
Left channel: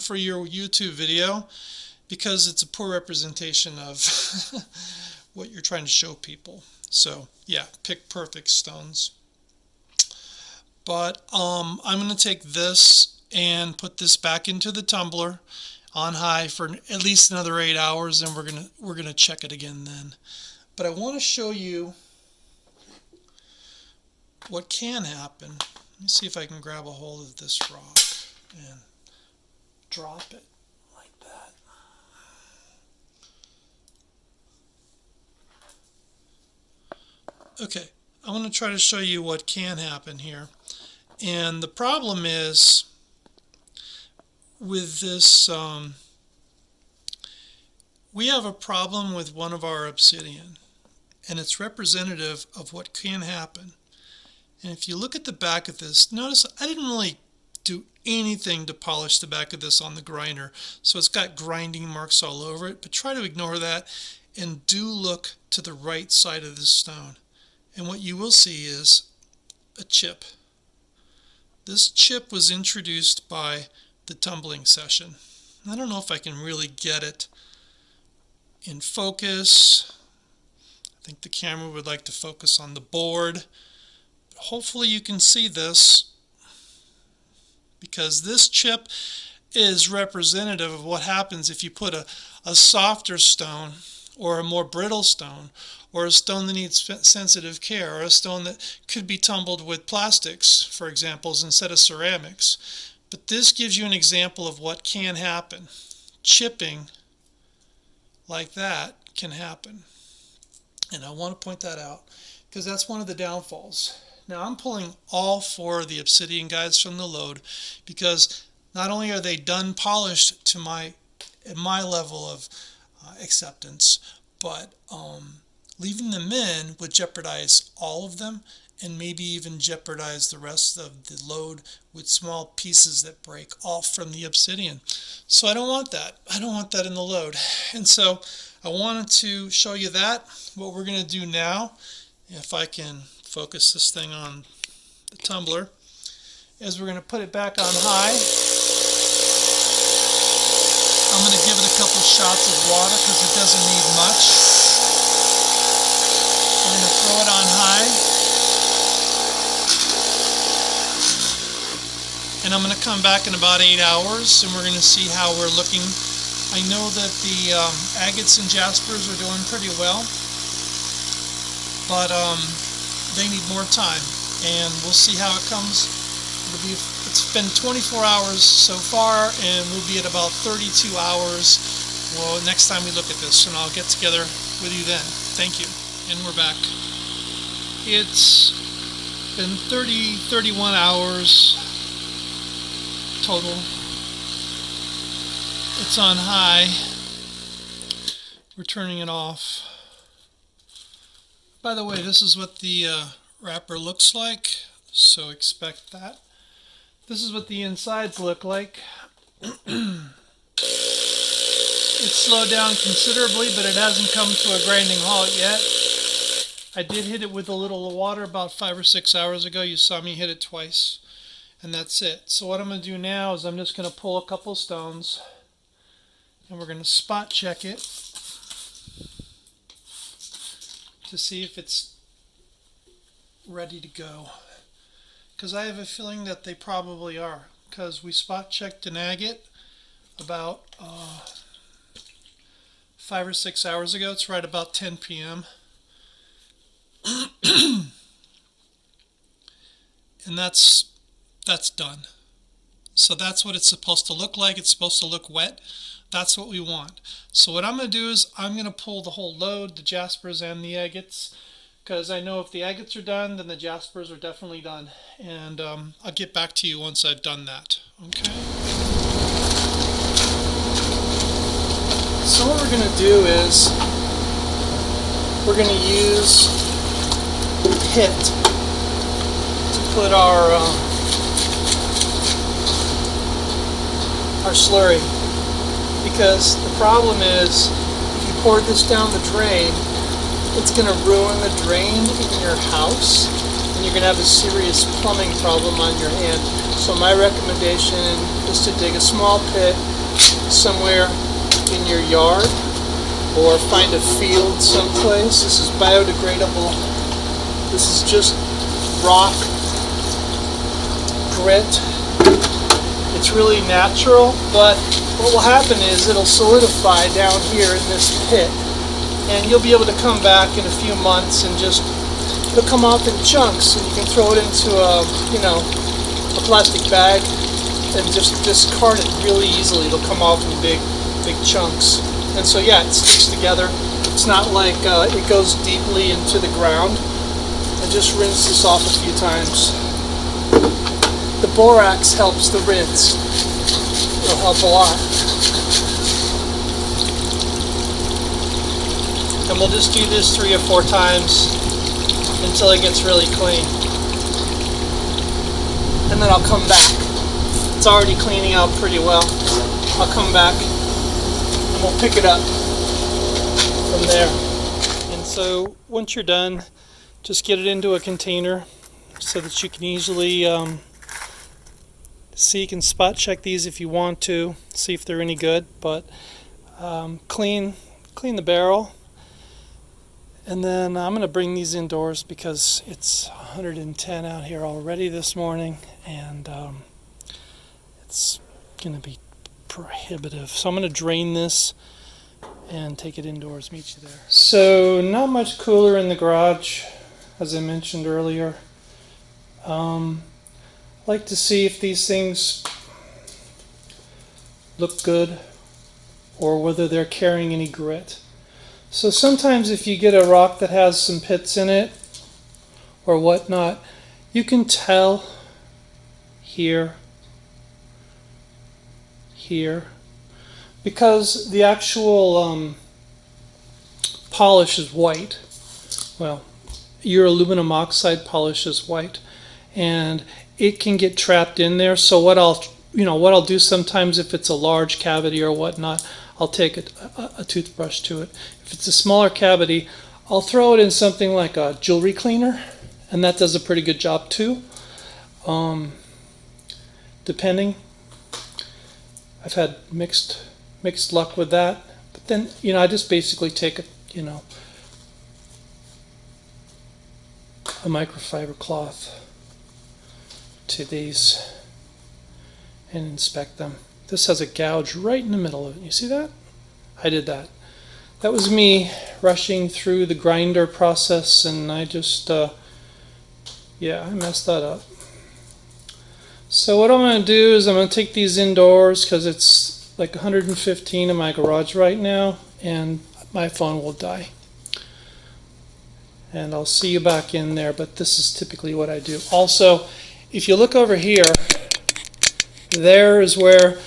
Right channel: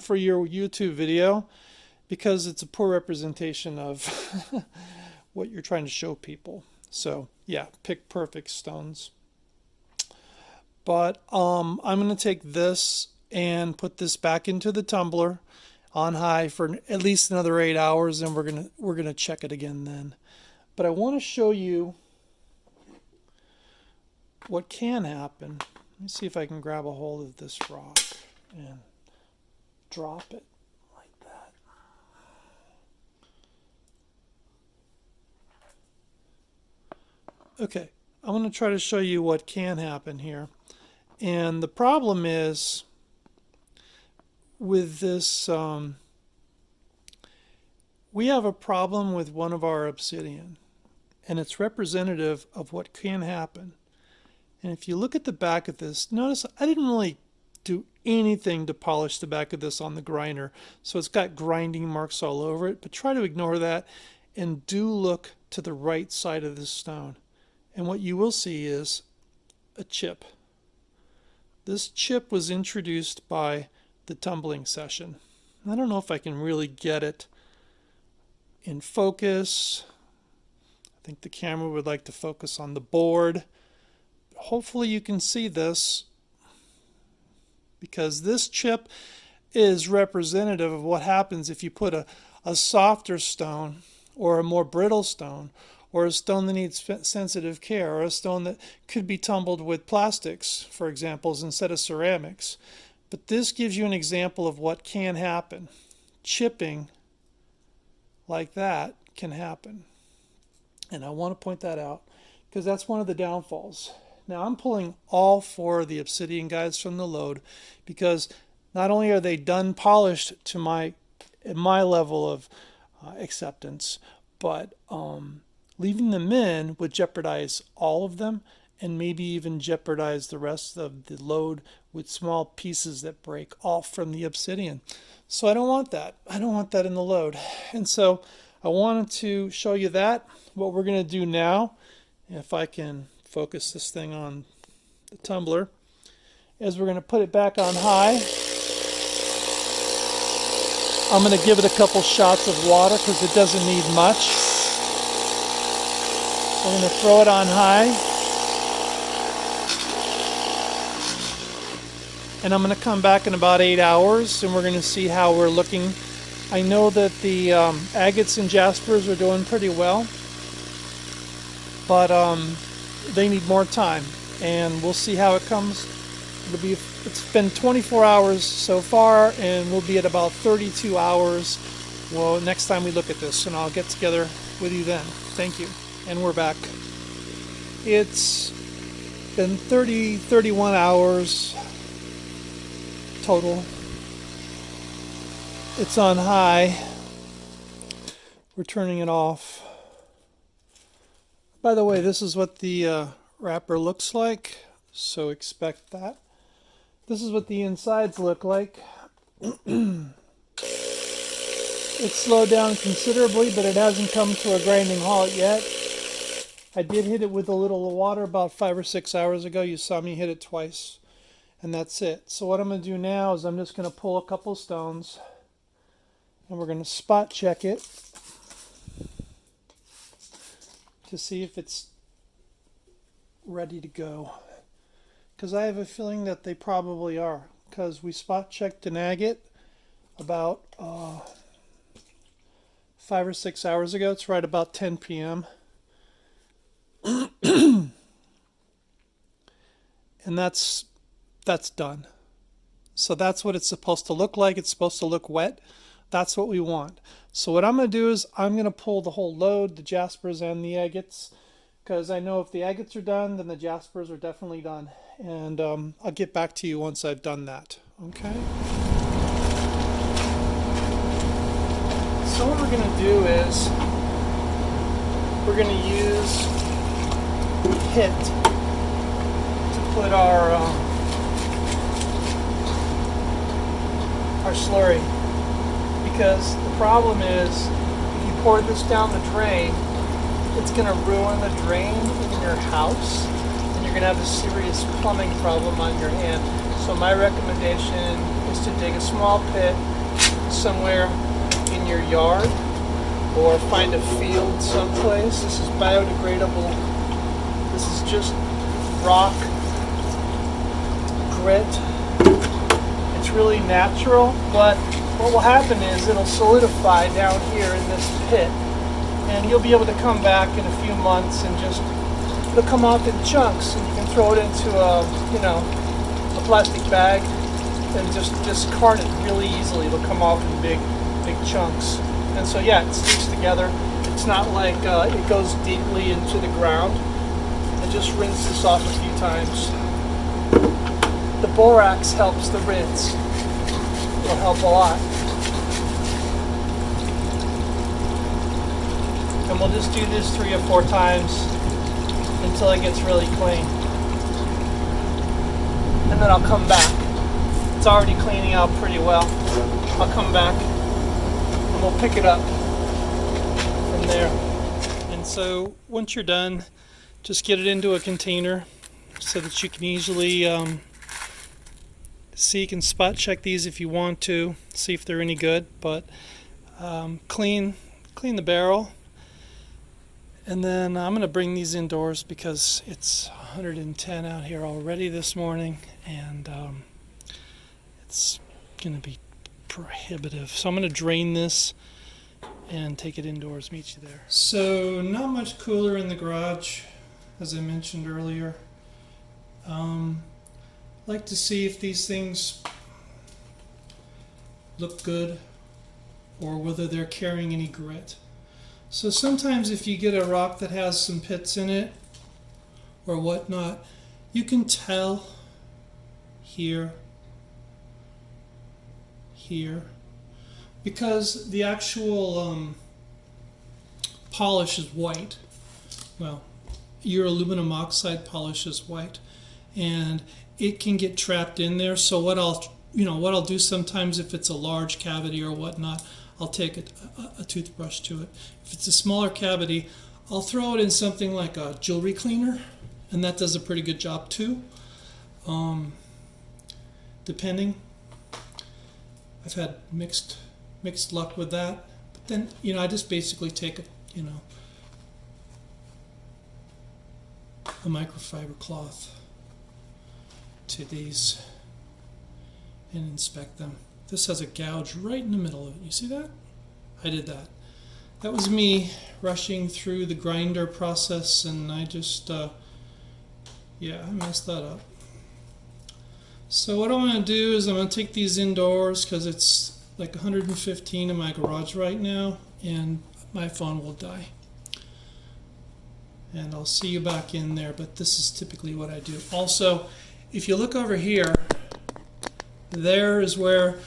for your YouTube video, because it's a poor representation of what you're trying to show people. So yeah, pick perfect stones. But I'm going to take this and put this back into the tumbler on high for at least another 8 hours, and we're gonna check it again then. But I want to show you what can happen. Let me see if I can grab a hold of this rock and drop it like that. Okay, I'm going to try to show you what can happen here. And the problem is with this, we have a problem with one of our obsidian, and it's representative of what can happen. And if you look at the back of this, notice I didn't really do anything to polish the back of this on the grinder, so it's got grinding marks all over it, but try to ignore that and do look to the right side of this stone. And what you will see is a chip. This chip was introduced by the tumbling session. I don't know if I can really get it in focus. I think the camera would like to focus on the board. Hopefully you can see this, because this chip is representative of what happens if you put a softer stone or a more brittle stone, or a stone that needs sensitive care, or a stone that could be tumbled with plastics, for example, instead of ceramics. But this gives you an example of what can happen. Chipping like that can happen. And I want to point that out because that's one of the downfalls. Now I'm pulling all 4 of the obsidian guides from the load because not only are they done polished to my level of acceptance, but leaving them in would jeopardize all of them and maybe even jeopardize the rest of the load with small pieces that break off from the obsidian. So I don't want that. I don't want that in the load. And so I wanted to show you that. What we're going to do now, if I can focus this thing on the tumbler, is we're going to put it back on high. I'm going to give it a couple shots of water because it doesn't need much. I'm going to throw it on high. And I'm going to come back in about 8 hours and we're going to see how we're looking. I know that the agates and jaspers are doing pretty well, but they need more time, and we'll see how it comes. It's been 24 hours so far, and we'll be at about 32 hours. Well, next time we look at this, and I'll get together with you then. Thank you. And we're back. It's been 31 hours total. It's on high. We're turning it off. By the way, this is what the wrapper looks like, so expect that. This is what the insides look like. It's slowed down considerably, but it hasn't come to a grinding halt yet. I did hit it with a little water about 5 or 6 hours ago. You saw me hit it twice, and that's it. So what I'm going to do now is I'm just going to pull a couple stones, and we're going to spot check it to see if it's ready to go. Because I have a feeling that they probably are, because we spot checked an agate about 5 or 6 hours ago. It's right about 10 p.m. And that's done. So that's what it's supposed to look like. It's supposed to look wet. That's what we want. So what I'm going to do is I'm going to pull the whole load, the jaspers and the agates, because I know if the agates are done, then the jaspers are definitely done. And I'll get back to you once I've done that. Okay? So what we're going to do is we're going to use pit to put our slurry. Because the problem is, if you pour this down the drain, it's going to ruin the drain in your house, and you're going to have a serious plumbing problem on your hand. So my recommendation is to dig a small pit somewhere in your yard, or find a field someplace. This is biodegradable. This is just rock, grit. It's really natural, but what will happen is it'll solidify down here in this pit, and you'll be able to come back in a few months and it'll come off in chunks, and you can throw it into a plastic bag and just discard it really easily. It'll come off in big chunks. And so yeah, it sticks together. It's not like it goes deeply into the ground. I just rinse this off a few times. The borax helps the rinse. It'll help a lot. And we'll just do this 3 or 4 times until it gets really clean. And then I'll come back. It's already cleaning out pretty well. I'll come back and we'll pick it up from there. And so once you're done, just get it into a container so that you can easily see. You can spot check these if you want to, see if they're any good, but clean the barrel. And then I'm going to bring these indoors because it's 110 out here already this morning, and it's going to be prohibitive. So I'm going to drain this and take it indoors. Meet you there. So not much cooler in the garage, as I mentioned earlier. Like to see if these things look good or whether they're carrying any grit. So sometimes if you get a rock that has some pits in it or whatnot, you can tell here, because the actual polish is white. Well, your aluminum oxide polish is white, and it can get trapped in there. So what I'll do sometimes, if it's a large cavity or whatnot, I'll take a toothbrush to it. If it's a smaller cavity, I'll throw it in something like a jewelry cleaner, and that does a pretty good job too. Depending, I've had mixed luck with that. But then, I just basically take a microfiber cloth to these and inspect them. This has a gouge right in the middle of it. You see that? I did that. That was me rushing through the grinder process, and I just, I messed that up. So what I'm going to do is I'm going to take these indoors because it's like 115 in my garage right now, and my phone will die. And I'll see you back in there, but this is typically what I do. Also, if you look over here, there is where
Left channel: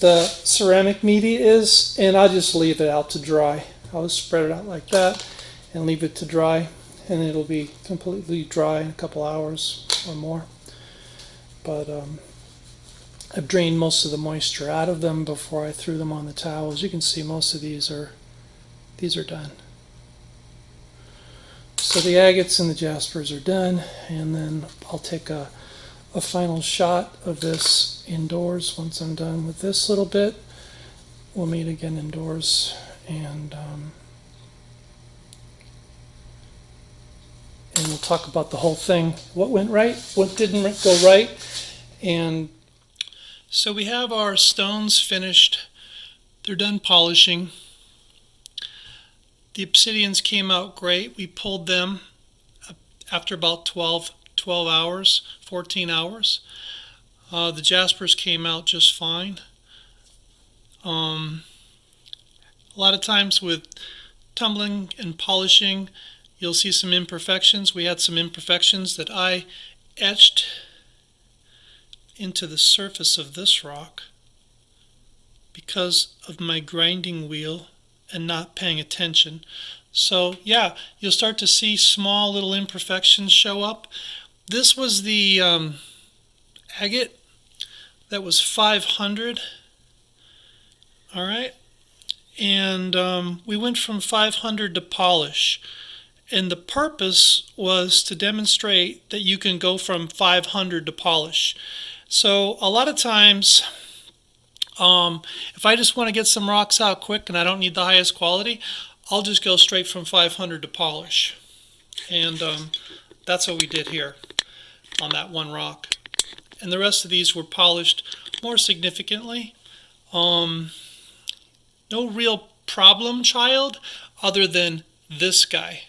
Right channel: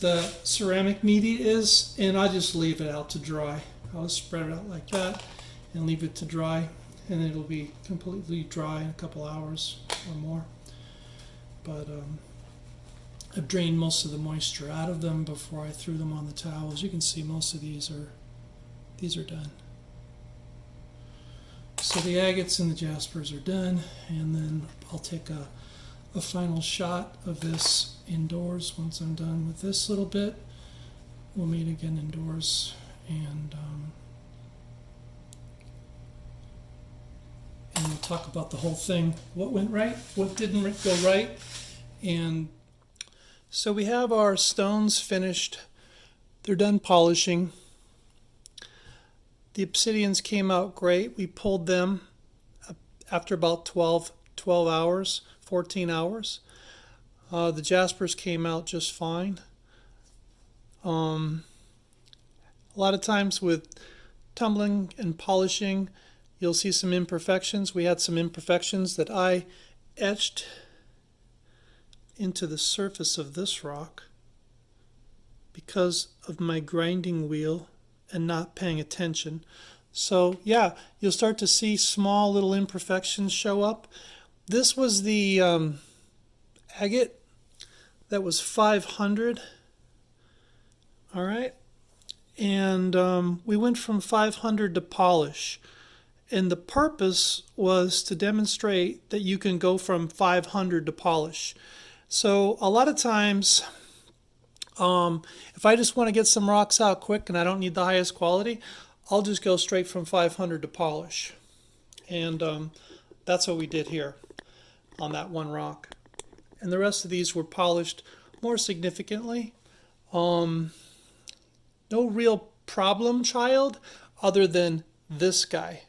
the ceramic media is, and I'll just leave it out to dry. I'll just spread it out like that and leave it to dry, and it'll be completely dry in a couple hours or more. But I've drained most of the moisture out of them before I threw them on the towel. As you can see, most of these are done. So the agates and the jaspers are done, and then I'll take a final shot of this indoors once I'm done with this little bit. We'll meet again indoors, and we'll talk about the whole thing. What went right, what didn't go right. And so we have our stones finished. They're done polishing. The obsidians came out great. We pulled them after about 12 hours, 14 hours. The jaspers came out just fine. A lot of times with tumbling and polishing, you'll see some imperfections. We had some imperfections that I etched into the surface of this rock because of my grinding wheel and not paying attention. So yeah, you'll start to see small little imperfections show up. This was the agate that was 500. All right, and we went from 500 to polish, and the purpose was to demonstrate that you can go from 500 to polish. So a lot of times, if I just want to get some rocks out quick and I don't need the highest quality, I'll just go straight from 500 to polish. And that's what we did here on that one rock. And the rest of these were polished more significantly. No real problem child other than this guy.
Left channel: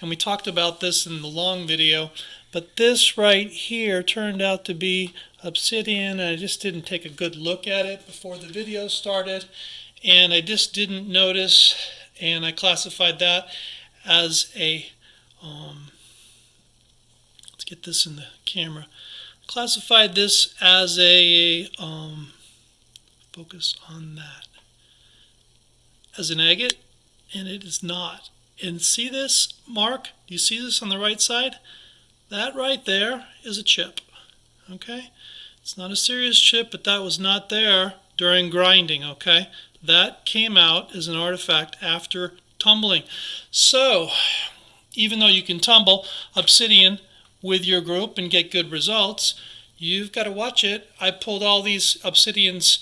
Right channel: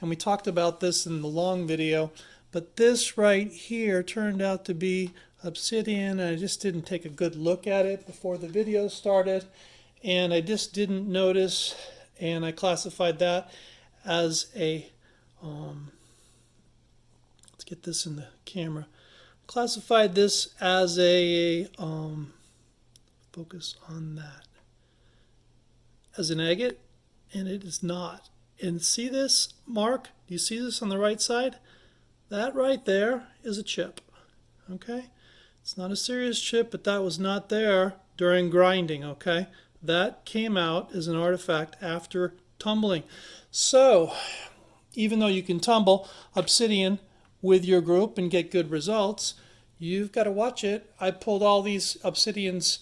And we talked about this in the long video, but this right here turned out to be obsidian, and I just didn't take a good look at it before the video started, and I just didn't notice, and I classified that as a let's get this in the camera. Classified this as a, focus on that, as an agate, and it is not. And see this mark? Do you see this on the right side? That right there is a chip. Okay? It's not a serious chip, but that was not there during grinding. Okay? That came out as an artifact after tumbling. So, even though you can tumble Obsidian with your group and get good results, you've got to watch it. I pulled all these Obsidians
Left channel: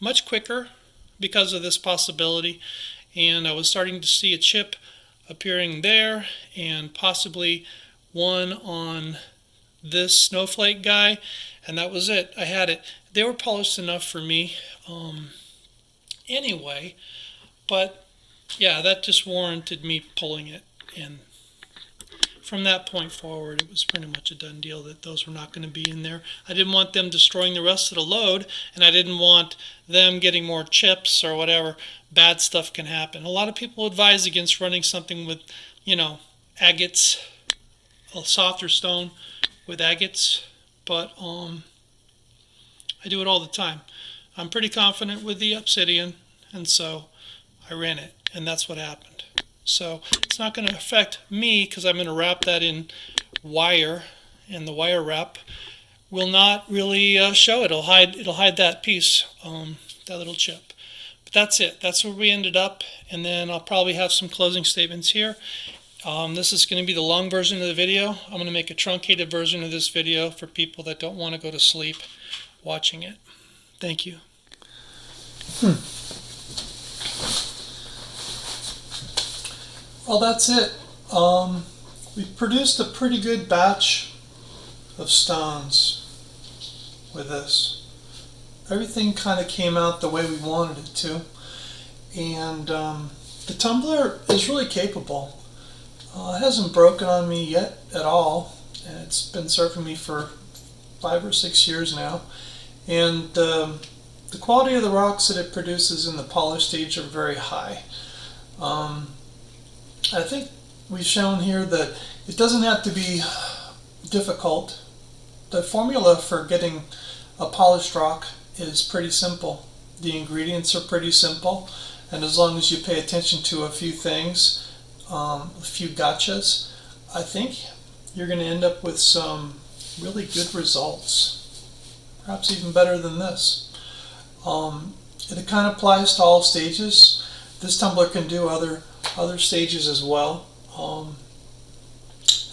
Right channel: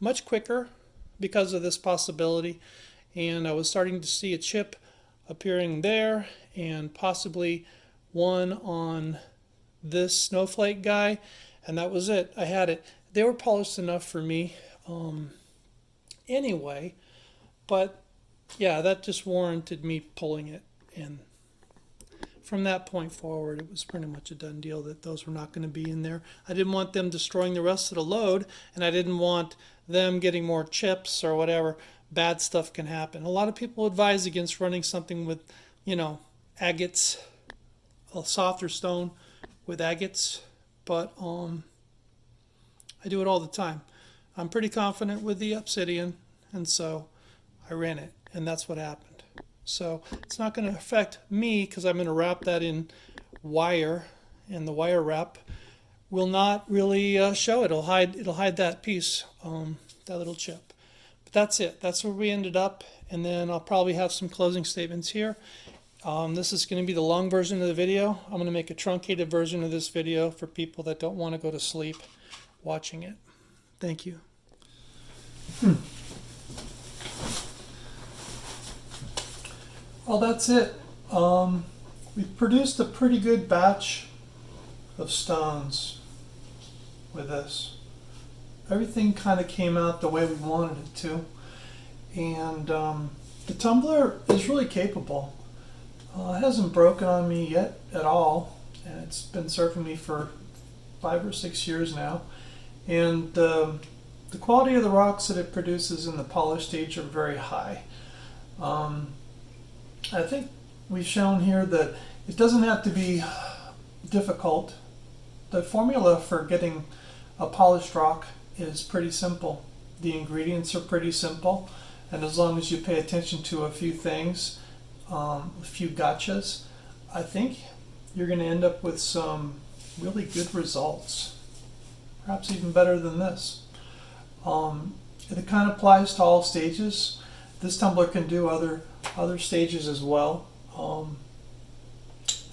much quicker because of this possibility, and I was starting to see a chip appearing there and possibly one on this snowflake guy, and that was it. I had it. They were polished enough for me anyway, but yeah, that just warranted me pulling it, and from that point forward it was pretty much a done deal that those were not going to be in there. I didn't want them destroying the rest of the load, and I didn't want them getting more chips or whatever. Bad stuff can happen. A lot of people advise against running something with, agates, a softer stone with agates, but I do it all the time. I'm pretty confident with the Obsidian, and so I ran it, and that's what happened. So it's not going to affect me because I'm going to wrap that in wire, and the wire wrap will not really show it. It'll hide that piece, that little chip. But that's it. That's where we ended up, and then I'll probably have some closing statements here. This is going to be the long version of the video. I'm going to make a truncated version of this video for people that don't want to go to sleep watching it. Thank you. Well, that's it. We produced a pretty good batch of stones with this. Everything kind of came out the way we wanted it to, and the tumbler is really capable. It hasn't broken on me yet at all, and it's been serving me for 5 or 6 years now, and the quality of the rocks that it produces in the polish stage are very high. I think we've shown here that it doesn't have to be difficult. The formula for getting a polished rock is pretty simple. The ingredients are pretty simple, and as long as you pay attention to a few things, a few gotchas, I think you're going to end up with some really good results, perhaps even better than this. It kind of applies to all stages. This tumbler can do other stages as well,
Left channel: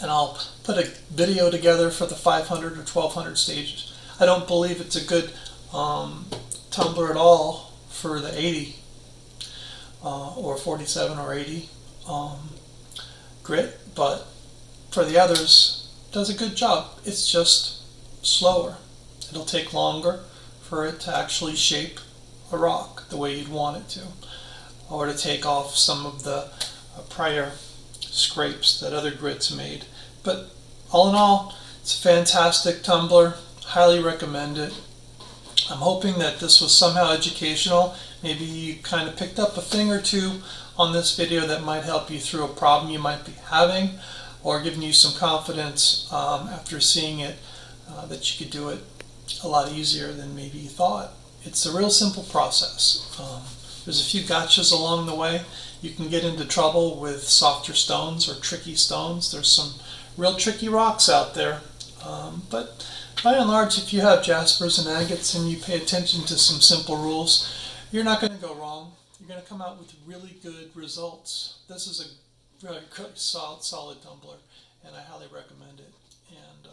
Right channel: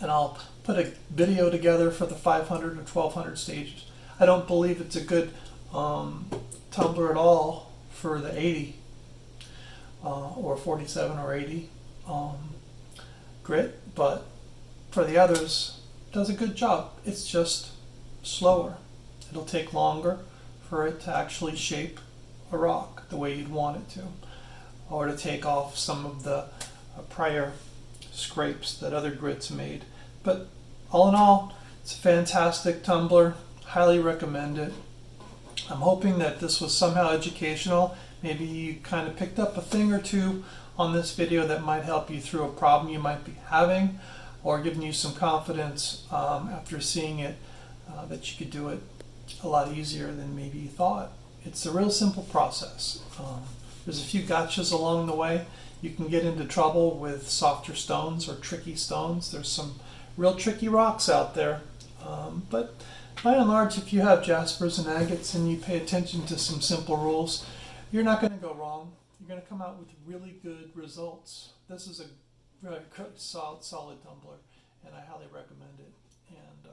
and I'll put a video together for the 500 or 1200 stages. I don't believe it's a good tumbler at all for the 80 or 47 or 80 grit, but for the others it does a good job. It's just slower. It'll take longer for it to actually shape a rock the way you'd want it to, or to take off some of the prior scrapes that other grits made. But all in all, it's a fantastic tumbler. Highly recommend it. I'm hoping that this was somehow educational. Maybe you kind of picked up a thing or two on this video that might help you through a problem you might be having, or giving you some confidence after seeing it that you could do it a lot easier than maybe you thought. It's a real simple process. There's a few gotchas along the way. You can get into trouble with softer stones or tricky stones. There's some real tricky rocks out there. But by and large, if you have jaspers and agates and you pay attention to some simple rules, you're not going to go wrong. You're going to come out with really good results. This is a very good, solid tumbler, and I highly recommend it. And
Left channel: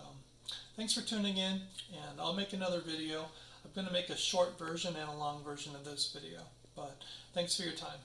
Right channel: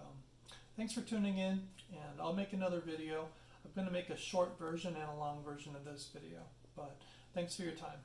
thanks for tuning in, and I'll make another video. I'm going to make a short version and a long version of this video, but thanks for your time.